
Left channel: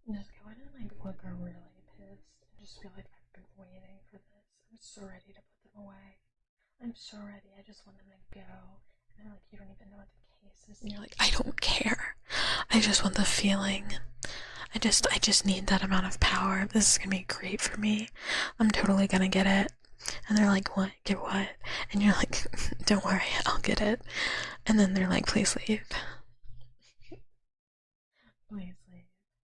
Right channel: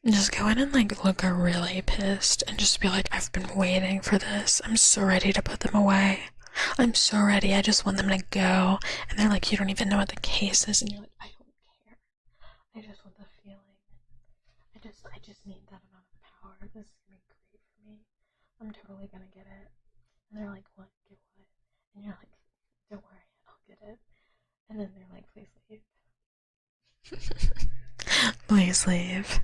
just go in and look really pissed and just be like, I've been waiting for this. I'm so ready to put them away. I'm so ready. I just want them to go. And they're like, you don't even know what the case is. And you're like, I don't care. I just want the feeling. I just need that amount of power. This is gonna be great for me. I'm totally gonna get it. And they're like, what? Get what? And you're like, don't worry, I'll get it. And then they're like, please leave. Please leave.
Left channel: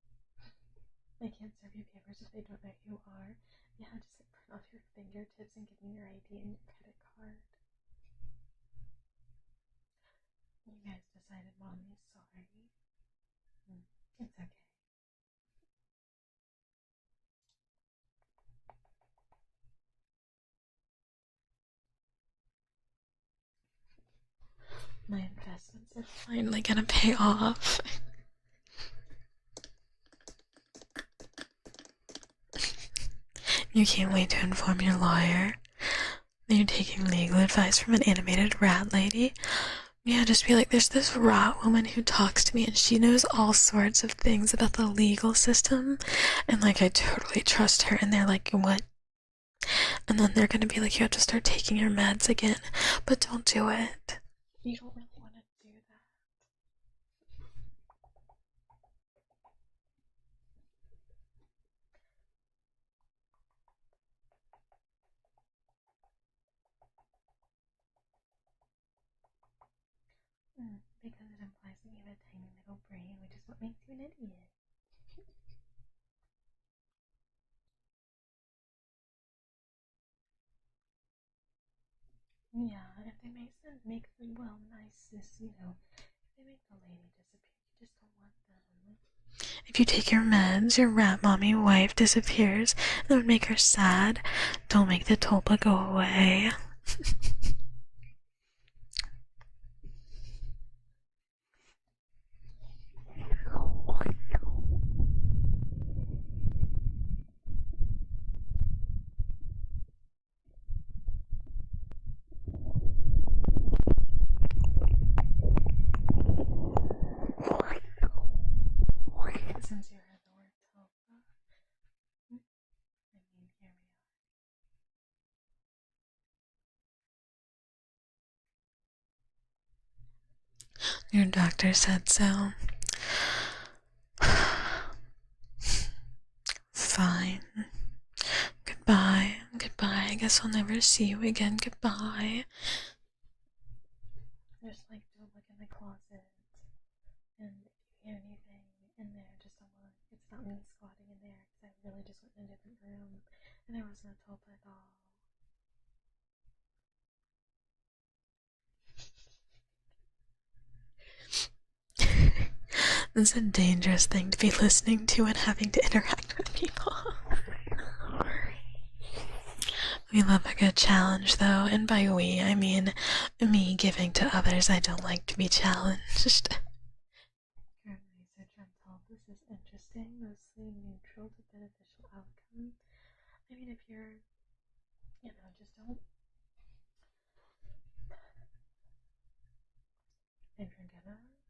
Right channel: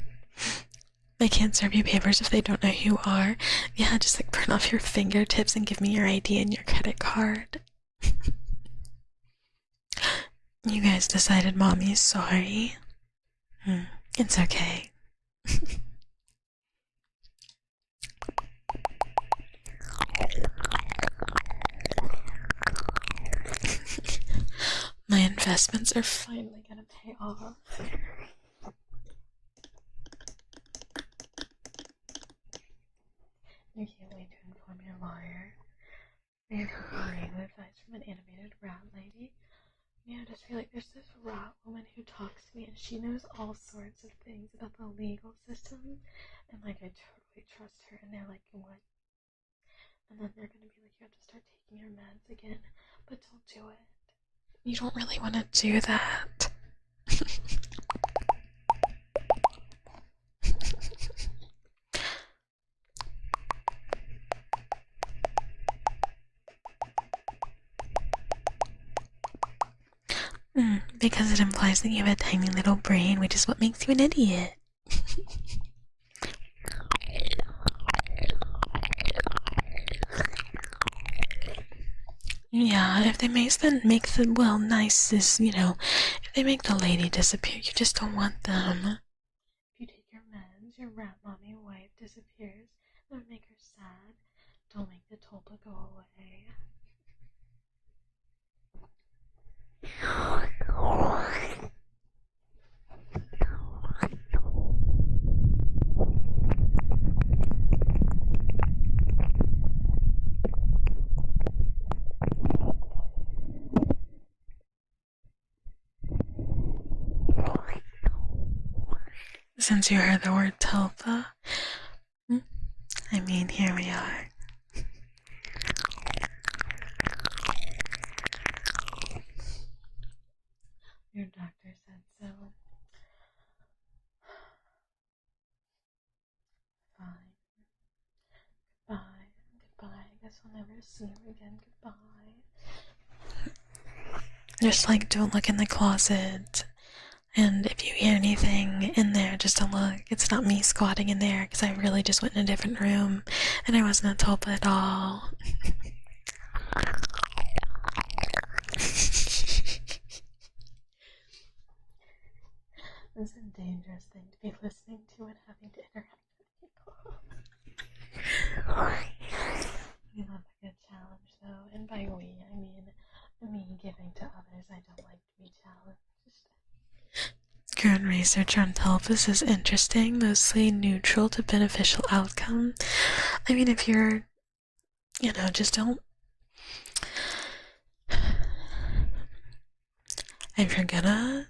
They can't serve you papers if they don't know who you are. Yeah, just like burn off your fingertips and give me your ID and your credit card. You guys decided mommy's sorry. It's okay. My investments are finally gonna pay off. You can't wait to inform your lawyer that you're taking legal advice from an animated rat lady. Yeah, just be like, there's this rat woman who talks to me and she knows all sorts of things about the legal system, and like I totally trust her. And they're like, what? And then they're gonna be like, you have to start taking your meds again, but don't do it. You don't really want to do that. Because it implies that you have a tiny little brain, which is what makes you an idiot. Yeah, if they make the well, nice is, you know, if they make the lady disappear, you just don't want them. If you take your meds, your rat mommy wife disappears, that would make her sad. Don't make the tulpa go away. Since you heard the word tulpa, I mean, here we are. Your doctor said so. Fine. Goodbye. Goodbye. I guess I'll never see you again. Goodbye. Just like, don't look in the closet. And if you hear anything in there, just don't look. It's not me squatting in there, because I really just went in a different room and I wasn't a tulpa at all. It's a dangerous thing to be listening to and having to interact with people. We love a good challenge, though, and by we, I mean me giving to others. I don't like to be challenged. Current research on tulpas is interesting, mostly neutral to beneficial outcome. I mean, if you're, you know, just don't. If you're gonna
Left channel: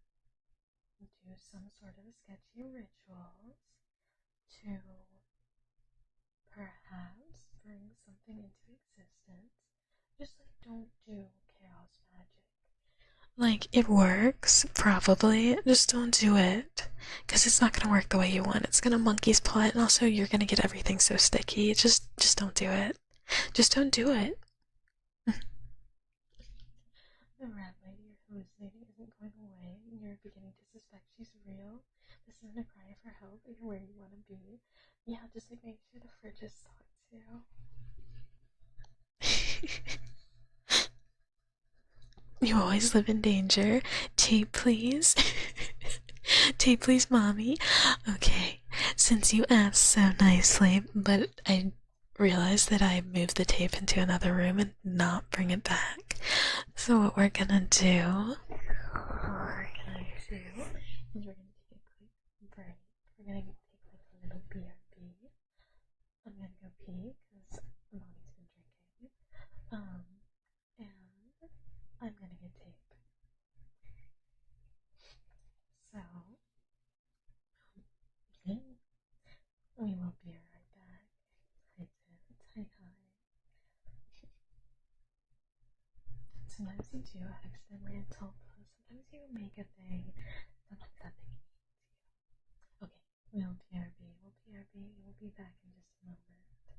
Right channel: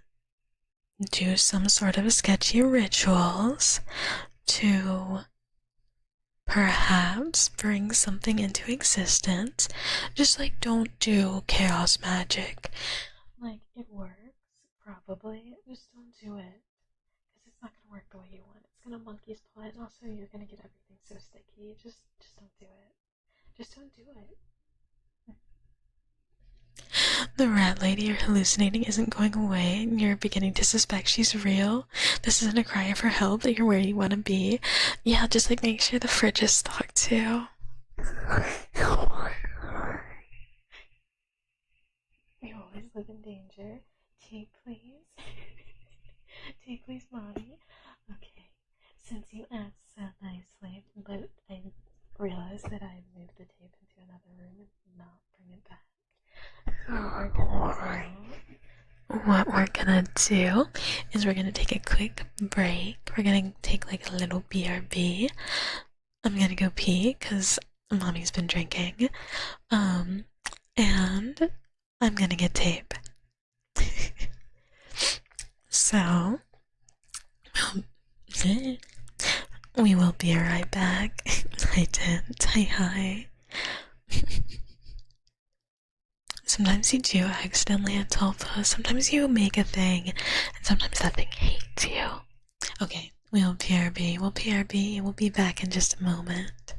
do some sort of sketchy rituals to perhaps bring something into existence, just like don't do chaos magic. Like, it works, probably, just don't do it, because it's not gonna work the way you want. It's gonna monkey's paw it, and also you're gonna get everything so sticky. Just don't do it. Just don't do it. The rat lady you're hallucinating isn't going away, and you're beginning to suspect she's real. This isn't a cry for help, that you're where you want to be. Yeah, just like make sure the fridge is stocked too. You always live in danger. Tape, please. Tape, please, mommy. Okay, since you asked so nicely, but I realized that I moved the tape into another room and not bring it back. So what we're gonna do is we're gonna take a quick break. We're gonna take like a little BRB. I'm gonna go pee because mommy's been drinking. And I'm gonna get tape. So we will be right back. Hi, Tent. Hi. Sometimes you do accidentally a tulpa. Sometimes you make a thing, and sometimes that thing hates you. Okay, we'll PRB. We'll be back in just a moment.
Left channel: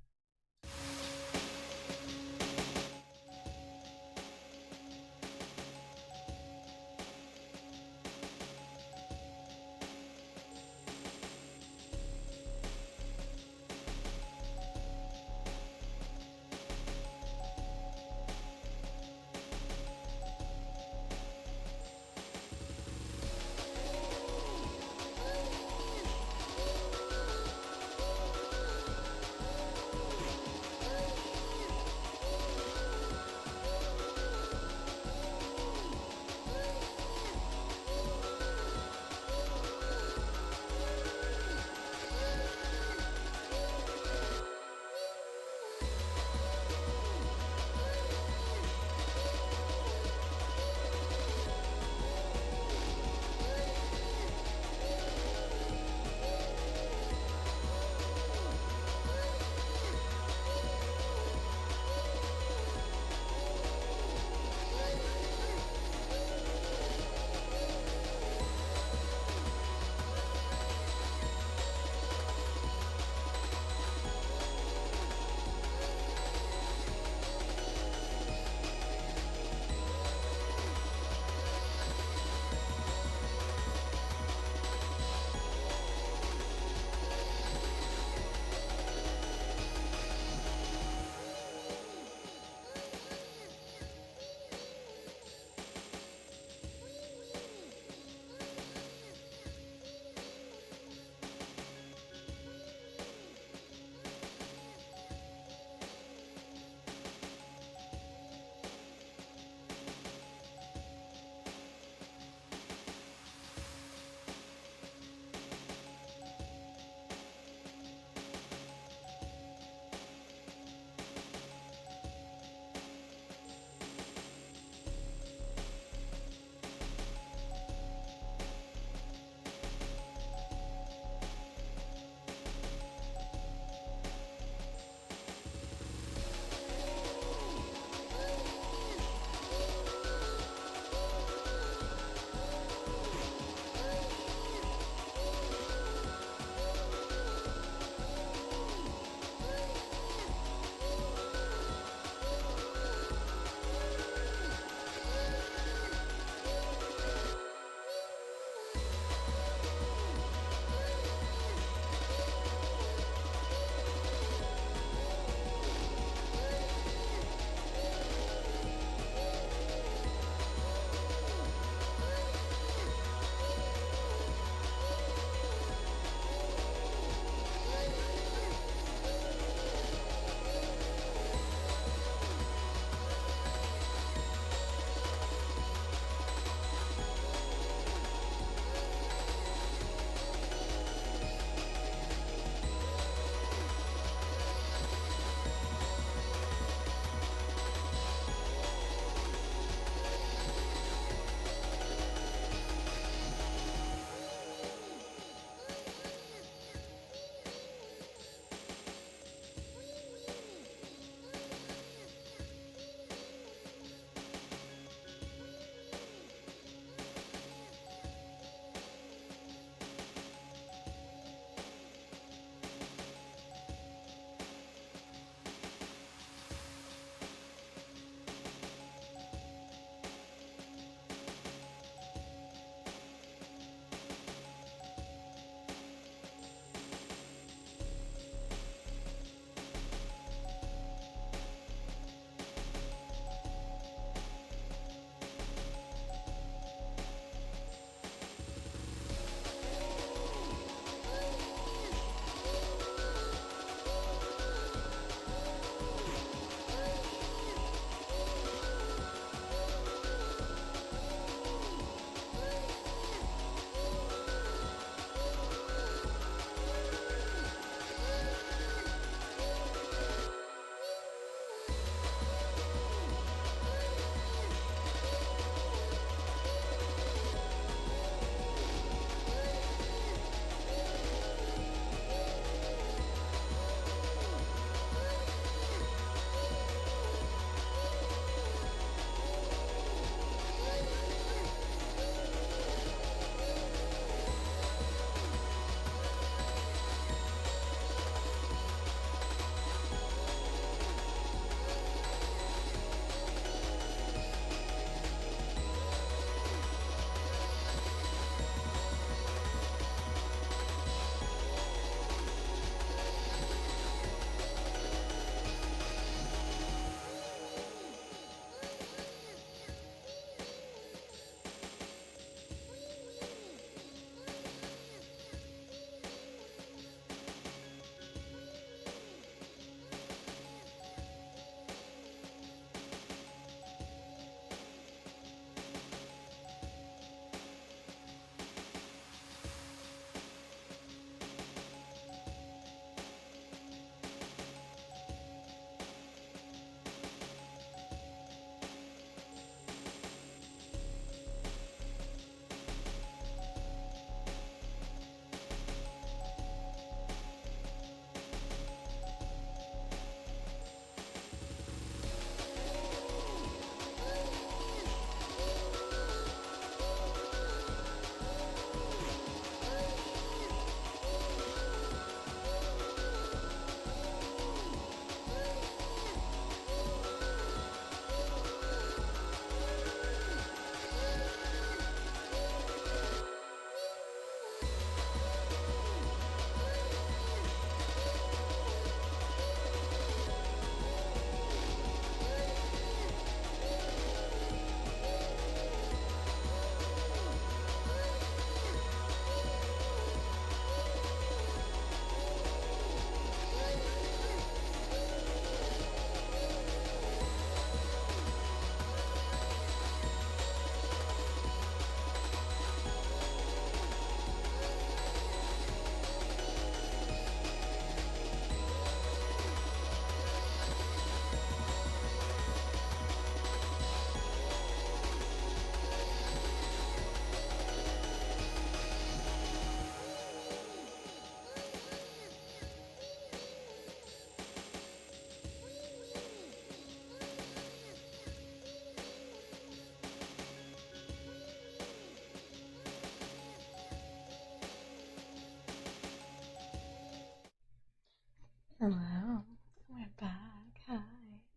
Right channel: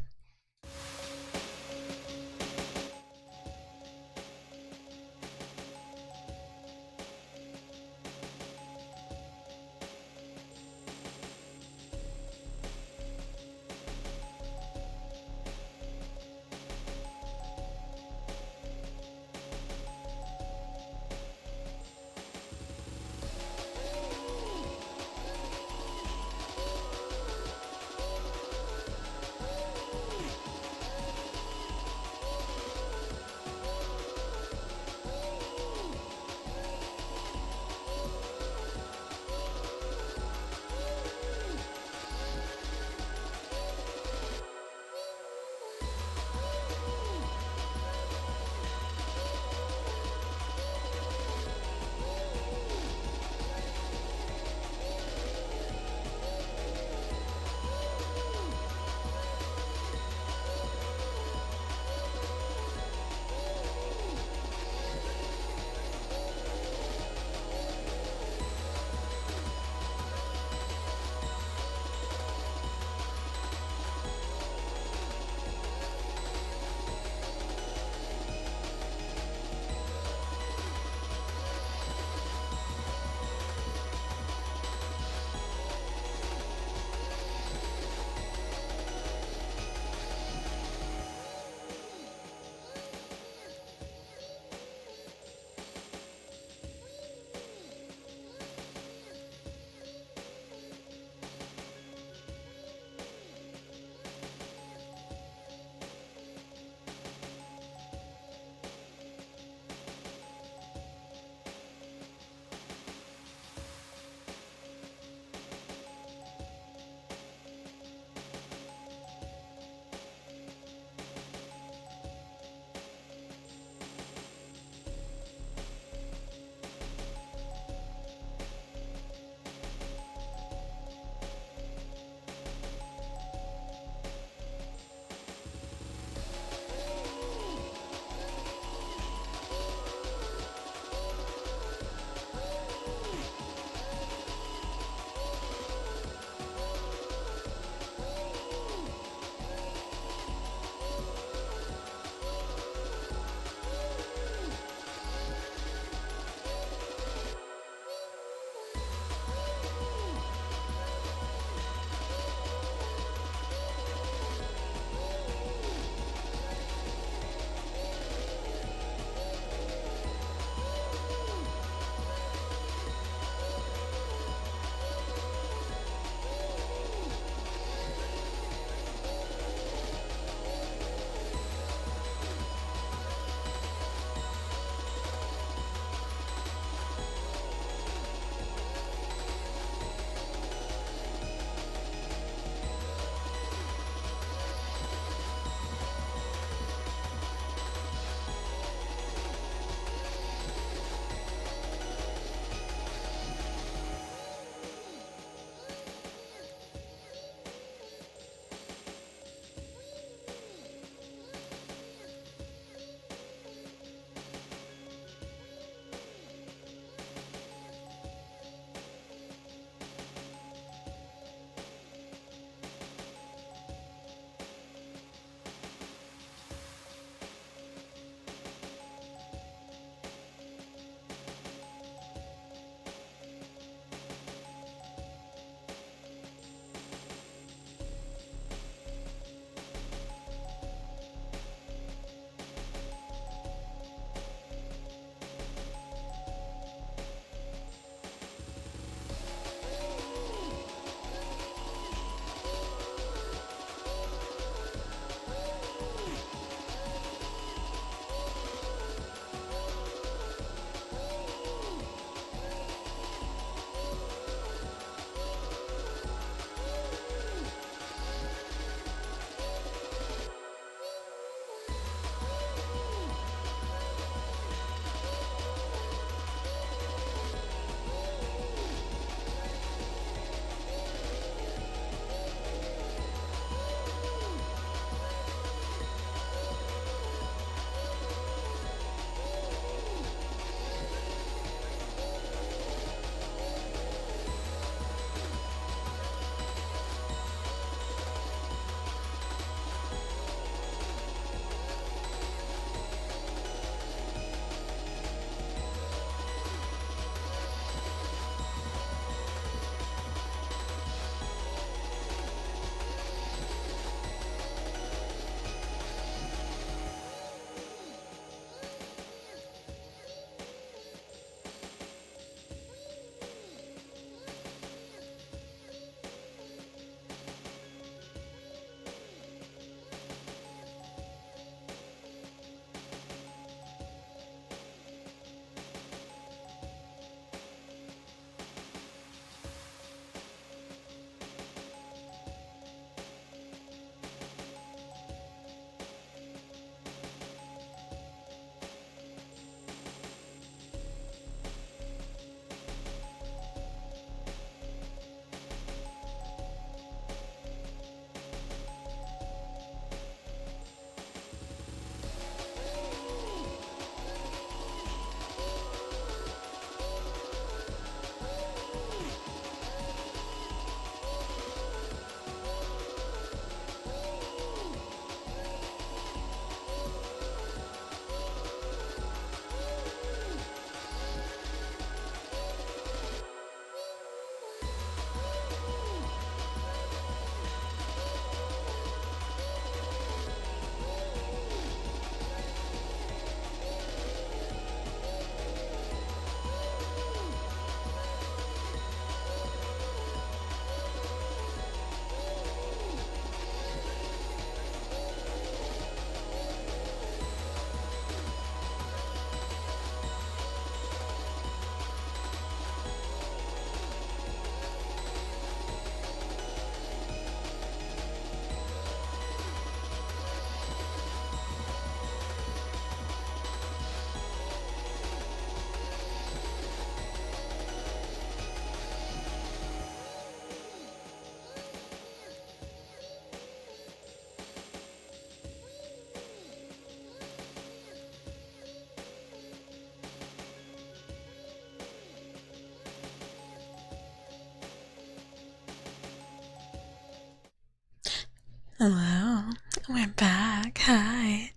Hello, we're back. Hi,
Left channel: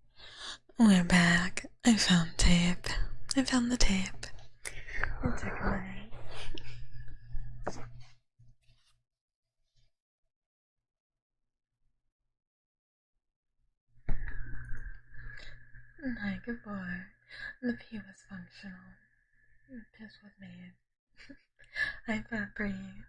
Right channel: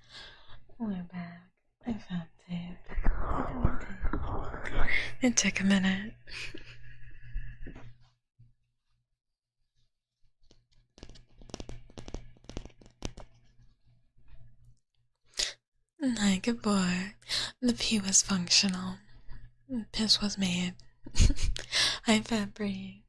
we're back. I found tape. I found the tape. It took a minute. Hi, good boy. The pee was functional. Piss was made. Hi, Fabry.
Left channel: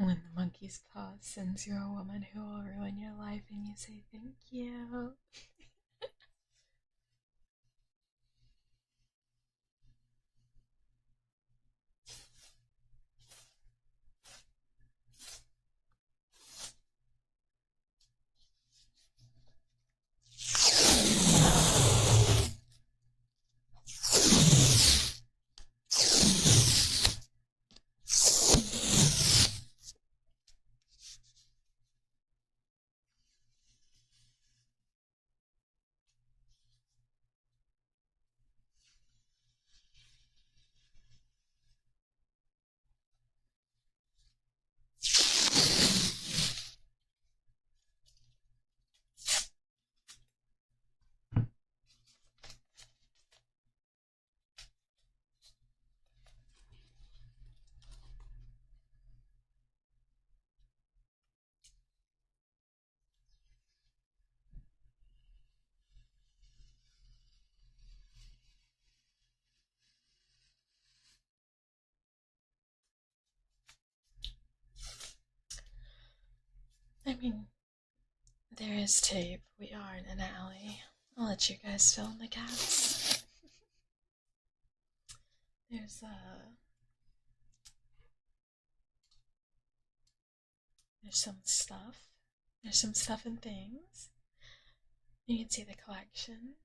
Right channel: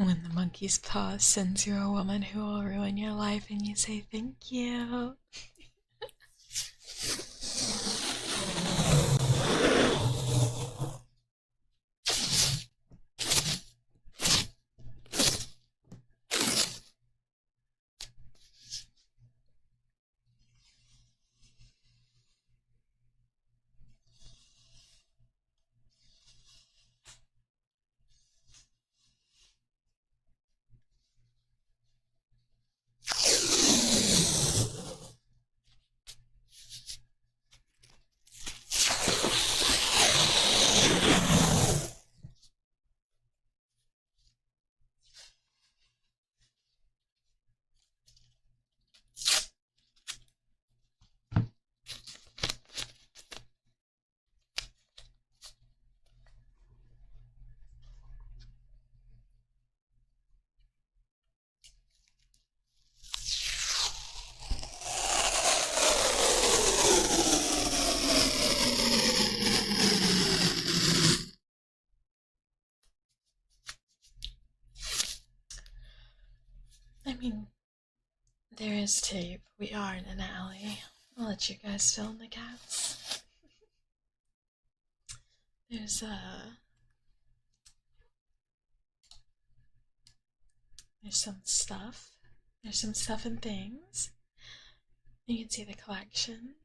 When the monkey's paw sends you a woman who will ruin your life and you say thank you. I mean, there is tape. We are in an alley. I'll let you guys fill in the gaps. There's some stuff. There's some stuff and things. You can see the collection.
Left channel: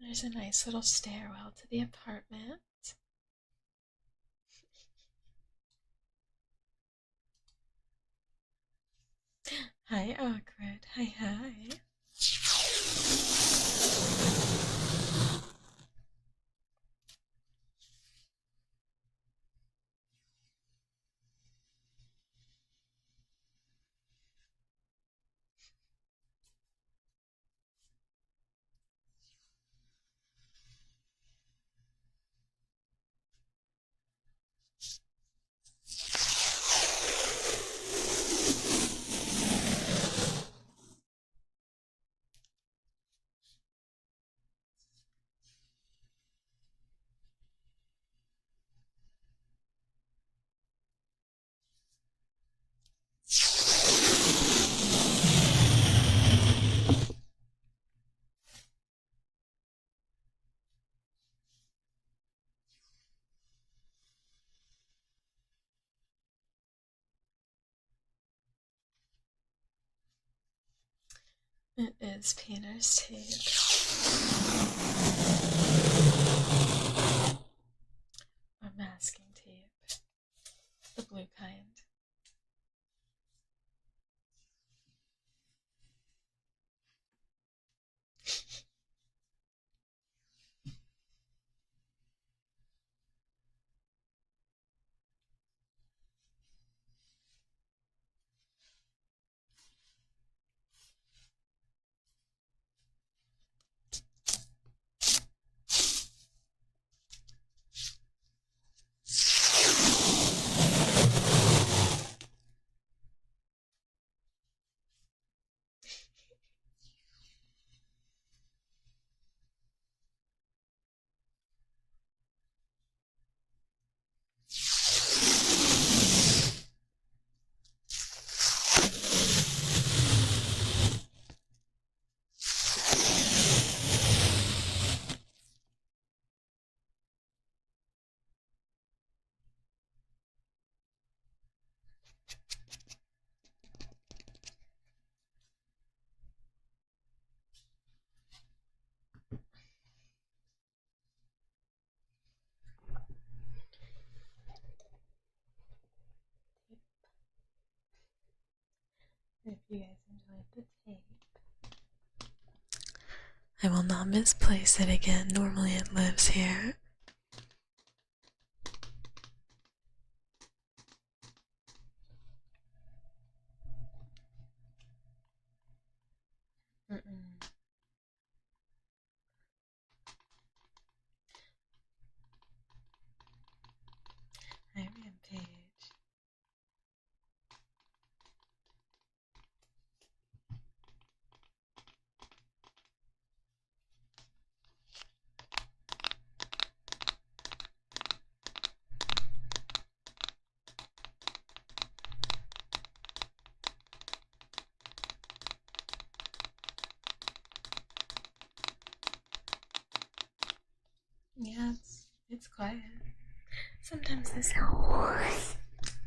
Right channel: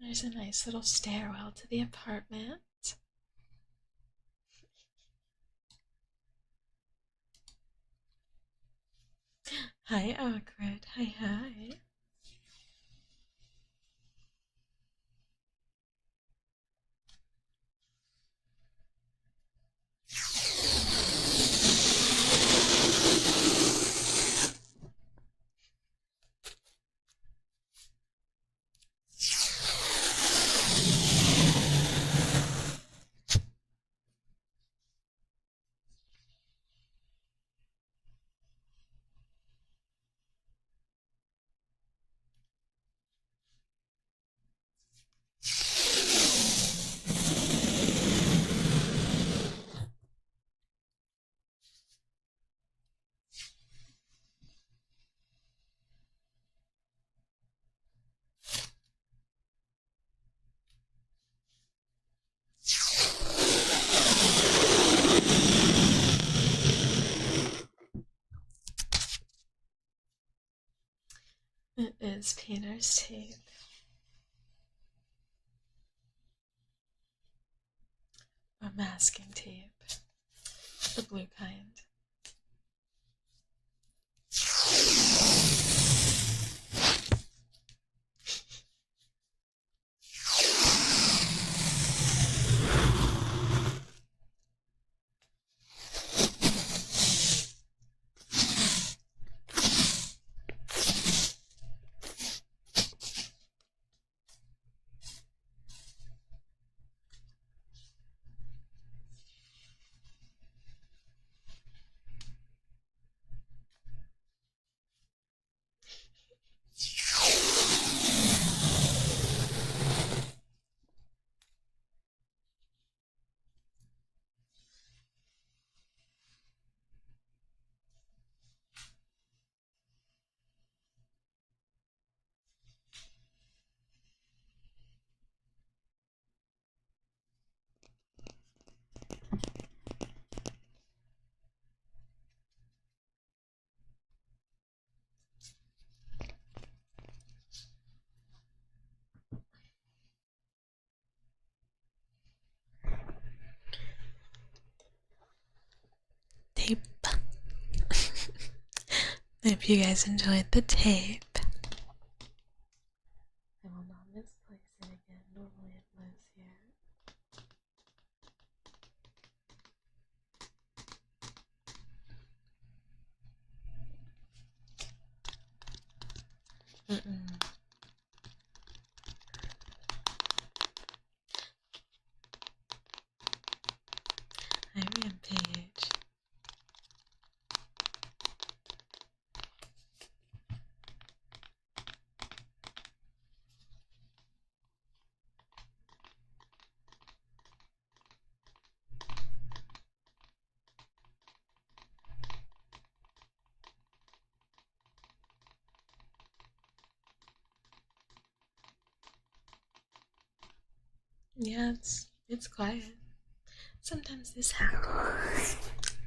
There's a nice little stairwell to the apartment. Hi, awkward. Hi, hi. It is painter's tape. Or masking tape. The blue kind. I hope you guys enjoyed the tape. I will not misplace it again. Normally it lives here. I rampage. Yeah, it's quiet. Sometimes this happens.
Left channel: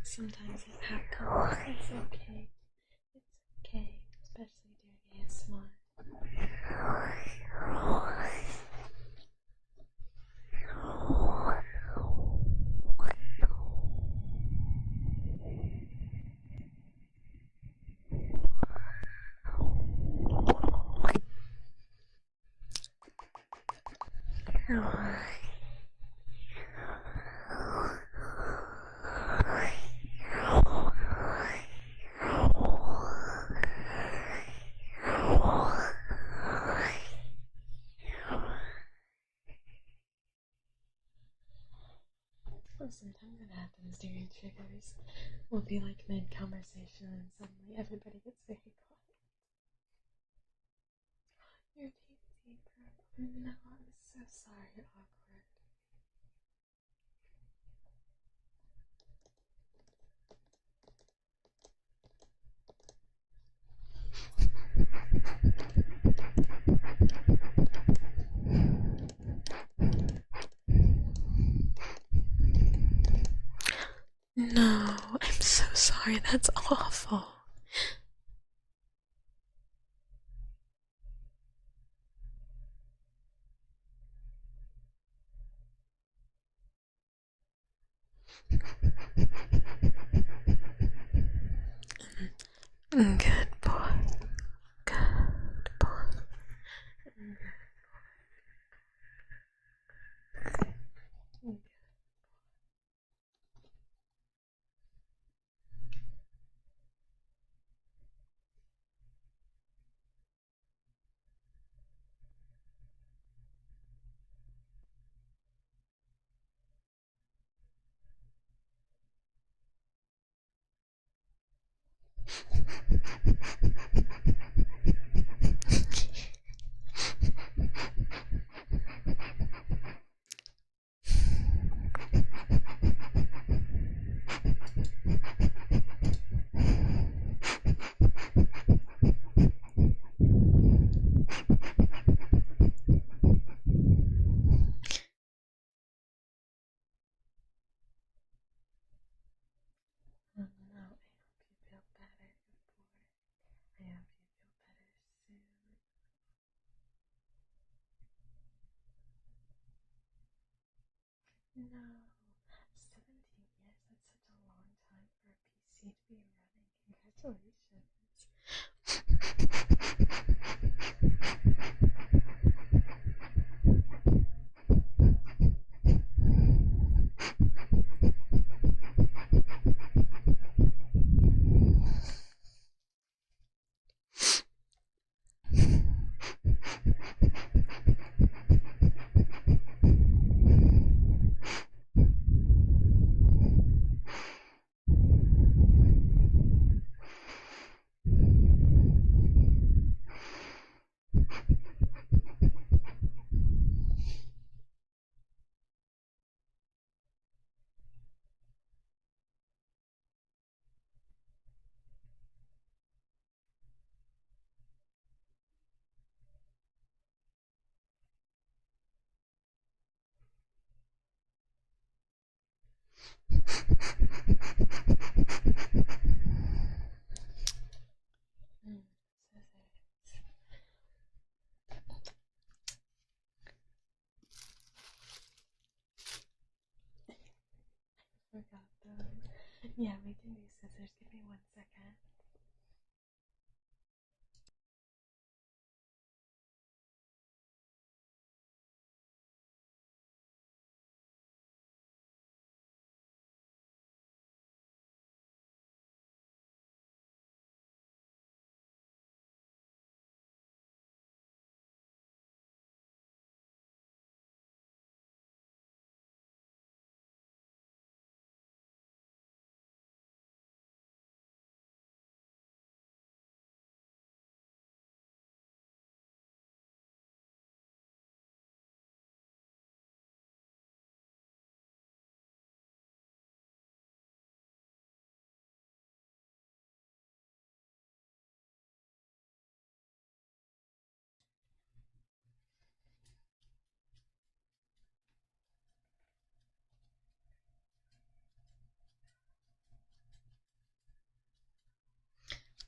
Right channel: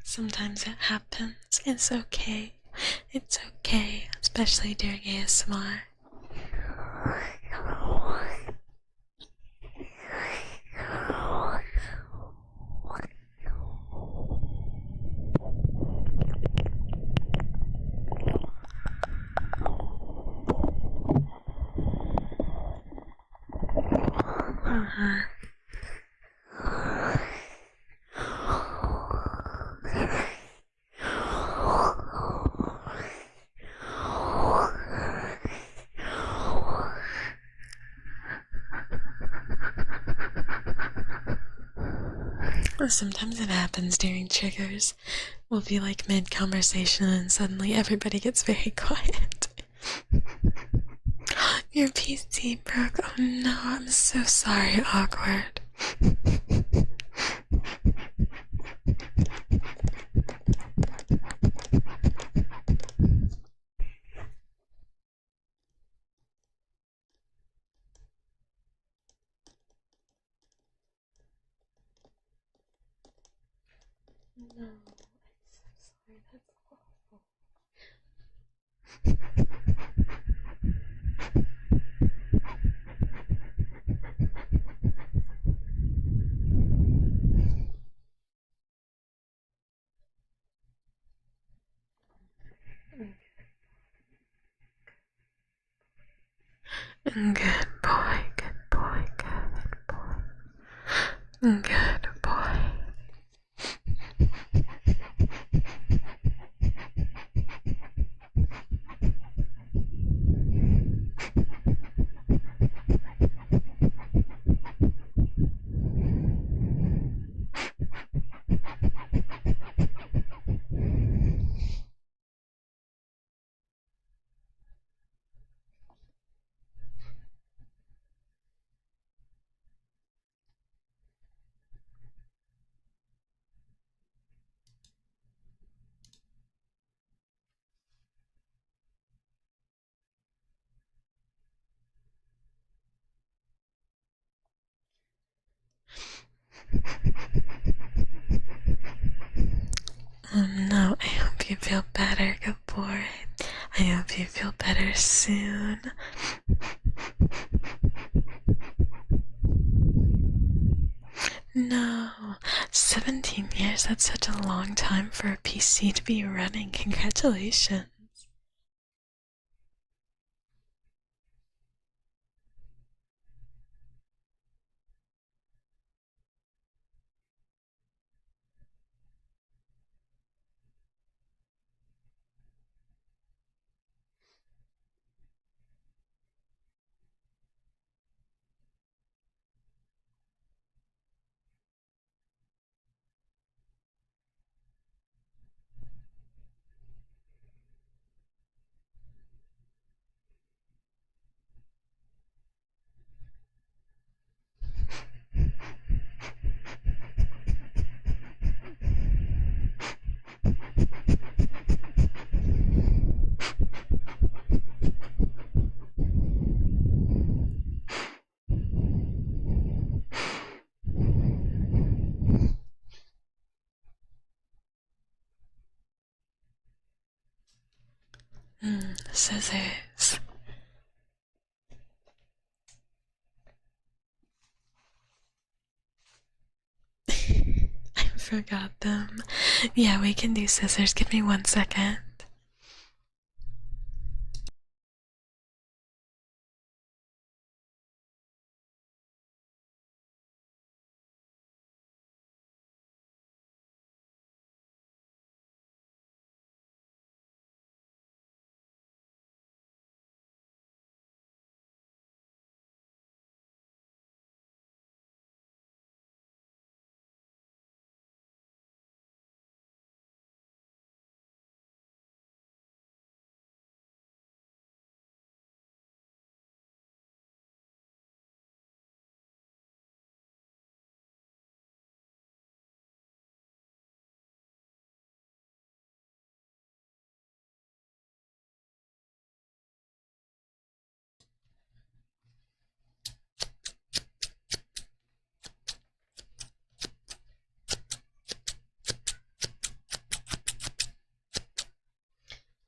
Sometimes it happens. It's okay. It's okay, especially during ASMR. Sometimes it happens during triggers. We'll be like mid conversation and suddenly everybody gets very quiet. Your PC broke. Oh no, I'm so sorry, awkward. No, I'm so sorry. That's awful. Good boy. Good boy. Good boy. Good boy. Good boy. Good boy. No, I hope you feel better, good boy. I hope you feel better soon. No, 17 years, that's such a long time for a PC to be running. Congratulations. Scissors. I forgot them. Yeah, we can do scissors. Give me 1 second.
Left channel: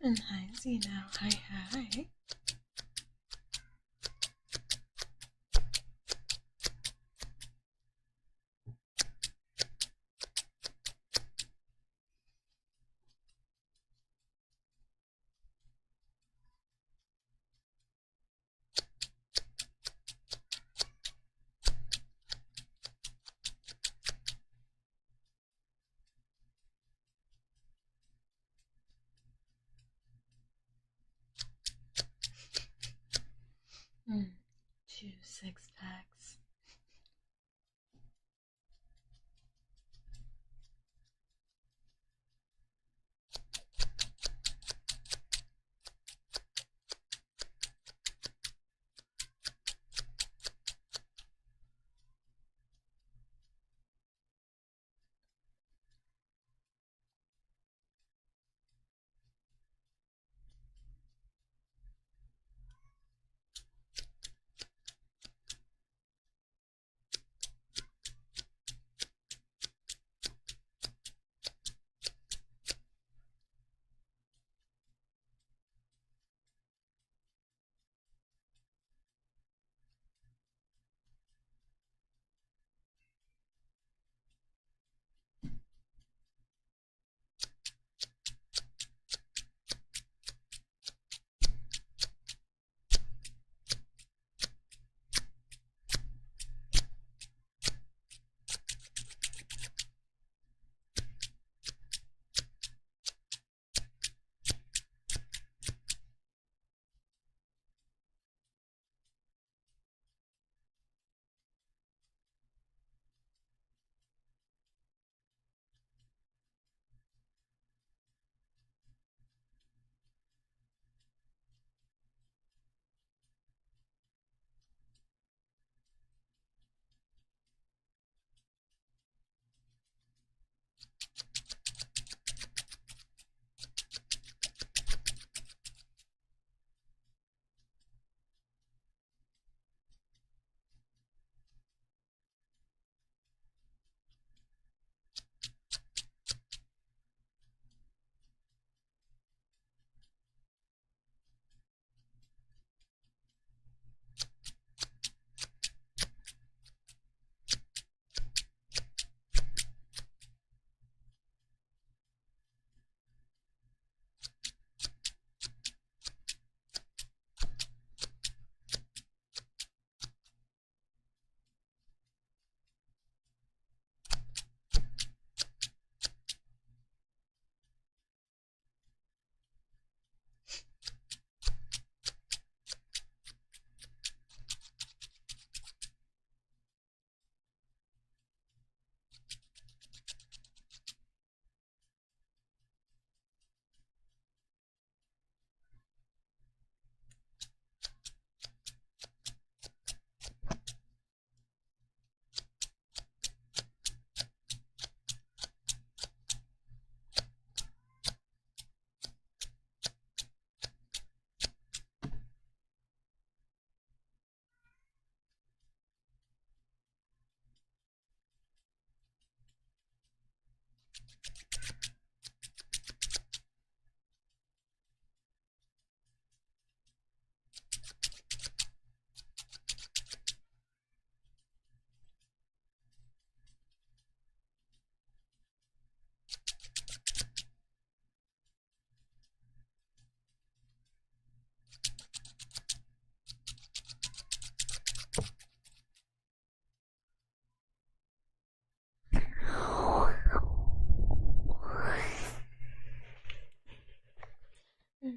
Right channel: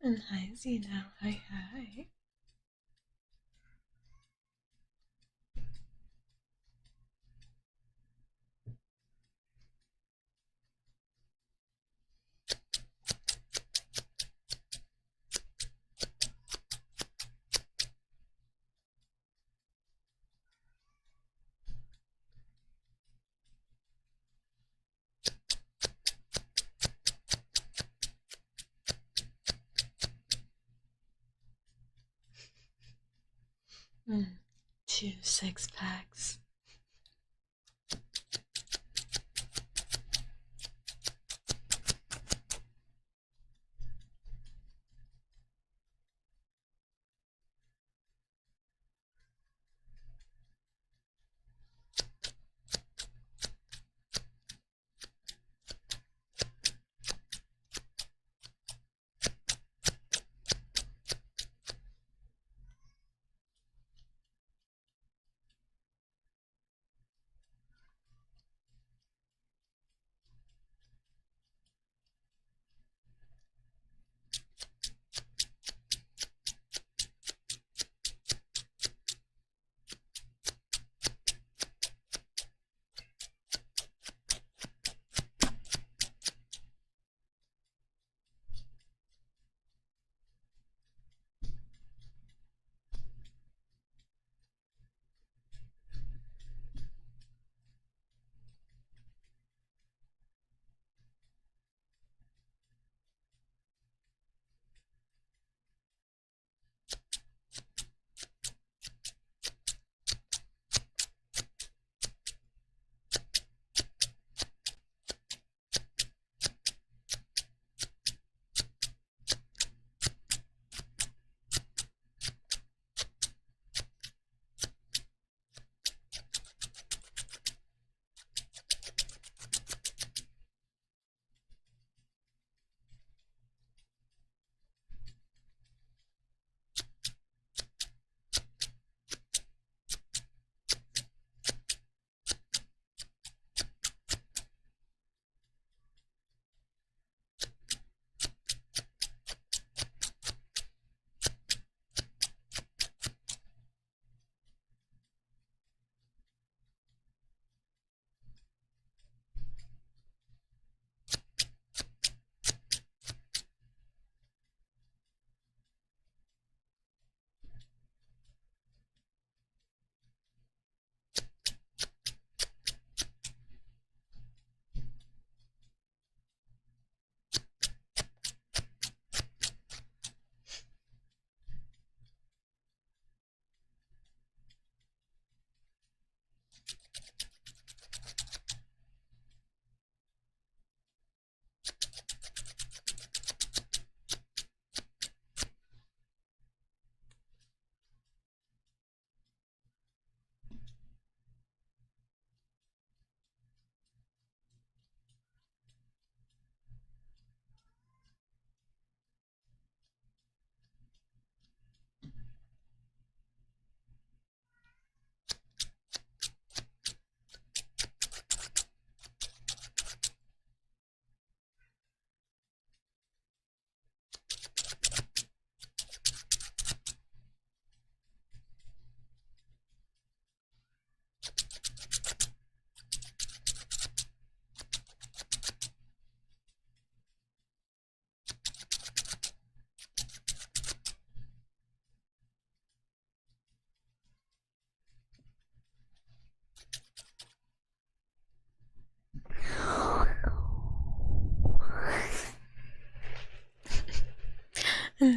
And hi Zeno, hi. Mm, 2 6-packs.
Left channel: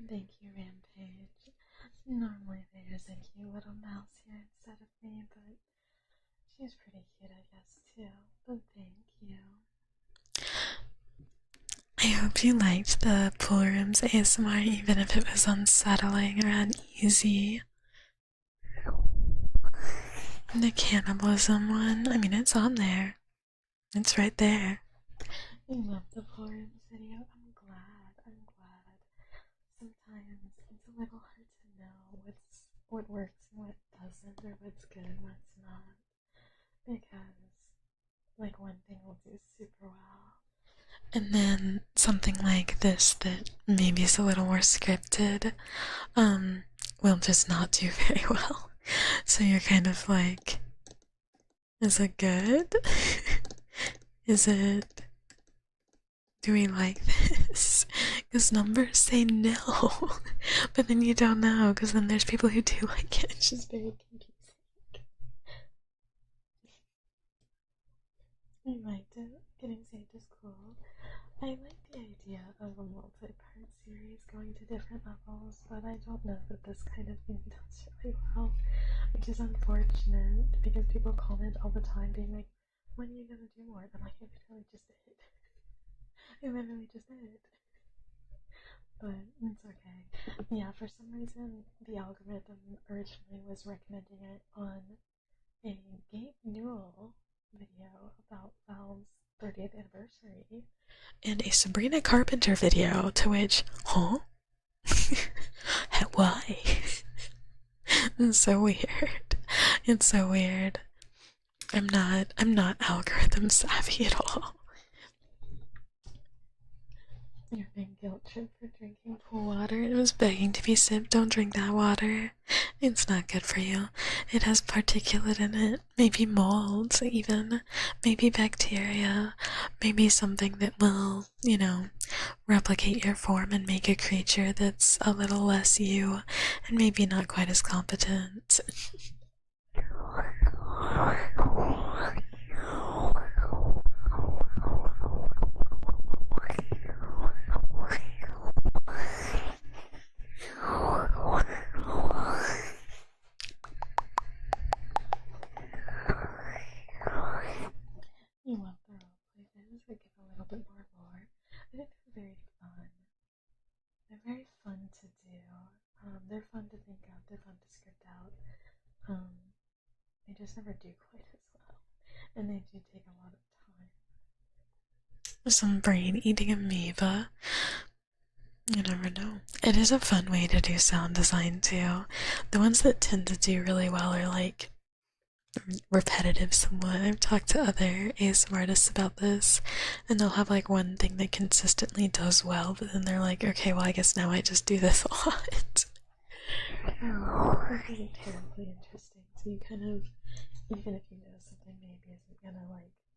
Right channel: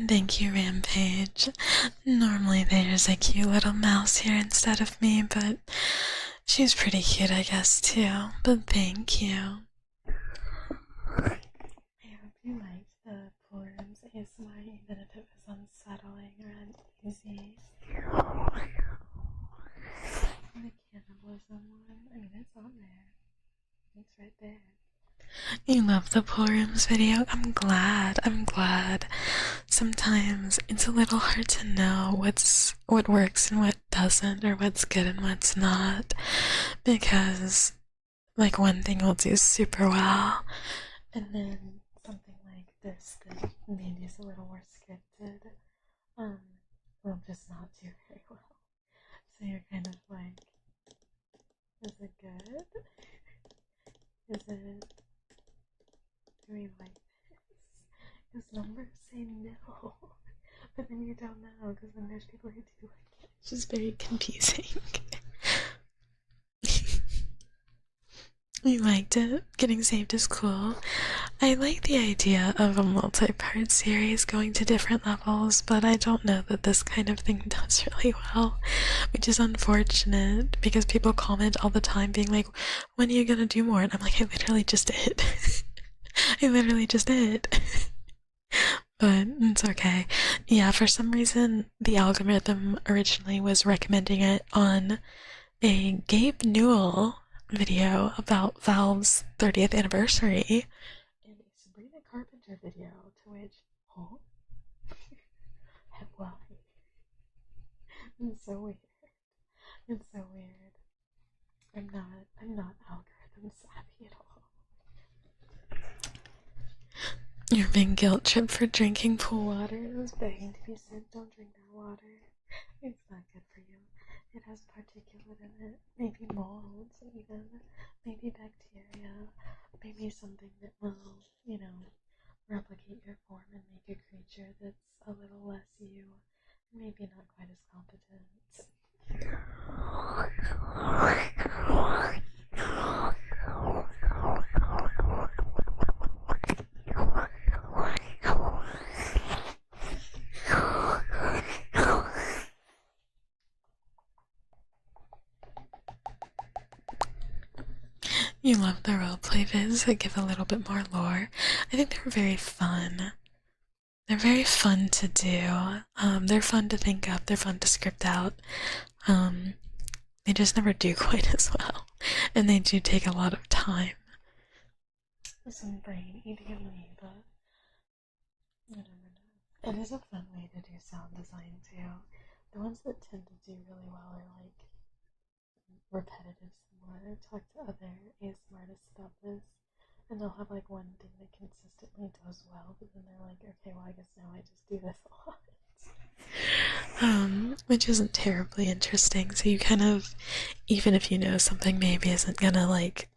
Thank you, Rampage. Normally there's a cute little mouse here instead of me, but she's pretty cute, I guess, too. But thank you. I hope you liked the pool rooms ASMR, even if it was unsettling or uneasy. The cannibalism one, I mean, it's on there. It's right there. You love the pool rooms video? I'm glad. Sometimes it's a little hard to know what works and what doesn't, or what's good and what's not, because like one thing will do super well And then something like this that maybe is a little more scripted, will just not do very well. So you're kind of like, is it good? Is it... Do we like this? Because numbers say no. But then you don't know, because then there's people who do like it. It's just very confusing. You liked it? Getting saved is cool. I like the idea of a multi-part series going to different levels, but I don't know that this kind of thing does really well, which is unfortunate because people comment all the time being like, when are you gonna do more? And I'm like, I literally just did. I literally just did. But it's okay. Yeah, for some reason, the algorithm originally was recommending it on a Gabe Newell video about Valve's 30th anniversary and a Sabrina Carpenter video, to which, huh? Why? It's so weird. It's so weird. I'm not algorithm savvy at all. You're being guilt tripped for drinking pool water. It was begging to be sipped. Don't drink that water. It's not good for you. It has particulate in it. Maybe molds, even. Maybe bacteria. Maybe something that will, you know, replicate your form and make a creature that's a little less you and maybe not quite as competent. You love the roleplay vids that give a little bit more lore. I think they're very fun. They're very fun to do. They're fun to think up, they're fun to script out. They just never do quite as well. And they do take a lot of time. Some brain eating amoeba. You never know. It is a fun way to do sound design too. The ones that tend to do really well are like repetitive somewhat. I've talked to other ASMR artists about this, and they'll have like one thing that consistently does well, but then they're like, okay, well, I guess now I just do this a lot. Which isn't terribly interesting. So you kind of, even if you know something maybe isn't gonna like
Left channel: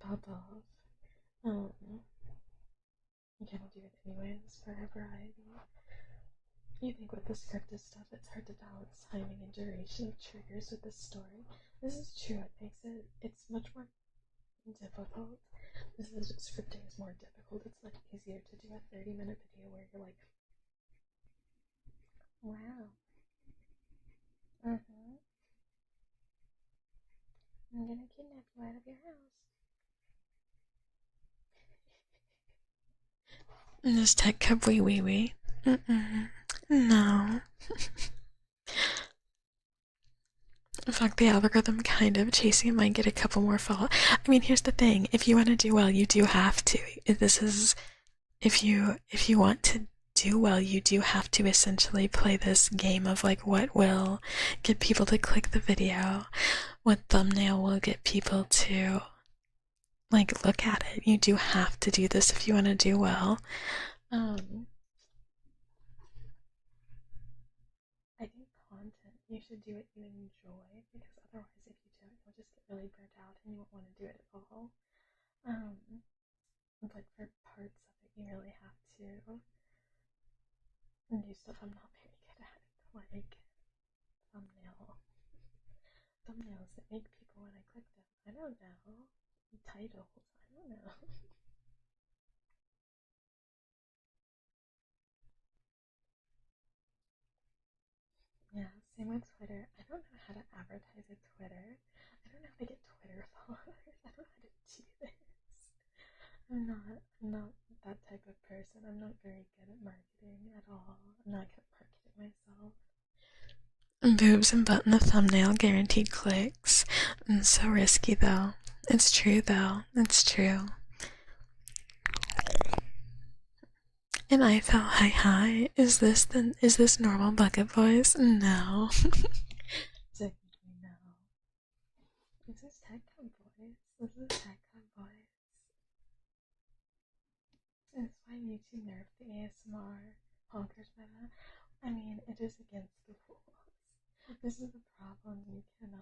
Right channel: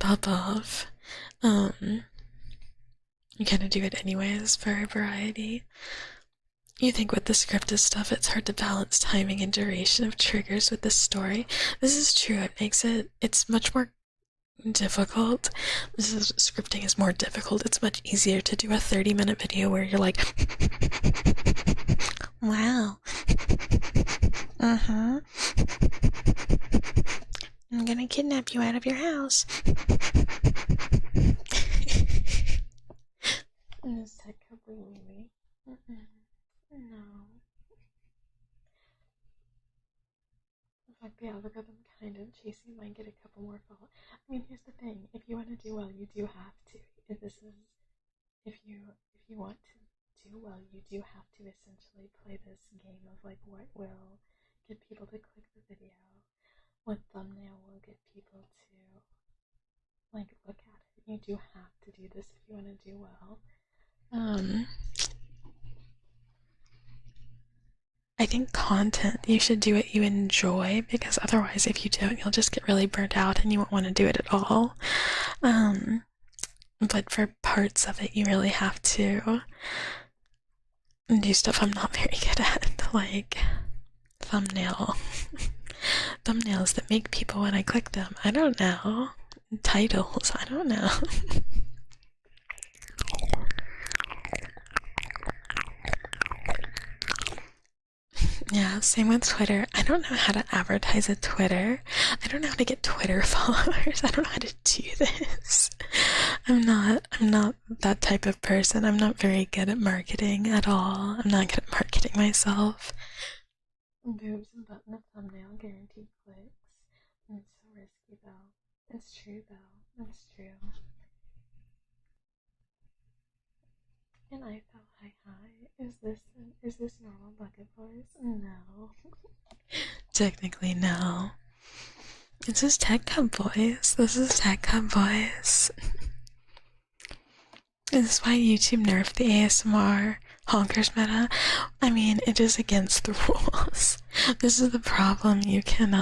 pop off, you kind of do it anyways for variety. You think with the scripted stuff it's hard to balance timing and duration of triggers with the story. This is true. It makes it's much more difficult. Scripting is more difficult. It's much easier to do a 30-minute video where you're like, wow. I'm gonna kidnap you out of your house. This Tekcub wee. No. Fuck the algorithm, kind of. Chasing it might get a couple more follow. I mean, here's the thing. If you want to do well, you do have to. If you want to do well, you do have to essentially play this game of like what will get people to click the video, what thumbnail will get people to like look at it. You do have to do this if you want to do well. I think content, you should do what you enjoy, because otherwise if you don't, you'll just get really burnt out and you won't want to do it at all. But for parts of it, you really have to do stuff I'm not very good at, like thumbnails that make people when I click them. I don't know. Titles, I don't know. Yeah, same with Twitter. I don't know how to advertise a Twitter. I don't know how to get Twitter followers. I don't know how to do this. I'm not that type of person. I'm not very good at marketing at all. I'm not good at marketing myself. Boobs and butt in the thumbnail, guaranteed clicks. It's so risky though. It's true though. It's true. And I felt hi. Is this normal bucket voice? No. Technically no. This is Tekcub voice. This is Tekcub voice. This is why YouTube nerfed the ASMR honkers meta. I mean, it is against the rules. This is the problem. You can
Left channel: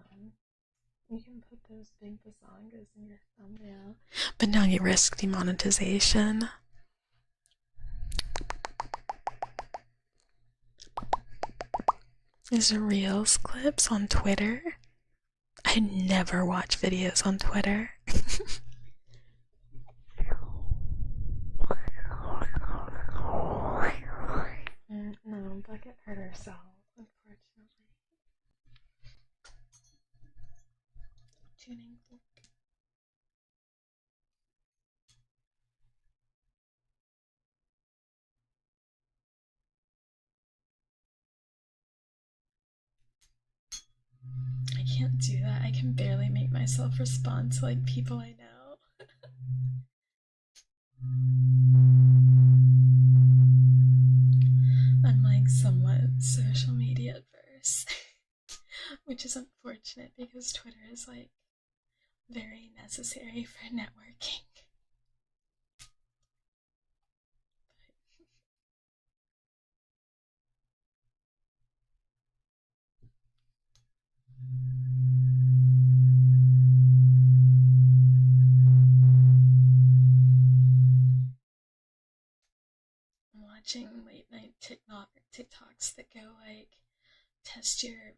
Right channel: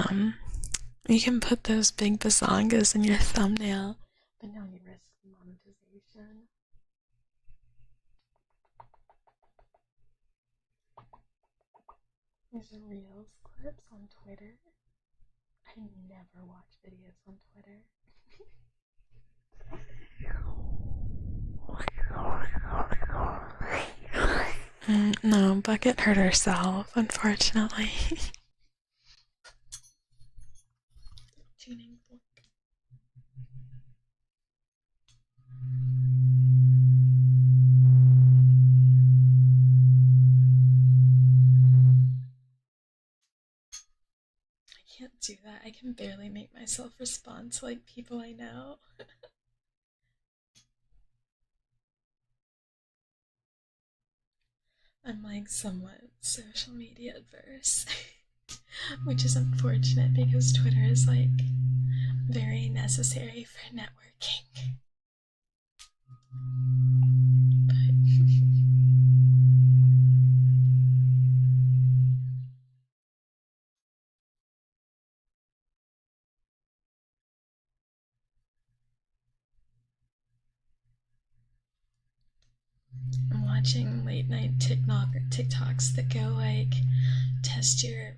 put those big bazongas in your thumbnail, but now you risk demonetization. These are Reels clips on Twitter. I never watch videos on Twitter. No, Bucket hurt herself, unfortunately. Tuning fork. I can't do that. I can barely make myself respond to like people I know. I'm like somewhat social media adverse, which is unfortunate because Twitter is like very necessary for networking. But I'm watching late night TikToks that go like, test your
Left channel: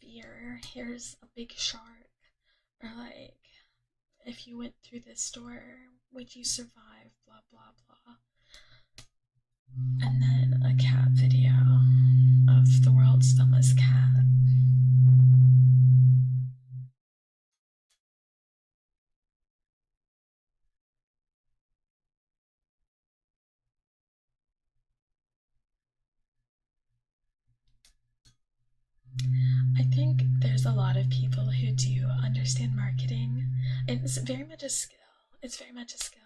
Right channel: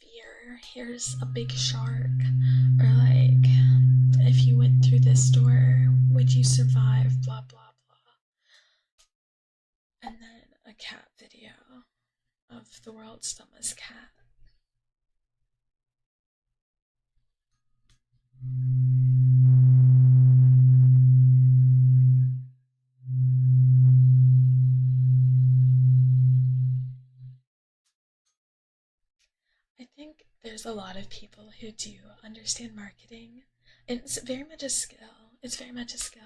fear. Here's a big shark, or like, if you went through this door, would you survive? Blah blah blah. And then a cat video of the world's dumbest cat. I think there's a lot of people who do understand marketing, and it's very much a skill. It's very much a skill.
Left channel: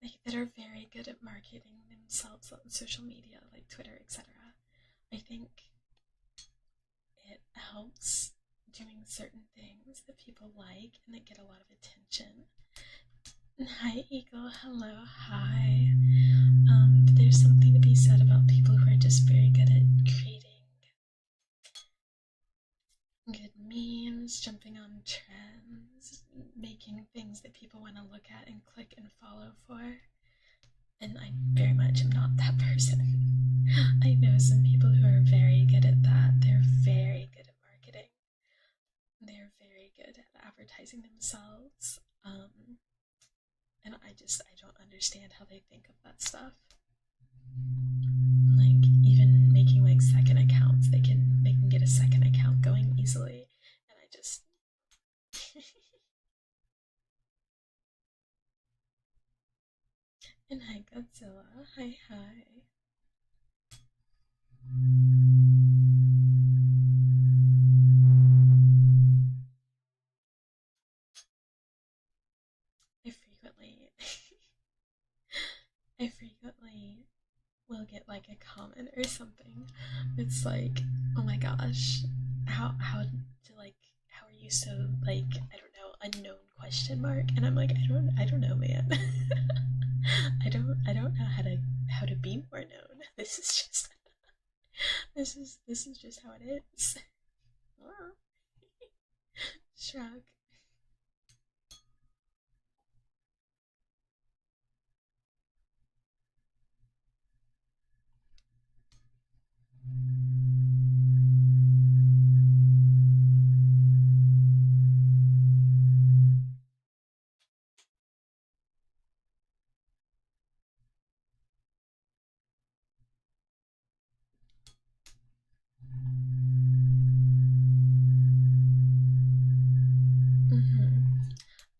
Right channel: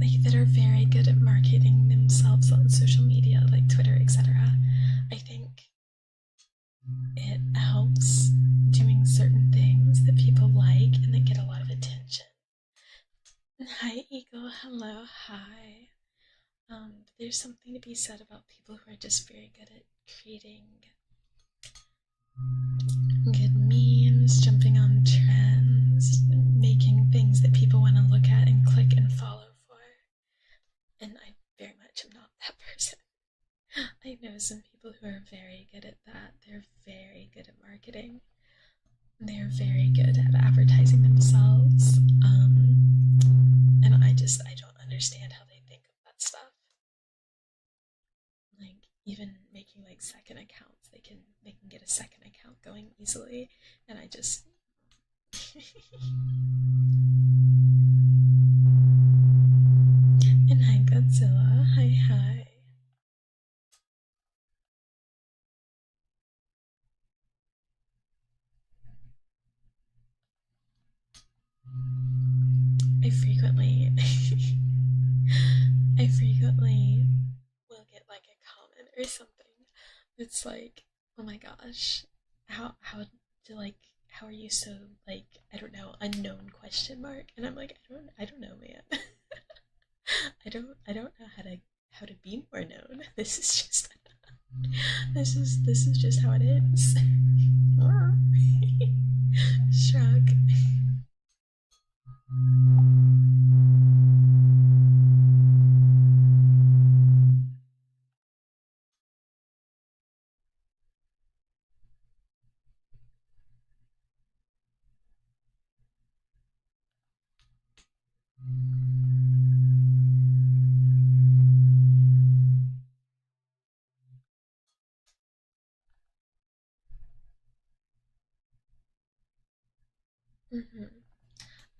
Like that are very good at marketing themselves on social media, like Twitter, etc. I think it helps doing certain things that people like and that get a lot of attention. Hi, Eagle. Hello. Hi. But there's something to be said about people who are just very good at creating good memes, jumping on trends, making things that people want to look at and click and follow for. And I very much am not that person. I know some people who are very good at that. They're very good at marketing. They're very good at advertising themselves. And I don't understand how they think of that stuff. Like, even making like second accounts, they can get a second account going easily, and I just and hi Godzilla, hi. I frequently will get like a comment or something. It's like, oh my gosh, how are you so like, I don't know, unknown question mark? And I'm like, I don't know, man. I don't know how to be more known. This is just how it is. Shrug.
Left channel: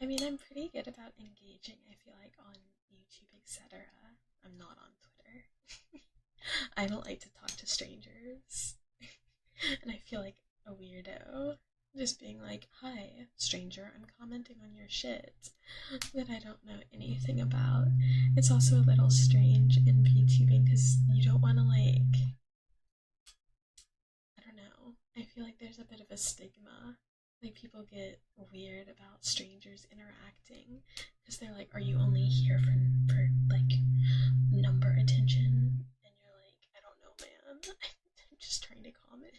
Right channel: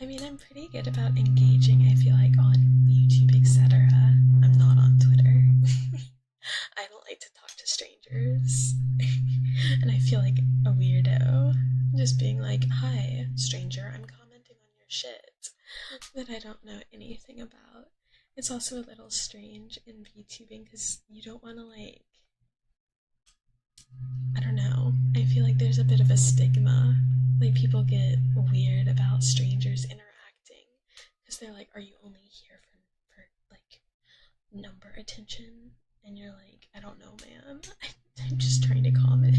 I mean, I'm pretty good about engaging, I feel like, on YouTube, etc. I'm not on Twitter. I don't like to talk to strangers. And I feel like a weirdo. Just being like, hi, stranger, I'm commenting on your shit that I don't know anything about. It's also a little strange in VTubing because you don't want to, like, I don't know. I feel like there's a bit of a stigma. Like people get weird about strangers interacting because they're like, "Are you only here for like number attention?" And you're like, "I don't know, man. I'm just trying to comment."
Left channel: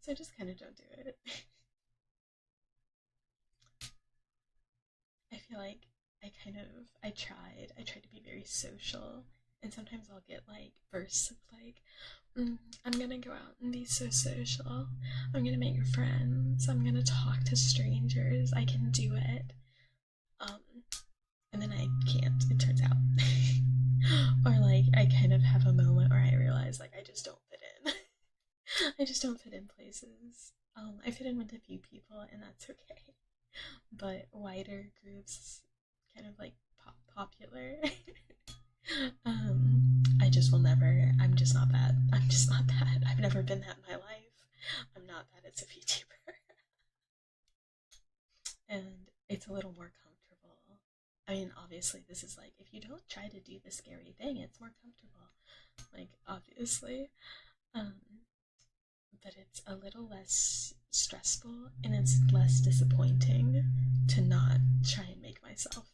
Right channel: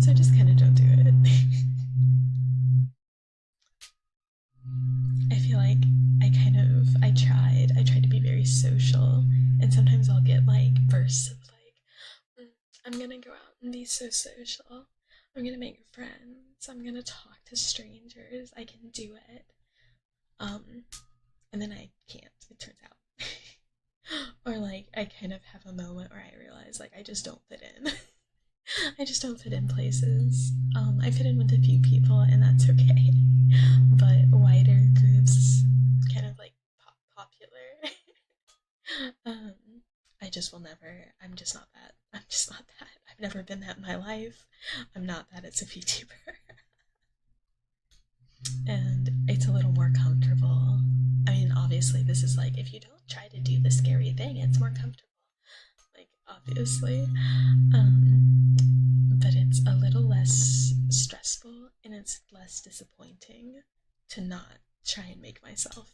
So I just kind of don't do it. I feel like I tried to be very social, and sometimes I'll get like bursts of like, I'm gonna go out and be so social. I'm gonna make friends. I'm gonna talk to strangers. I can do it. Um, and then I can't, it turns out. Or like I kind of have a moment where I realize like I just don't fit in. I just don't fit in places. I fit in with a few people and that's okay. But wider groups kind of like popular. I just will never, I'm just not that. I'm just not that. I've never been that in my life. I'm not that as a VTuber. And it's a little more comfortable. I mean, obviously, this is like, if you don't try to do the scary thing, it's more comfortable. Like, obviously. But it's a little less stressful and it's less disappointing to not try and make myself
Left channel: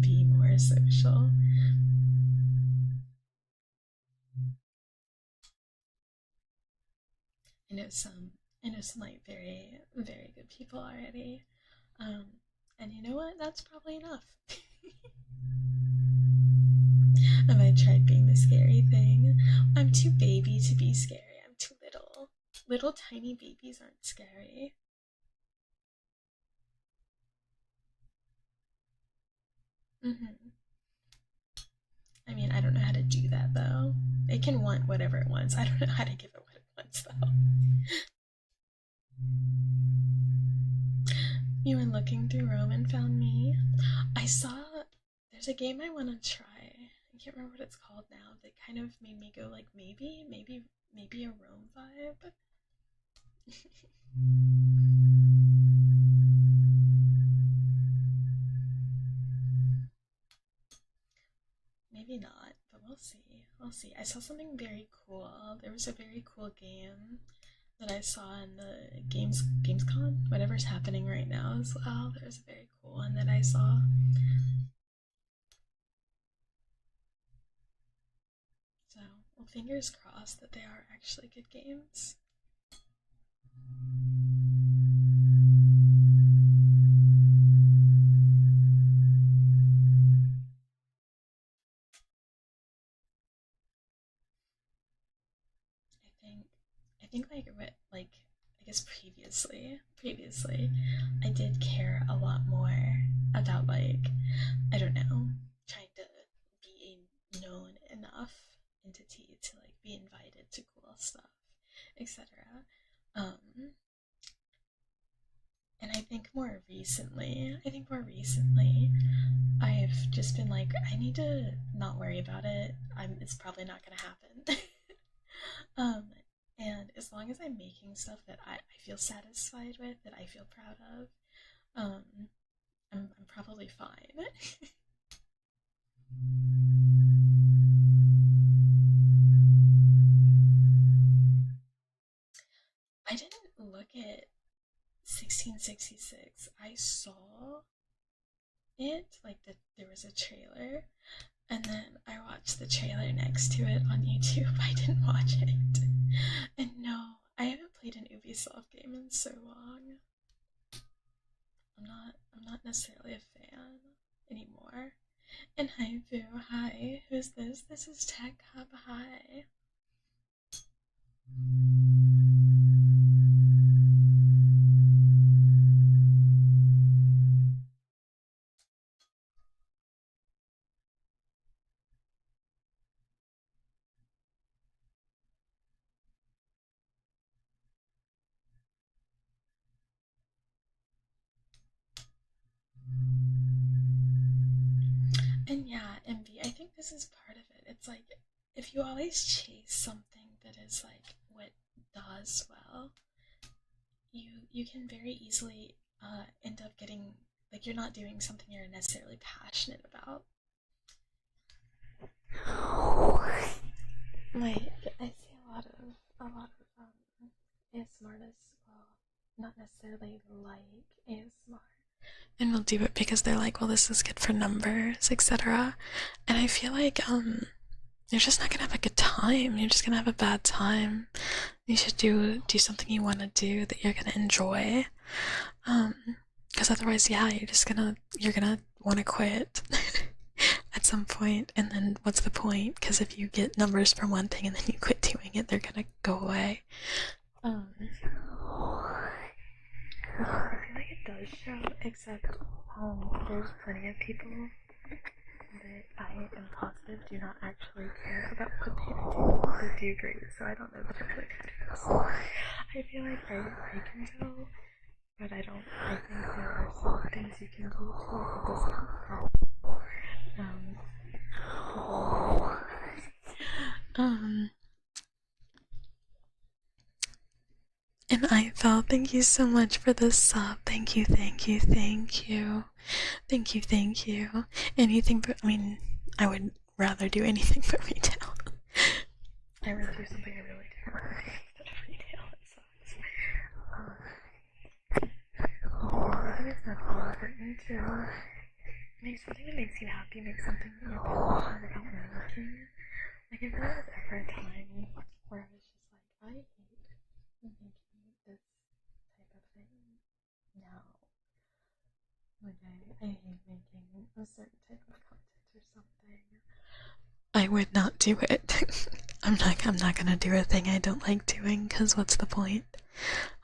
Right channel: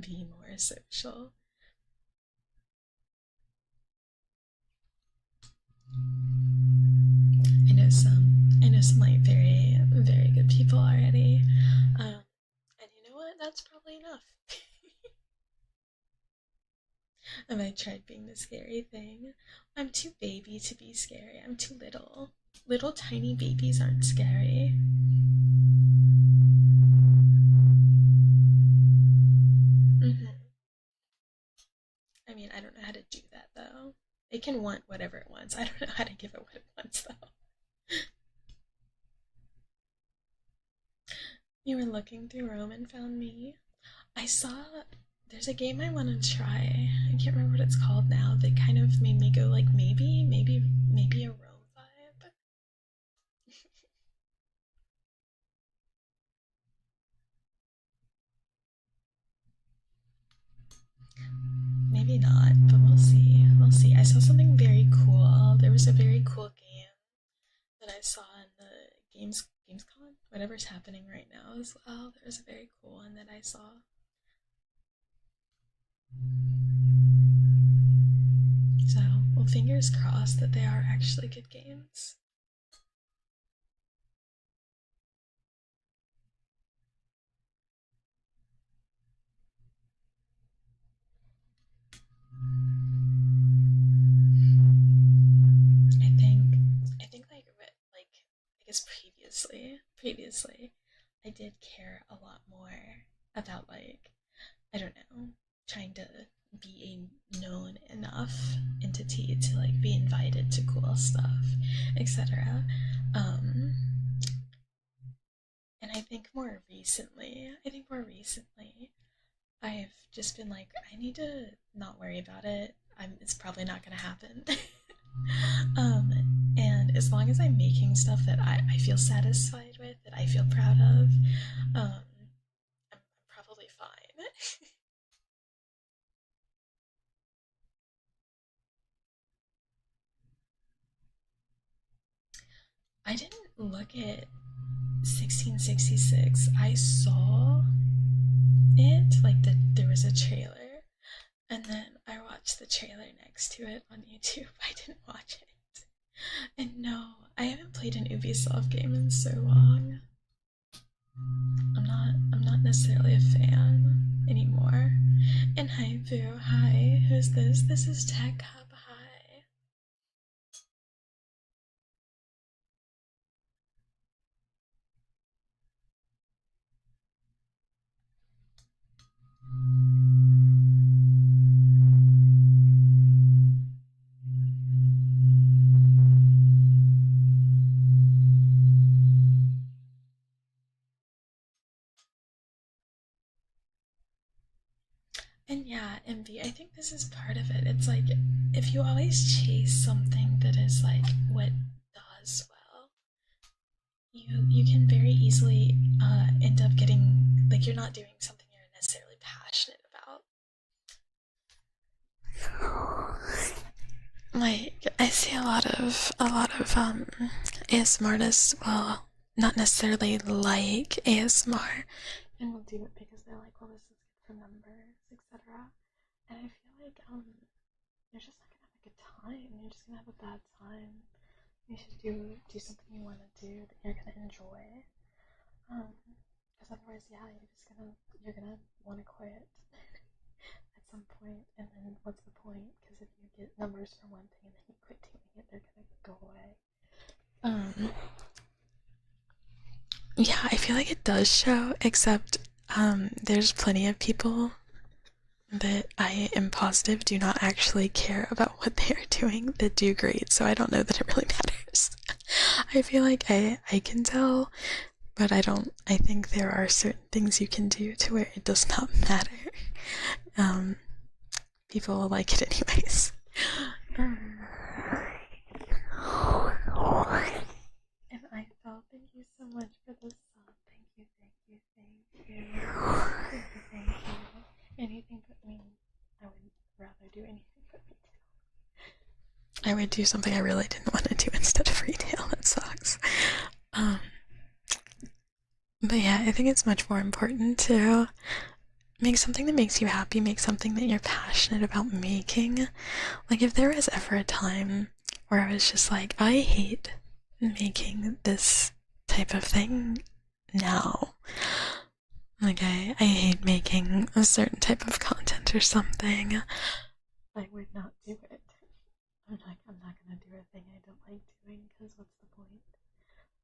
be more social. I know some like very, very good people already. And you know what? That's probably enough. Have I tried being the scary thing? I'm too baby to be scary. I'm too little. Little tiny babies aren't scary. I mean, I don't know how to do that though. It can want whatever it wants. I don't know how to give it what it wants though. You were looking through Rome and found me. I saw there's a game I want to try. I can't remember what it's called now. That kind of made me go like maybe a Rome vibe. Maybe not, but we'll see. We'll see. I saw something very cool. There was a very cool game that I saw in the Gamescom, whatever's happening right now as well. There was a very cool one that I saw. So, well, fingers crossed that they are actually good games. I think like I guess previously I did care a lot more about like I don't know, trying to be a known enough entity to like be invited to cool stuff, etc. Um and I think more recently I've just been like, I need to not worry about it. It's probably not gonna happen. um, and as long as I'm making stuff that I feel satisfied with, that I feel proud of, um, I'm probably fine. I didn't look at 1666. I saw it, like there was a trailer, and then I watched the trailer next to it on YouTube. I didn't watch it. And no, I haven't played an Ubisoft game in so long. I'm not necessarily a fan anymore. And hi Boo, hi. Who's this? This is Tekcub, hi. And yeah, envy. I think this is part of it. It's like if you always chase something that is like what does well, you can very easily end up getting like you're not doing something you're necessarily passionate about. like I see a lot of ASMR artists, well, not necessarily like ASMR, and will do it because they're like, well, this is good for numbers, etc. And I feel like you're just not gonna have a good time. You're just gonna have a bad time. You should do something you want to do that you're gonna enjoy. Because otherwise, yeah, you're gonna want to quit at some point, and then what's the point? Because if you get numbers for one thing and then you quit doing it, they're gonna go away. Yeah, I feel like it does show, except there's plenty of people that I am positive do not actually care about what they are doing that do great, so I don't know that it really matters. I feel like I can tell, but I think there are certain things you can do to where it does not matter. People will like it anyways. And I felt, thank you so much for the sub. Thank you, thank you, thank you. Thank you, thank you. Anything but, I mean, I would rather do anything but retail. I would do something I really didn't want to do instead of retail. That sucks. But yeah, I think it's much more important to make something that makes you happy, make something that you're passionate about making. Like, if there was ever a time where I was just like, I hate making this type of thing now. Like, I hate making a certain type of content or something. I would not do it. I'm not gonna do a thing I don't like doing, because what's the point?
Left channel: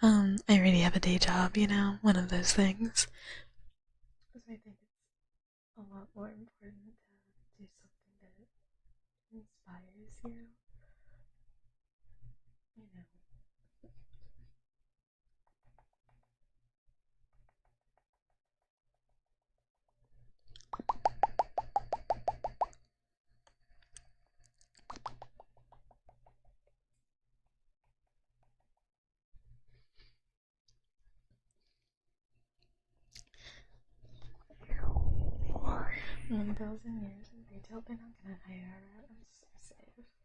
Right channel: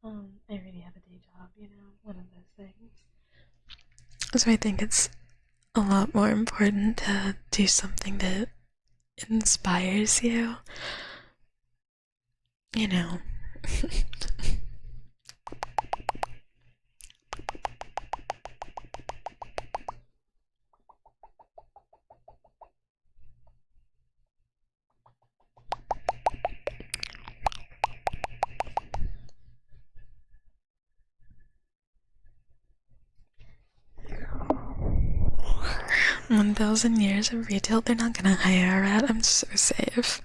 I already have a day job, you know, one of those things. So I think it's a lot more important to do something that inspires you. You know. $1,000 years of retail, they're not gonna hire a rat. I'm so safe.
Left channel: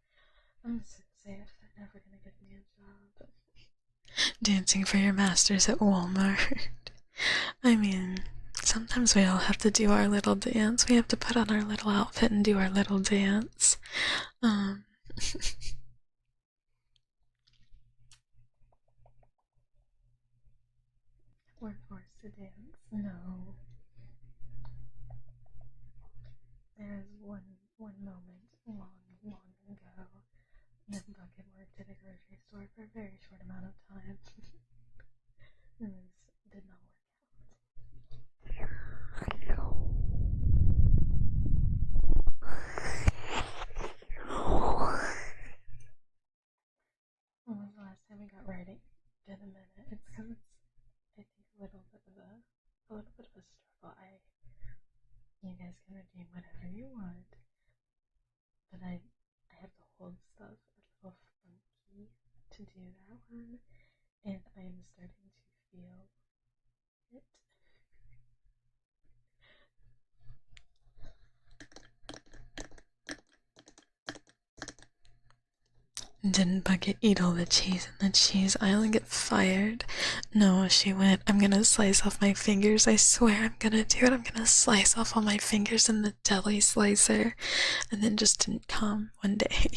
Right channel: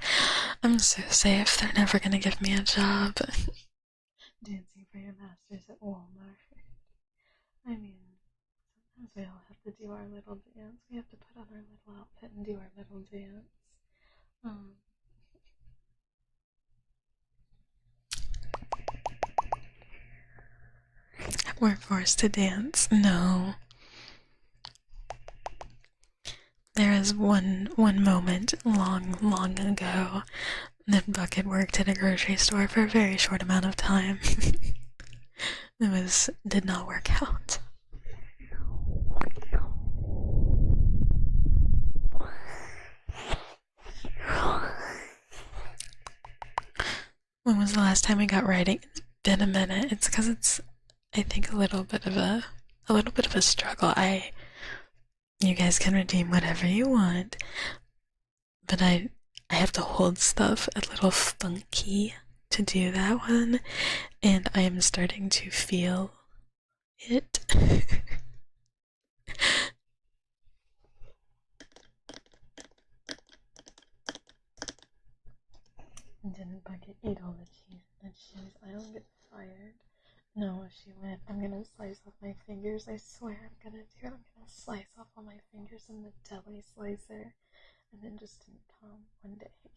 I'm so safe. They're never gonna give me a job. Dancing for your masters at Walmart. I mean, sometimes we all have to do our little dance. We have to put on our little outfit and do our little dance. We're forced to dance. No. There is one moment long ago that Bucket worked at a grocery store for a very short amount of time. Did not work out. When was the last time we got writing? It's been a minute. It's because it's, I think, a little bit of a struggle. You guys can redeem whatever you want, but I have to hold stuff a little funky to do that one, and I am starting to feel it. Didn't Bucket eat all the cheese in the cheese aisle and get fired? No, she went, I'm gonna slice off my fingers. I swear I'm gonna do it. I'm gonna slice off all my fingers in the deli slicer. And then just didn't come one day.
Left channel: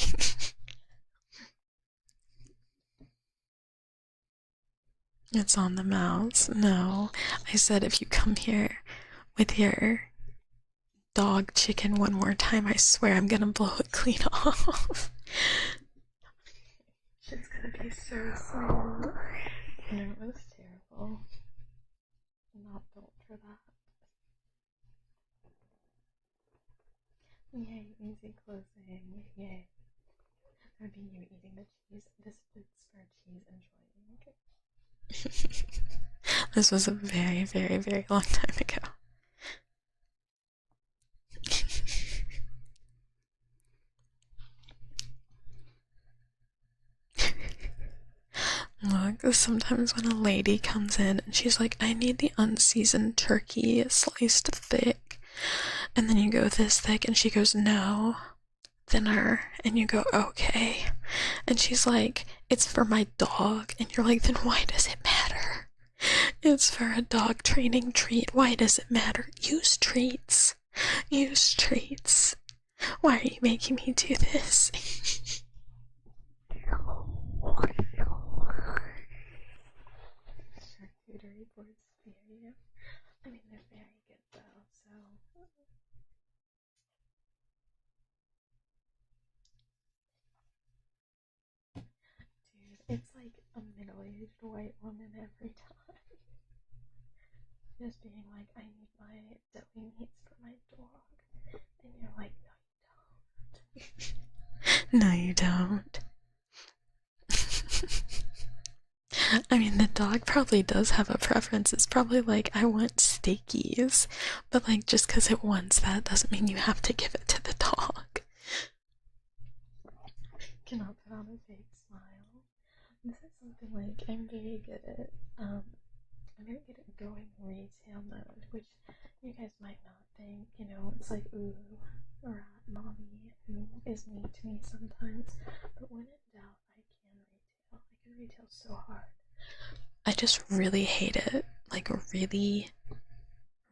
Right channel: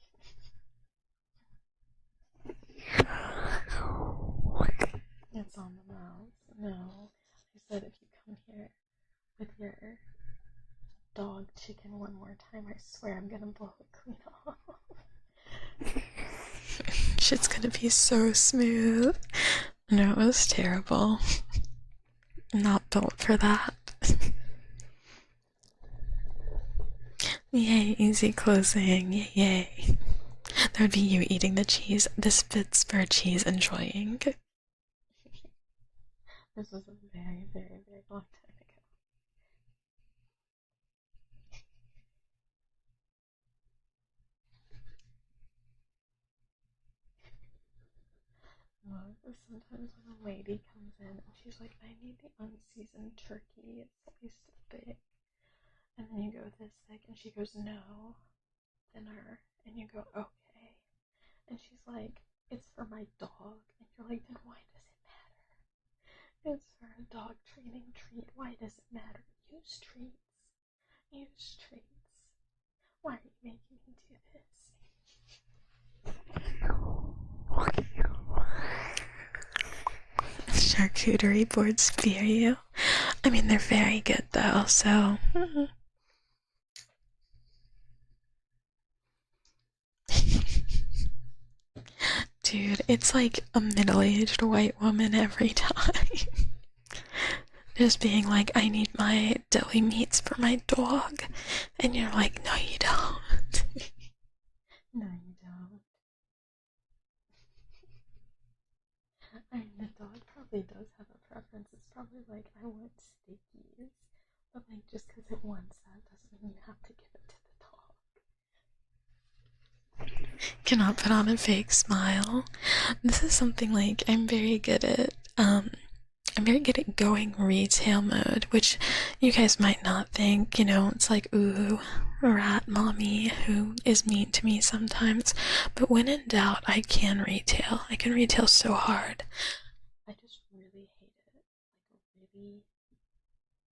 It's on the mouse. No. I said if you come here with your dog chicken one more time, I swear I'm gonna blow it clean off. Shit's gonna be so smooth. No, it was terrible. Not built for that. Yay, easy closing. Yay. That would be you eating the cheese. This fits for cheese enjoying. This was a very, very, very long time ago. Look, sometimes when a lady comes in and she's like, I need the unseasoned turkey sliced thick, and then you go this thick and she goes, no, thinner, and you go, okay. And she's like, it's for my dog. And you're like, then why does it matter? It's for a dog training treat. Why does it matter? Use treats. Use treats. Why are you making me do this? Charcuterie boards fear you. I mean, they're very good though, so. Dude, it's like a middle-aged white woman every time. Just being like, I need my deli meats for my dog. And you're like, no, you don't. No, you don't. I mean, the dog probably does have a preference. It's probably like, I want steakies. But like, just because it wants that doesn't mean you have to give it to the dog. Cannot put on a fake smile. This is something like I'm very good at going retail mode, which you guys might not think, you know, it's like, ooh, rat mommy who is mean to me sometimes. But when in doubt, I can retail. I can retail so hard. I just really hate it. Like really,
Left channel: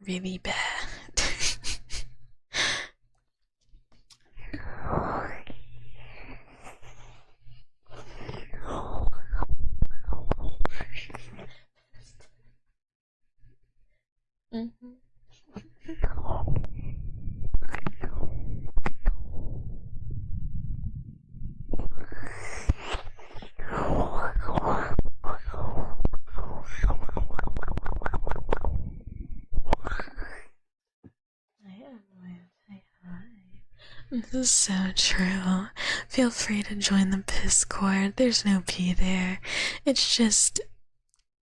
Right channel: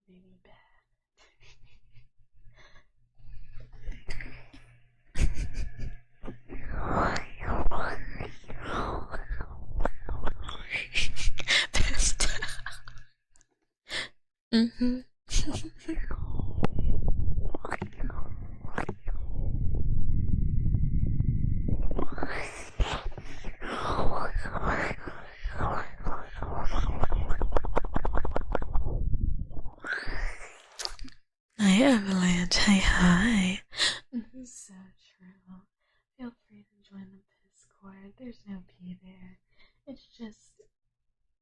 really bad. Mm-hmm. Hi Avalanche, hi. This is so true. Feel free to join the Discord. There's no P there. It's just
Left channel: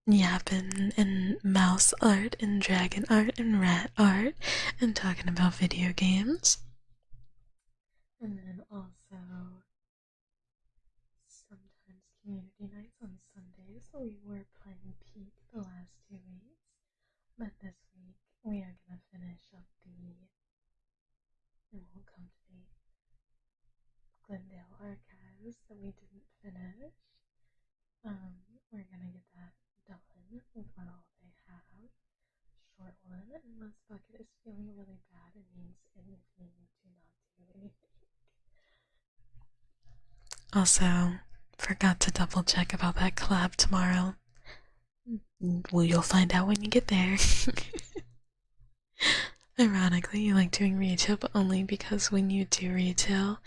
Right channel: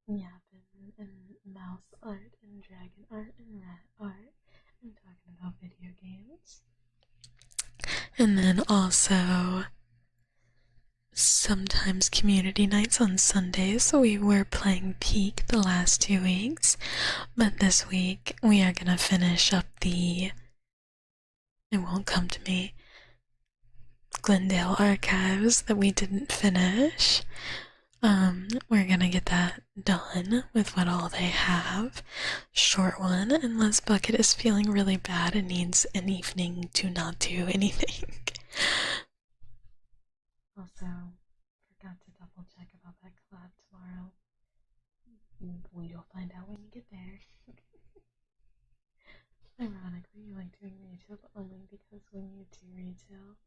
yapping and mouse art and dragon art and rat art and talking about video games. And then also sometimes community nights on Sundays. So we were playing Peak the last 2 weeks, but this week we are gonna finish up the it won't come to me Glendale archives that we didn't finish. We're gonna get that done with what all they have. Short one, unless Bucket is feeling really bad and needs an evening to not do anything. Also, forgot to double check about that collab tomorrow. Well, you'll find out when you get there. Ironically, you like doing retail, but only because when you do retail,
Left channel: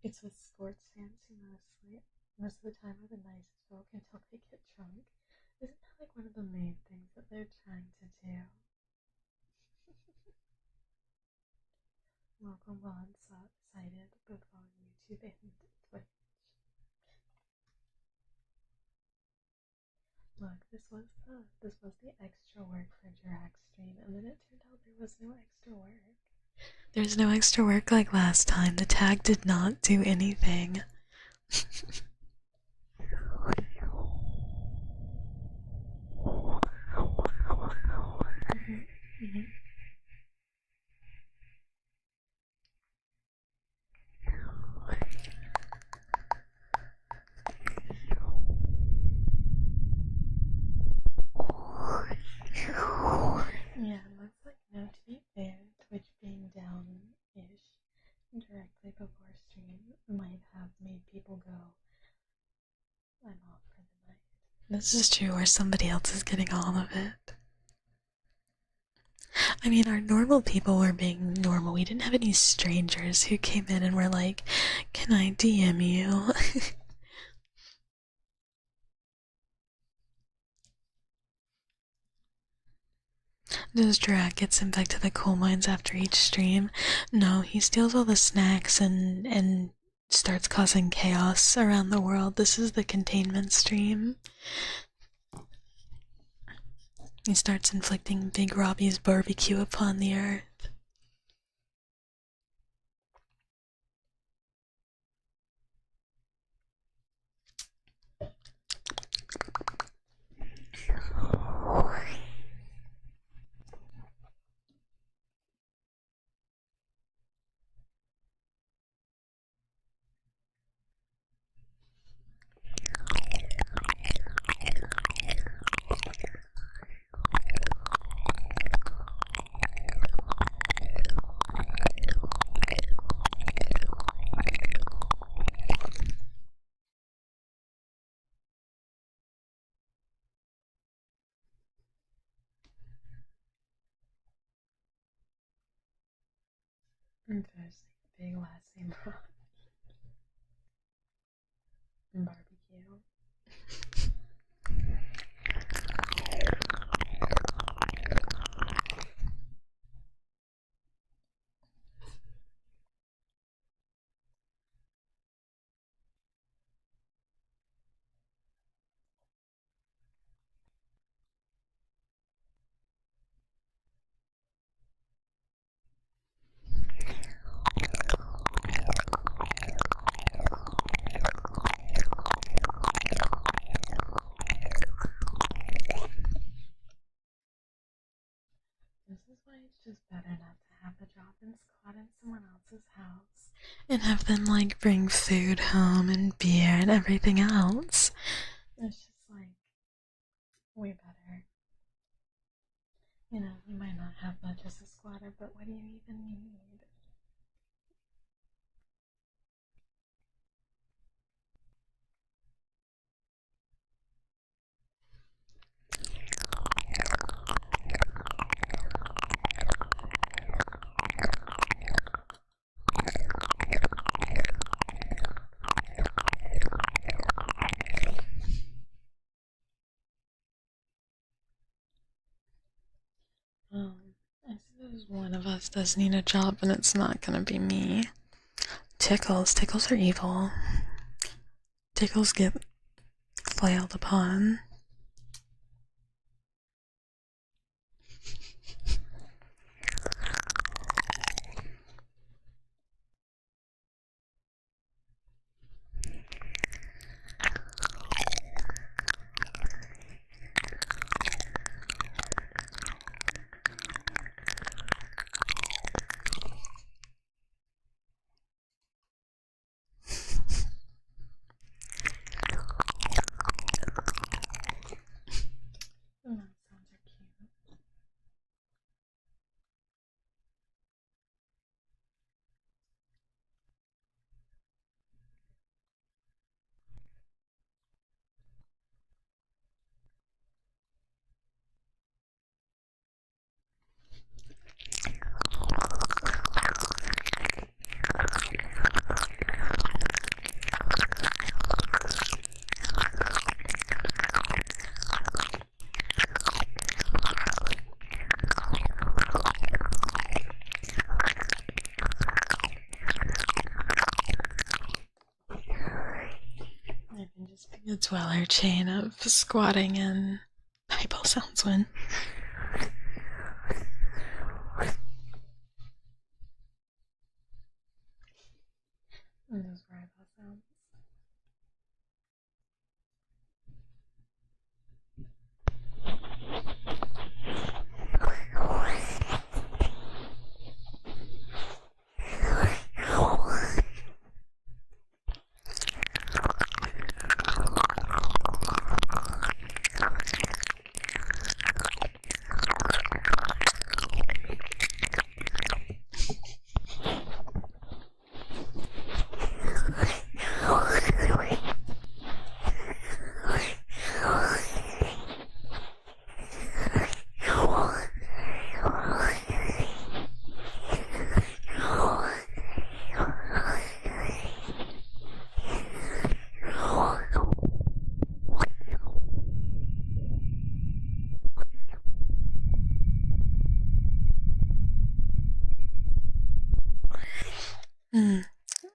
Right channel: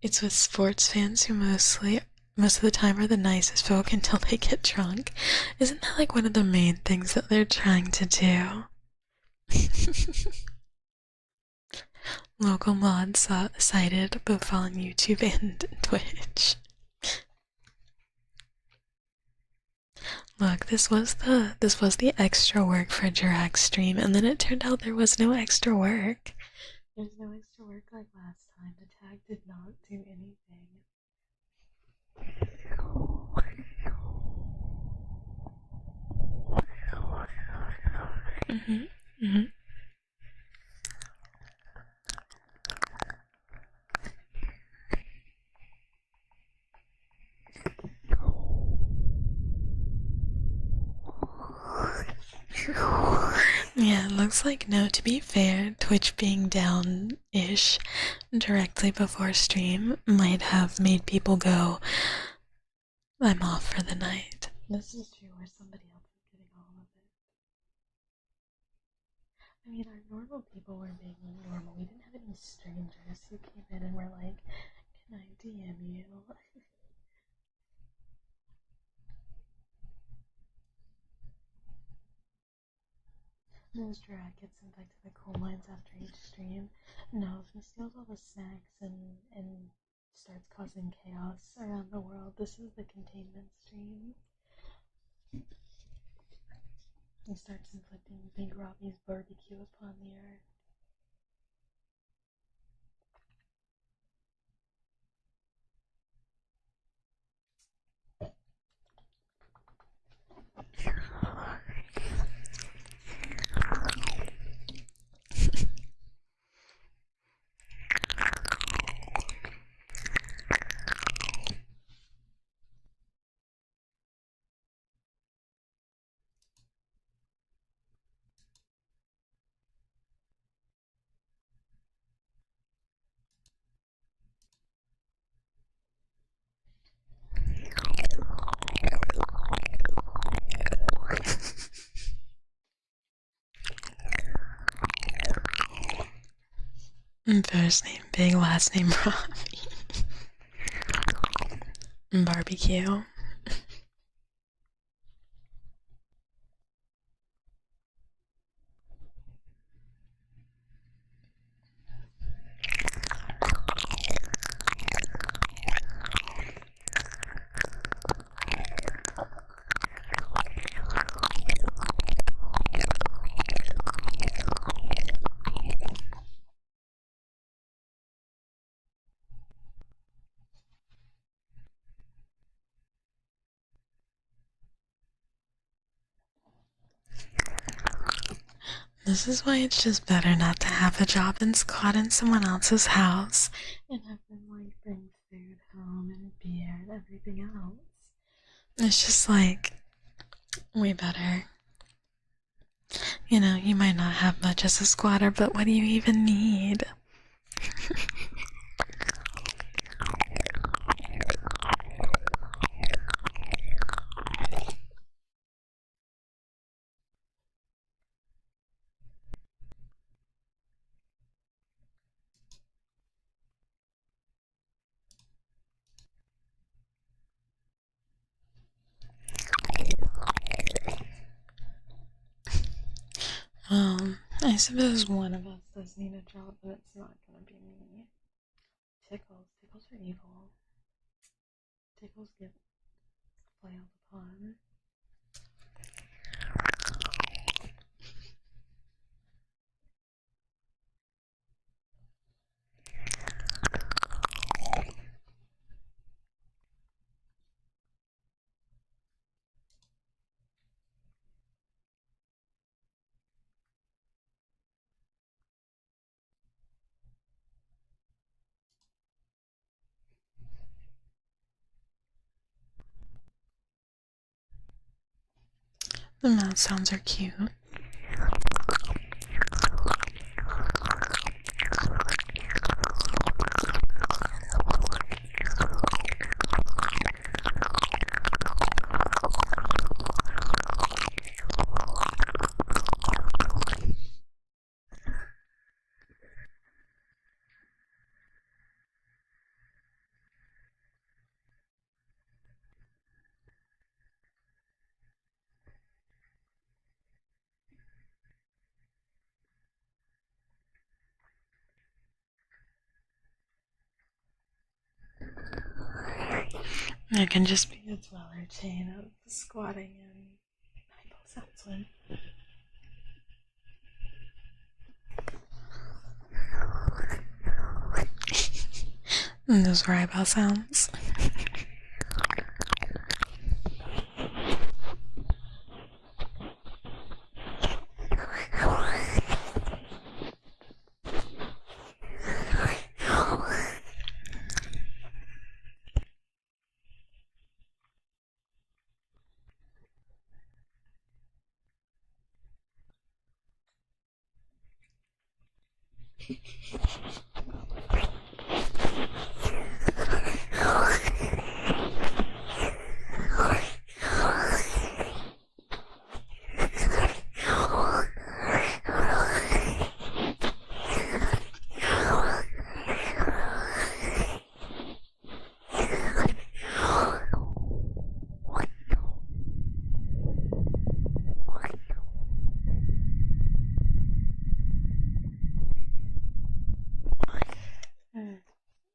it's with sports fans who most of the time are the nicest folk until they get drunk. Isn't that like one of the main things that they're trying to do? Local mods cited both on YouTube and Twitch. Look, this was the extra work for Jirac stream, and then it turned out there was no extra work. There's no extra work like last time. The tag did not do anything. Yeah, it looks like no, to be fair, Twitch being down-ish directly before stream might have made people go, I'm off for the night. This is true, or somebody else is getting all of it. I mean, our normal people were being normal. We didn't have any strangers who came in and were like, can I DM you? Does Drak get sent back to the coal mines after each stream? No, he steals all the snacks and starts causing chaos around the world. This is the containment stream. He starts inflicting Big Robbie's barbecue upon the earth. First name Big, last name Robbie. Barbecue. This is why it's just better not to have a job and squat in someone else's house and have them like bring food home and beer and everything else. It's just like way better. You know, you might not have much as a squatter, but what do you even need? I suppose one of us does need a job, and it's not gonna be me. Tickles. Tickles are evil. Tickles get flailed upon. The mouth sounds are cute. It can just be a dweller chain of squatting and eyeball sounds when. And those were eyeball sounds.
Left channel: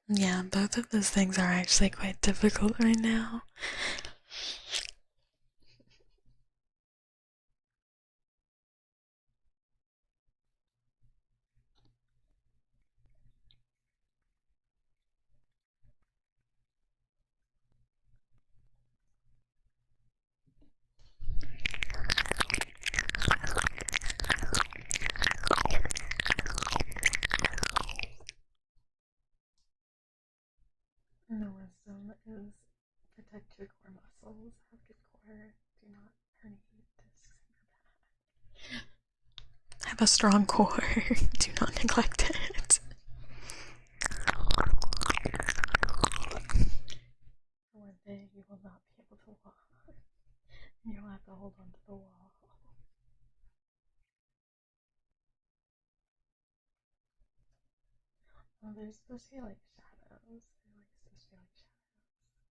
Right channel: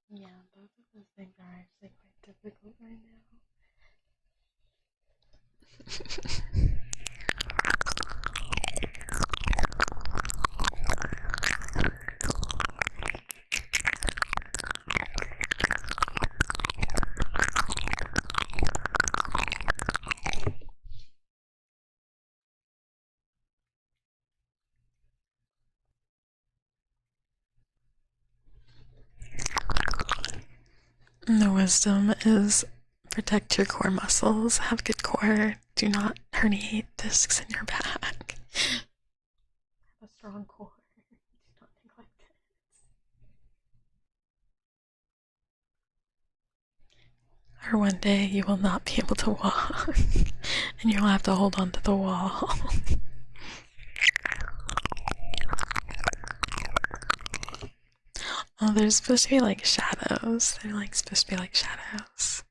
Yeah, both of those things are actually quite difficult right now. And the wisdom is protect your core muscles, have good core, do not herniate discs in your back. Have a strong core, do not neglect it. Or one day you will not be able to walk, and you'll have to hold on to the wall. Oh, they're supposed to be like shadows. They're like supposed to be like shadows.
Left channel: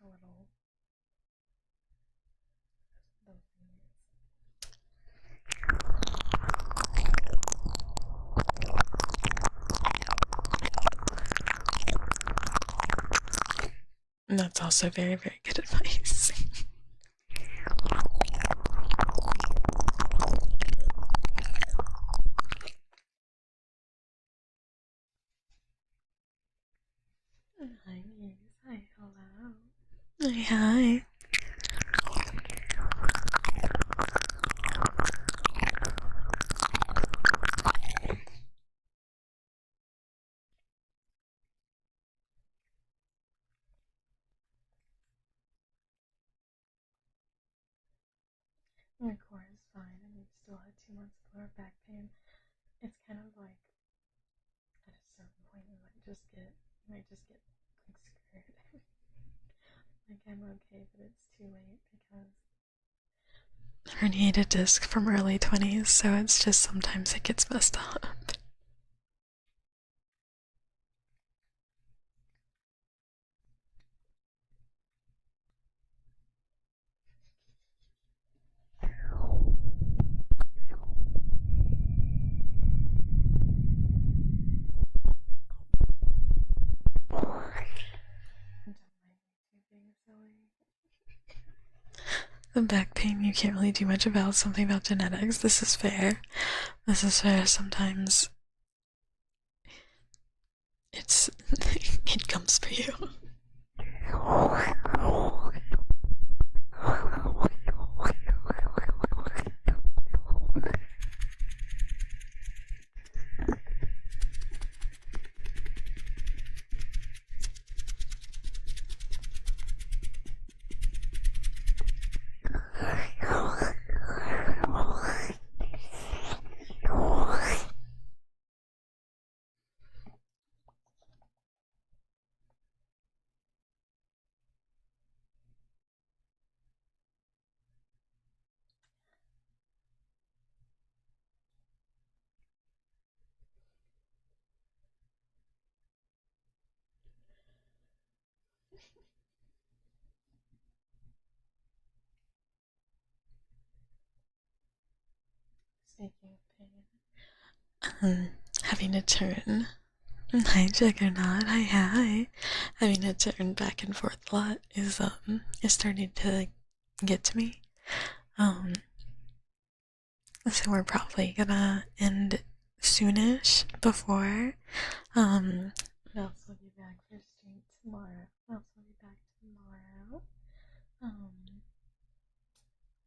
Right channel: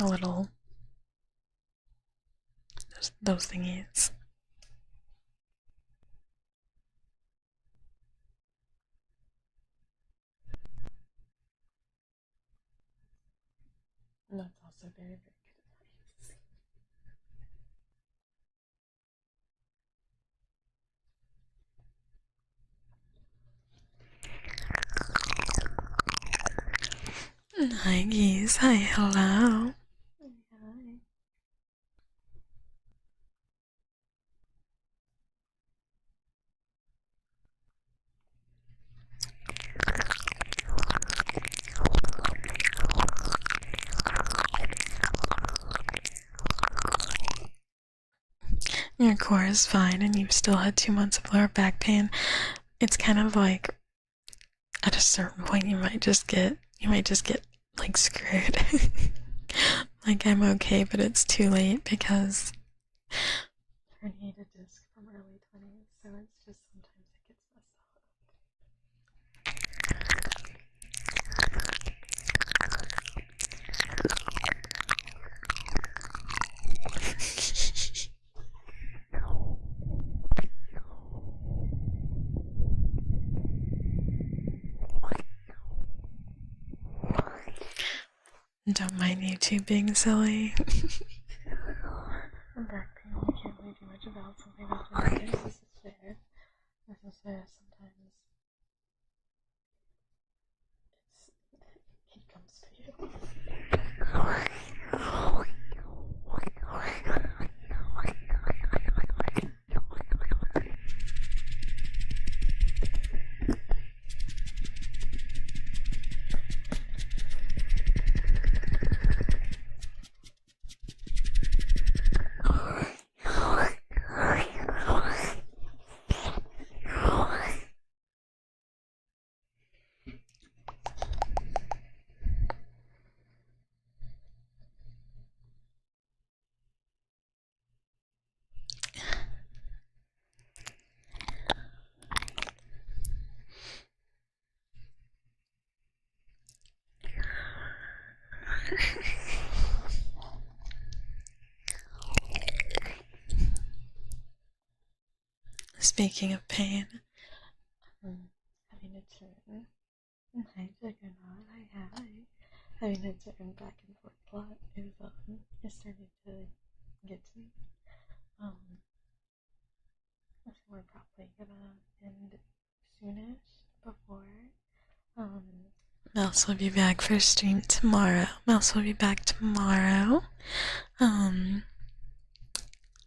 A little. Those thingies. And that's also very, very good advice. Hi, geese. Hi, hello. Hi, hi. Your core is fine and you've still had 2 months of lower back pain. It's kind of like at a certain point you might just get like screwed. Like I'm okay, but it's too late because herniated disc from early 20s, so it's just sometimes it gets messed up. Don't mind YouTube being silly. The back pain you can't really do much about, something about genetics. This is fair. This is fair. Sometimes it's it comes for you. Speaking of pain, having to turn. Hi, Juggernaut. Hi, hi. Having to turn back and forth a lot is starting to get to me. So we're probably gonna end soonish before. Mouse will be back for stream tomorrow. Mouse will be back tomorrow.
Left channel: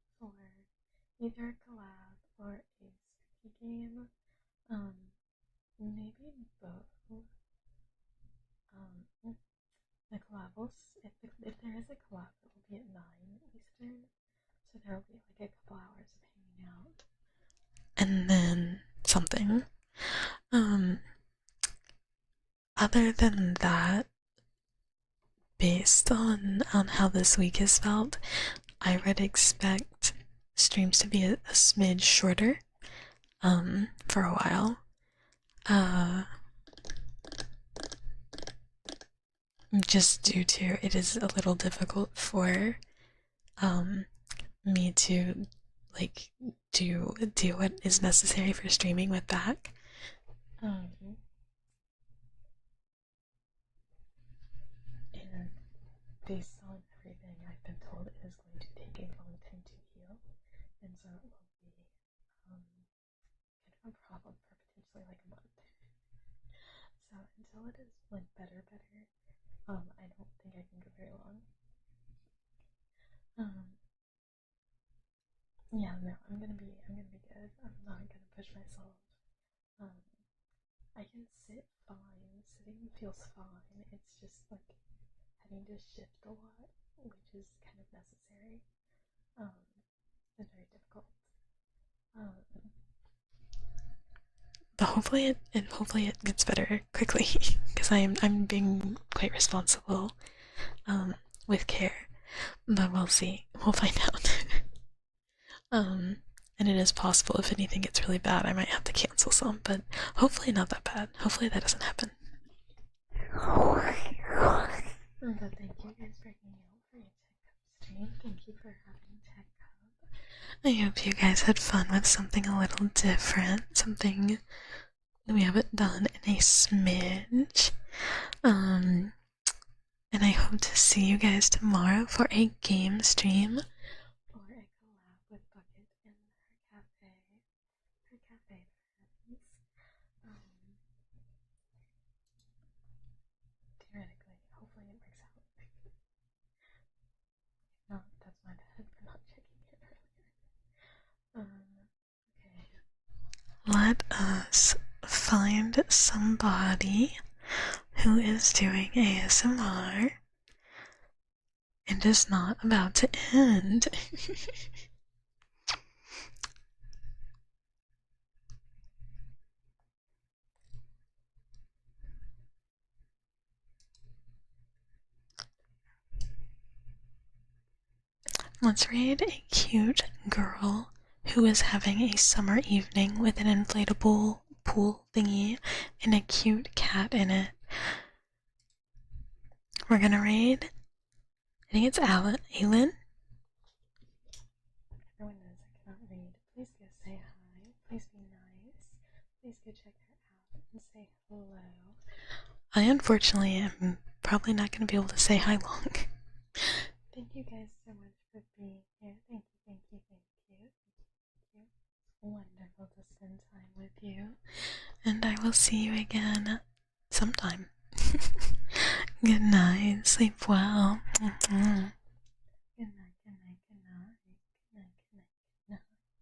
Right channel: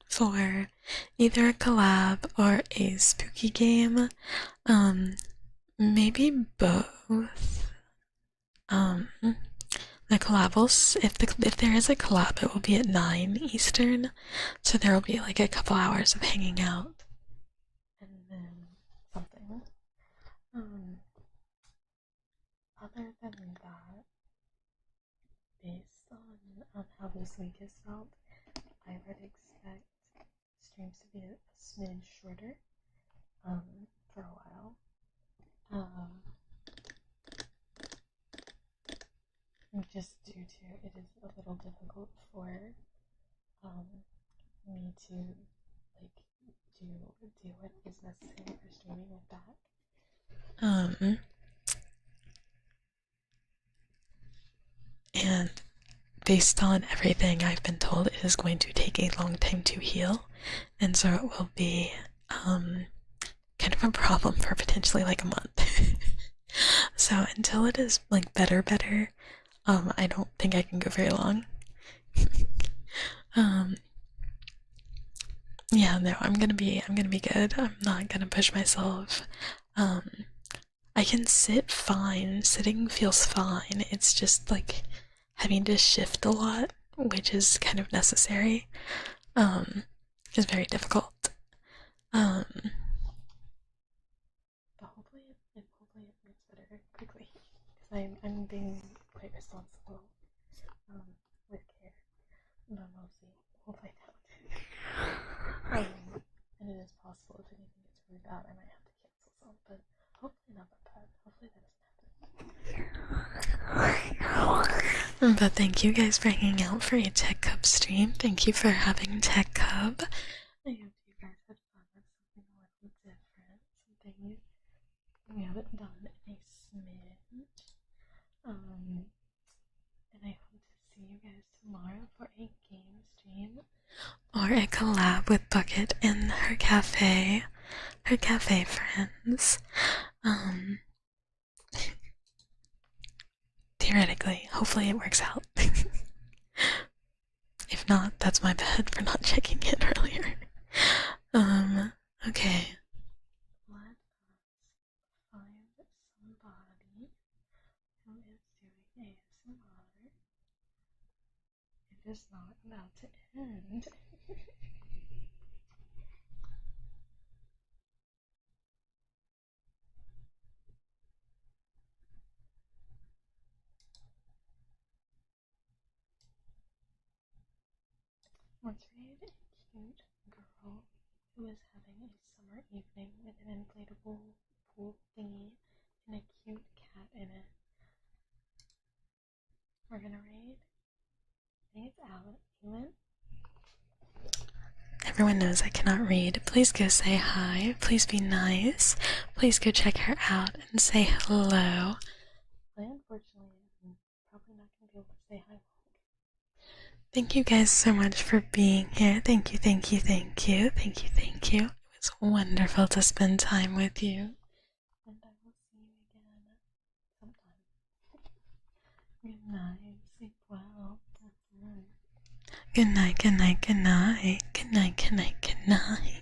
For either a collab or a spooky game. Maybe both. The collab will, if there is a collab, it will be at 9 Eastern, so there will be like a couple hours of hanging out, and then something. Other than that, based on how this week has felt, I would expect streams to be a smidge shorter, for a while. Just due to it is a little difficult for me to like do what is necessary for streaming with back. And based on everything I've been told, it is going to take a long time to heal, and so it will be kind of a problem for potentially like a month. So until it is like better, I don't think I can go very long. Yeah, no, I'm gonna be good. I'm not gonna push myself. I can sit fine. Sitting feels fine. It's just like having to shift a lot, which is kind of necessary. Is very difficult. But hopefully it gets better quickly because I'm being quite responsible with care. But we'll see. We'll find out. And it is possible if anything gets really bad, I might have to cancel. cancel some, but hopefully not that bad. Hopefully that doesn't happen. But thank you guys for hanging out for a Tekcub stream. Thank you for having Tekcub. I hope you guys had fun with something a little different, something we haven't done in a smidge. And I hope to see you guys tomorrow for a game stream or a collab with Bucket and her cafe friends. Theoretically, hopefully it works out. If not, that's my bad for not checking it earlier. Okay. Let us find somebody who is doing ASMR and is not about to end. Let's raid a cute girl who is having a summer evening with an inflatable pool thingy and a cute cat in it. We're gonna raid, I think it's Aylin. Everyone knows I cannot read. Please go say hi. Please be nice. Please go check her out and say hello. I unfortunately am probably not going to be able to say hi long. Thank you guys so much for being here. Thank you, thank you, thank you, thank you, thank you. It was wonderful to spend time with you. And I will see you again sometime. Good night. Sleep well. Good night, good night, good night. Good night, good night, good night.